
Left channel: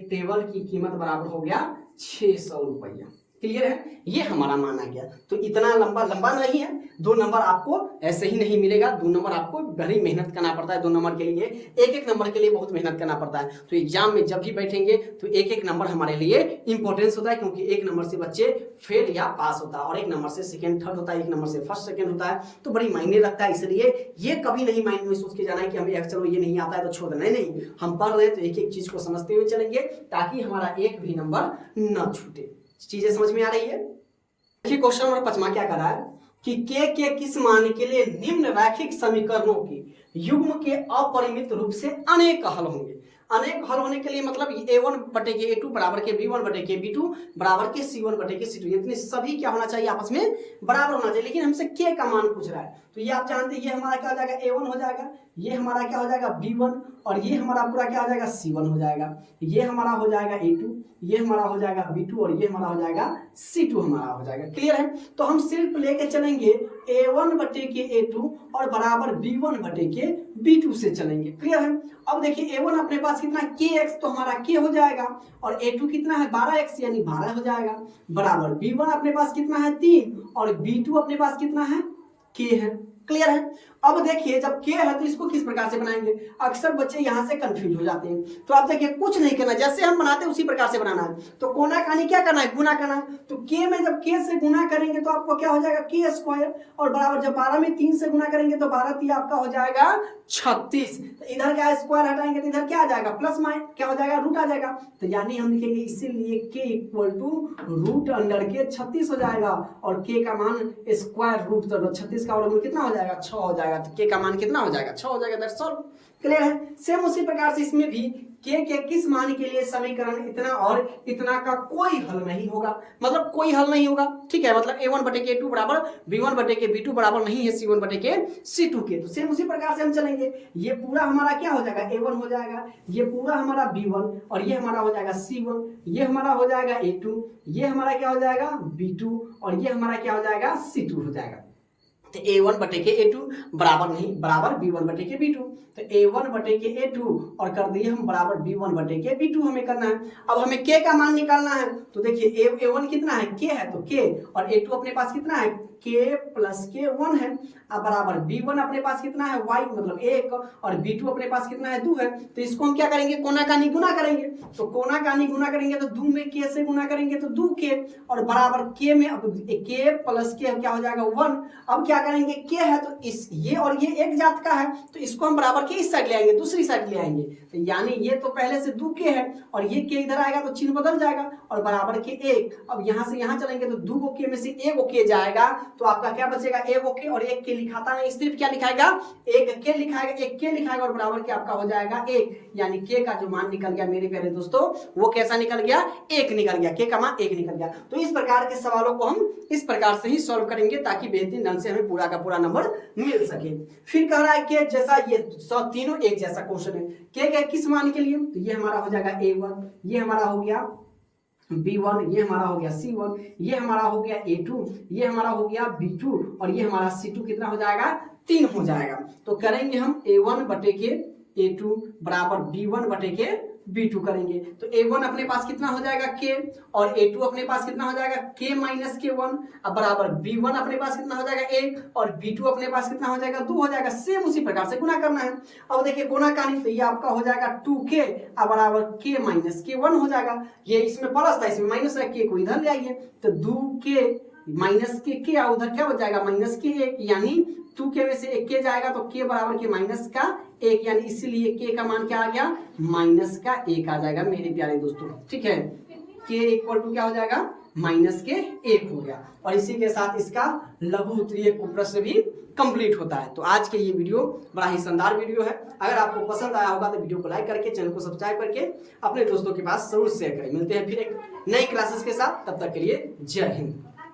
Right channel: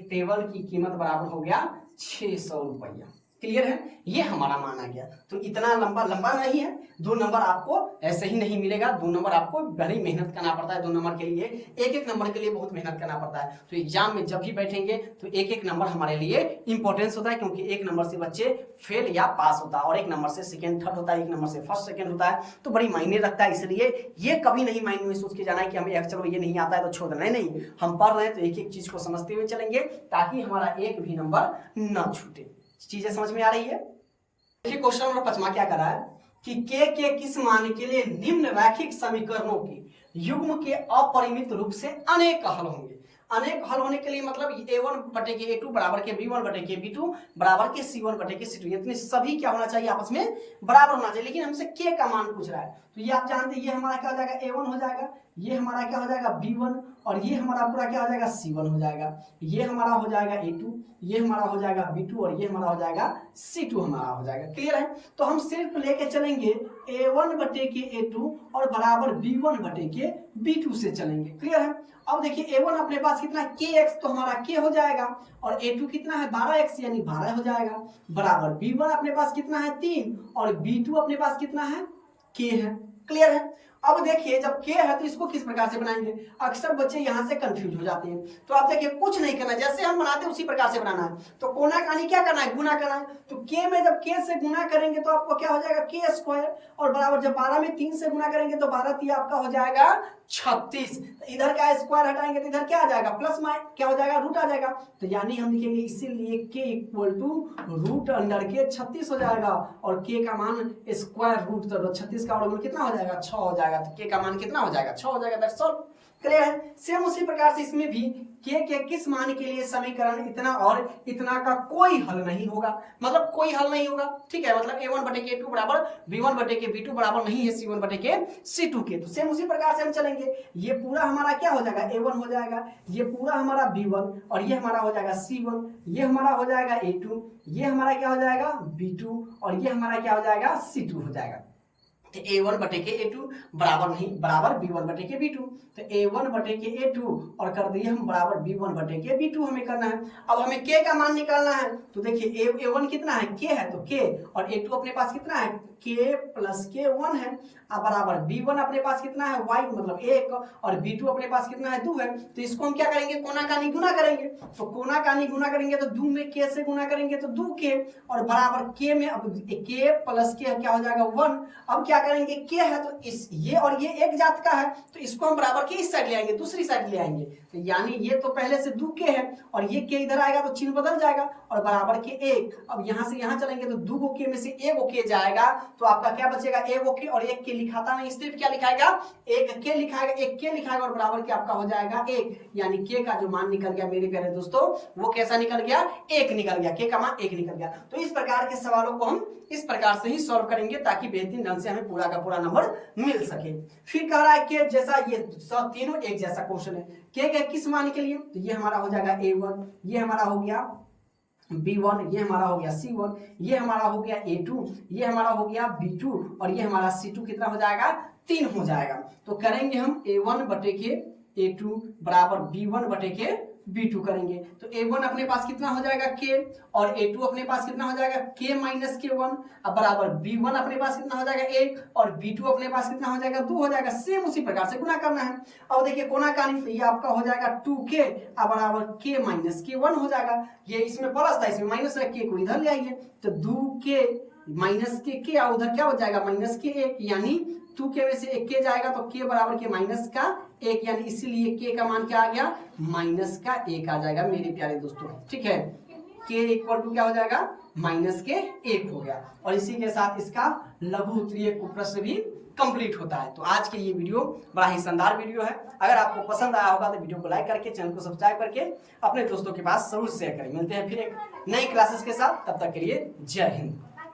टेबल की कीमत बराबर हो गया 600 रुपया। क्लियर है, ये हमारा माना गया। तो इतना लंबा नहीं है, 2 नंबर आपको ऐसे ही नहीं मिलेगा, 2 नंबर आपको बड़ी मेहनत करना पड़ता है। 2 नंबर के लिए एक नंबर के लिए बहुत मेहनत करना पड़ता है। तो एग्जाम में जब भी बैठेंगे तो एक नंबर हमारे लिए इंपॉर्टेंस होता है, क्योंकि 1 नंबर से बच्चे फेल या पास होता है और 1 नंबर से सेकंड थर्ड होता है, 1 नंबर से फर्स्ट सेकंड होता है, तो बड़ी मायने रखता है। इसलिए ये कभी नहीं माइंड में सोच के जाना है कि हमें चलो ये नहीं आता है तो छोड़ देना, नहीं, हम पढ़ रहे हैं तो एक चीज को समझते हुए चलेंगे ताकि हमारा एक भी नंबर न छूटे। चीजें समझ में आ रही है। देखिए क्वेश्चन नंबर 5 क्या कर रहा है कि के किस मान के लिए निम्न रैखिक समीकरणों की युग्म के अपरिमित रूप से अनेक हल होंगे। अनेक हल होने के लिए मतलब a1 बटे के a2 बराबर के b1 बटे के b2 बराबर के c1 बटे के c2, इतने सभी क्या होना चाहिए, आपस में बराबर होना चाहिए। लेकिन हमसे k का मान पूछ रहा है, तो ये आप जानते हैं ये हमारा क्या हो जाएगा a1 हो जाएगा, ये हमारा क्या हो जाएगा b1, और ये हमारा पूरा क्या हो जाएगा c1 हो जाएगा, ये हमारा हो जाएगा a2, ये हमारा हो जाएगा b2, और ये हमारा हो जाएगा c2 हमारा हो जाएगा। क्लियर है, तो हम सिर्फ लेके चलेंगे a1 बटे के a2 और बराबर b1 बटे के b2 से चलेंगे। क्लियर है। अब देखिए a1 अपने पास कितना kx, तो हमारा k हो जाएगा, और a2 कितना है 12x यानी 12 हो जाएगा, बराबर b1 अपने पास कितना है 3 और b2 अपने पास कितना है k है। क्लियर है। अब देखिए जब k है तो इसको किस प्रकार से बनाएंगे, अक्सर बच्चे यहां से कंफ्यूज हो जाते हैं। तो आप देखिए कुछ नहीं करना, जैसे हम बनाते हैं उसी प्रकार से बनाना है। तो कोना कानी क्या करना है, गुना करना है। तो k में जब k से गुना करेंगे तो आपको क्या हो जाएगा k स्क्वायर, और बराबर जब 12 में 3 से गुना करेंगे तो 12 3 आपका हो जाएगा 36। तो इधर का स्क्वायर हटाएंगे तो इधर क्या आ जाएगा, प्लस माइनस क्या हो जाएगा, रूट आ जाएगा। तो यानी हम लिखेंगे इसीलिए k equal to root under के 36 हो जाएगा, और k का मान स्क्वायर रूट, तो 36 का वर्गमूल कितना हो जाएगा 6 हो जाएगा। तो k का मान कितना हो जाएगा 6 हो जाएगा। That's all. क्लियर है। सेम उसी प्रकार से इसमें भी k के किस मान के लिए समीकरण इतना और इतना का कोई हल नहीं होगा, मतलब कोई हल नहीं होगा। ठीक है, मतलब a1 बटे के a2 बराबर b1 बटे के b2 बराबर नहीं है c1 बटे के c2 के। तो सेम उसी प्रकार से हम चलेंगे, ये पूरा हमारा क्या हो जाएगा a1 हो जाएगा, ये पूरा हमारा b1, और ये हमारा हो जाएगा c1, ये हमारा हो जाएगा a2, ये हमारा क्या हो जाएगा b2, और ये हमारा क्या हो जाएगा c2 हो जाएगा। तो a1 बटे के a2 बराबर नहीं, बराबर b1 बटे के b2। तो a1 बटे के a2 और कर दिए हम बराबर b1 बटे के b2 हमें करना है। अब हमें k का मान निकालना है। तो देखिए a1 कितना है k है, तो k, और a2 अपने पास कितना है k प्लस के 1 है, अब बराबर b1 अपने पास कितना है y मतलब 1, और b2 अपने पास कितना है 2 है। तो इसको हम क्या करेंगे, कोना कानी गुना करेंगे। तो कोना कानी गुना करेंगे तो 2 में k से गुना करेंगे तो 2k, और बराबर k में अब k प्लस k क्या हो जाएगा 1। अब क्या करेंगे, k है तो इस ये और ये एक जात का है, तो इसको हम बराबर के इस साइड ले आएंगे, दूसरी साइड ले आएंगे। तो यानी ये तो पहले से 2k है, और ये k इधर आएगा तो चिन्ह बदल जाएगा, और बराबर के 1। अब यहाँ से यहाँ चलेंगे तो 2 k में से 1 k जाएगा, तो आपका क्या बचेगा 1 k, और 1 k लिखाता नहीं, सिर्फ क्या लिखाएगा 1 k लिखाएगा, और बराबर के आपका हो जाएगा 1। यानी k का जो मान निकल गया मेरे प्यारे दोस्तों, वो कैसा निकल गया, 1 निकल गया, k का मान 1 निकल गया। तो इस प्रकार के सवालों को हम इस प्रकार से ही सॉल्व करेंगे ताकि बेहतरीन ढंग से हमें पूरा का पूरा नंबर मिल सके। फिर कह रहा है कि जैसा ये तीनों एक जैसा क्वेश्चन है, k के किस मान के लिए, तो ये हमारा हो जाएगा a1, ये हमारा हो गया B1, ये हमारा हो गया C1, ये हमारा हो गया A2, ये हमारा हो गया B2 और ये हमारा C2 कितना हो जाएगा 3 हो जाएगा। तो करेंगे हम A1 बटे के A2 बराबर B1 बटे के B2 करेंगे। तो A1 अपने पास कितना हो जाएगा K और A2 अपने पास कितना हो जाएगा K माइनस K1 अब बराबर B1 अपने पास कितना हो जाएगा 1 और B2 अपने पास कितना हो जाएगा 2 हो जाएगा। सेम उसी प्रकार से गुना करना है। अब देखिए गुना करनी तो ये आपका हो जाएगा 2K अब बराबर K माइनस K1 हो जाएगा। ये इसमें प्लस था इसमें माइनस है, K को इधर ले आइए तो 2K माइनस के और उधर क्या हो जाएगा माइनस के 1 यानी 2K में से 1 K जाएगा तो K बराबर के माइनस का 1 यानी इसीलिए K का मान क्या आ गया माइनस का 1 आ जाएगा मेरे प्यारे दोस्तों। ठीक है, K इक्वल टू क्या हो जाएगा माइनस के 1 हो गया और इसी के साथ इसका लघु उत्तरीय प्रश्न भी कंप्लीट होता है। तो आज के ये वीडियो बड़ा ही शानदार वीडियो है। अगर आपको पसंद आया होगा तो वीडियो को लाइक करके चैनल को सब्सक्राइब करके अपने दोस्तों के पास जरूर शेयर करें। मिलते हैं फिर एक नई क्लासेस के साथ, तब तक के लिए जय हिंद।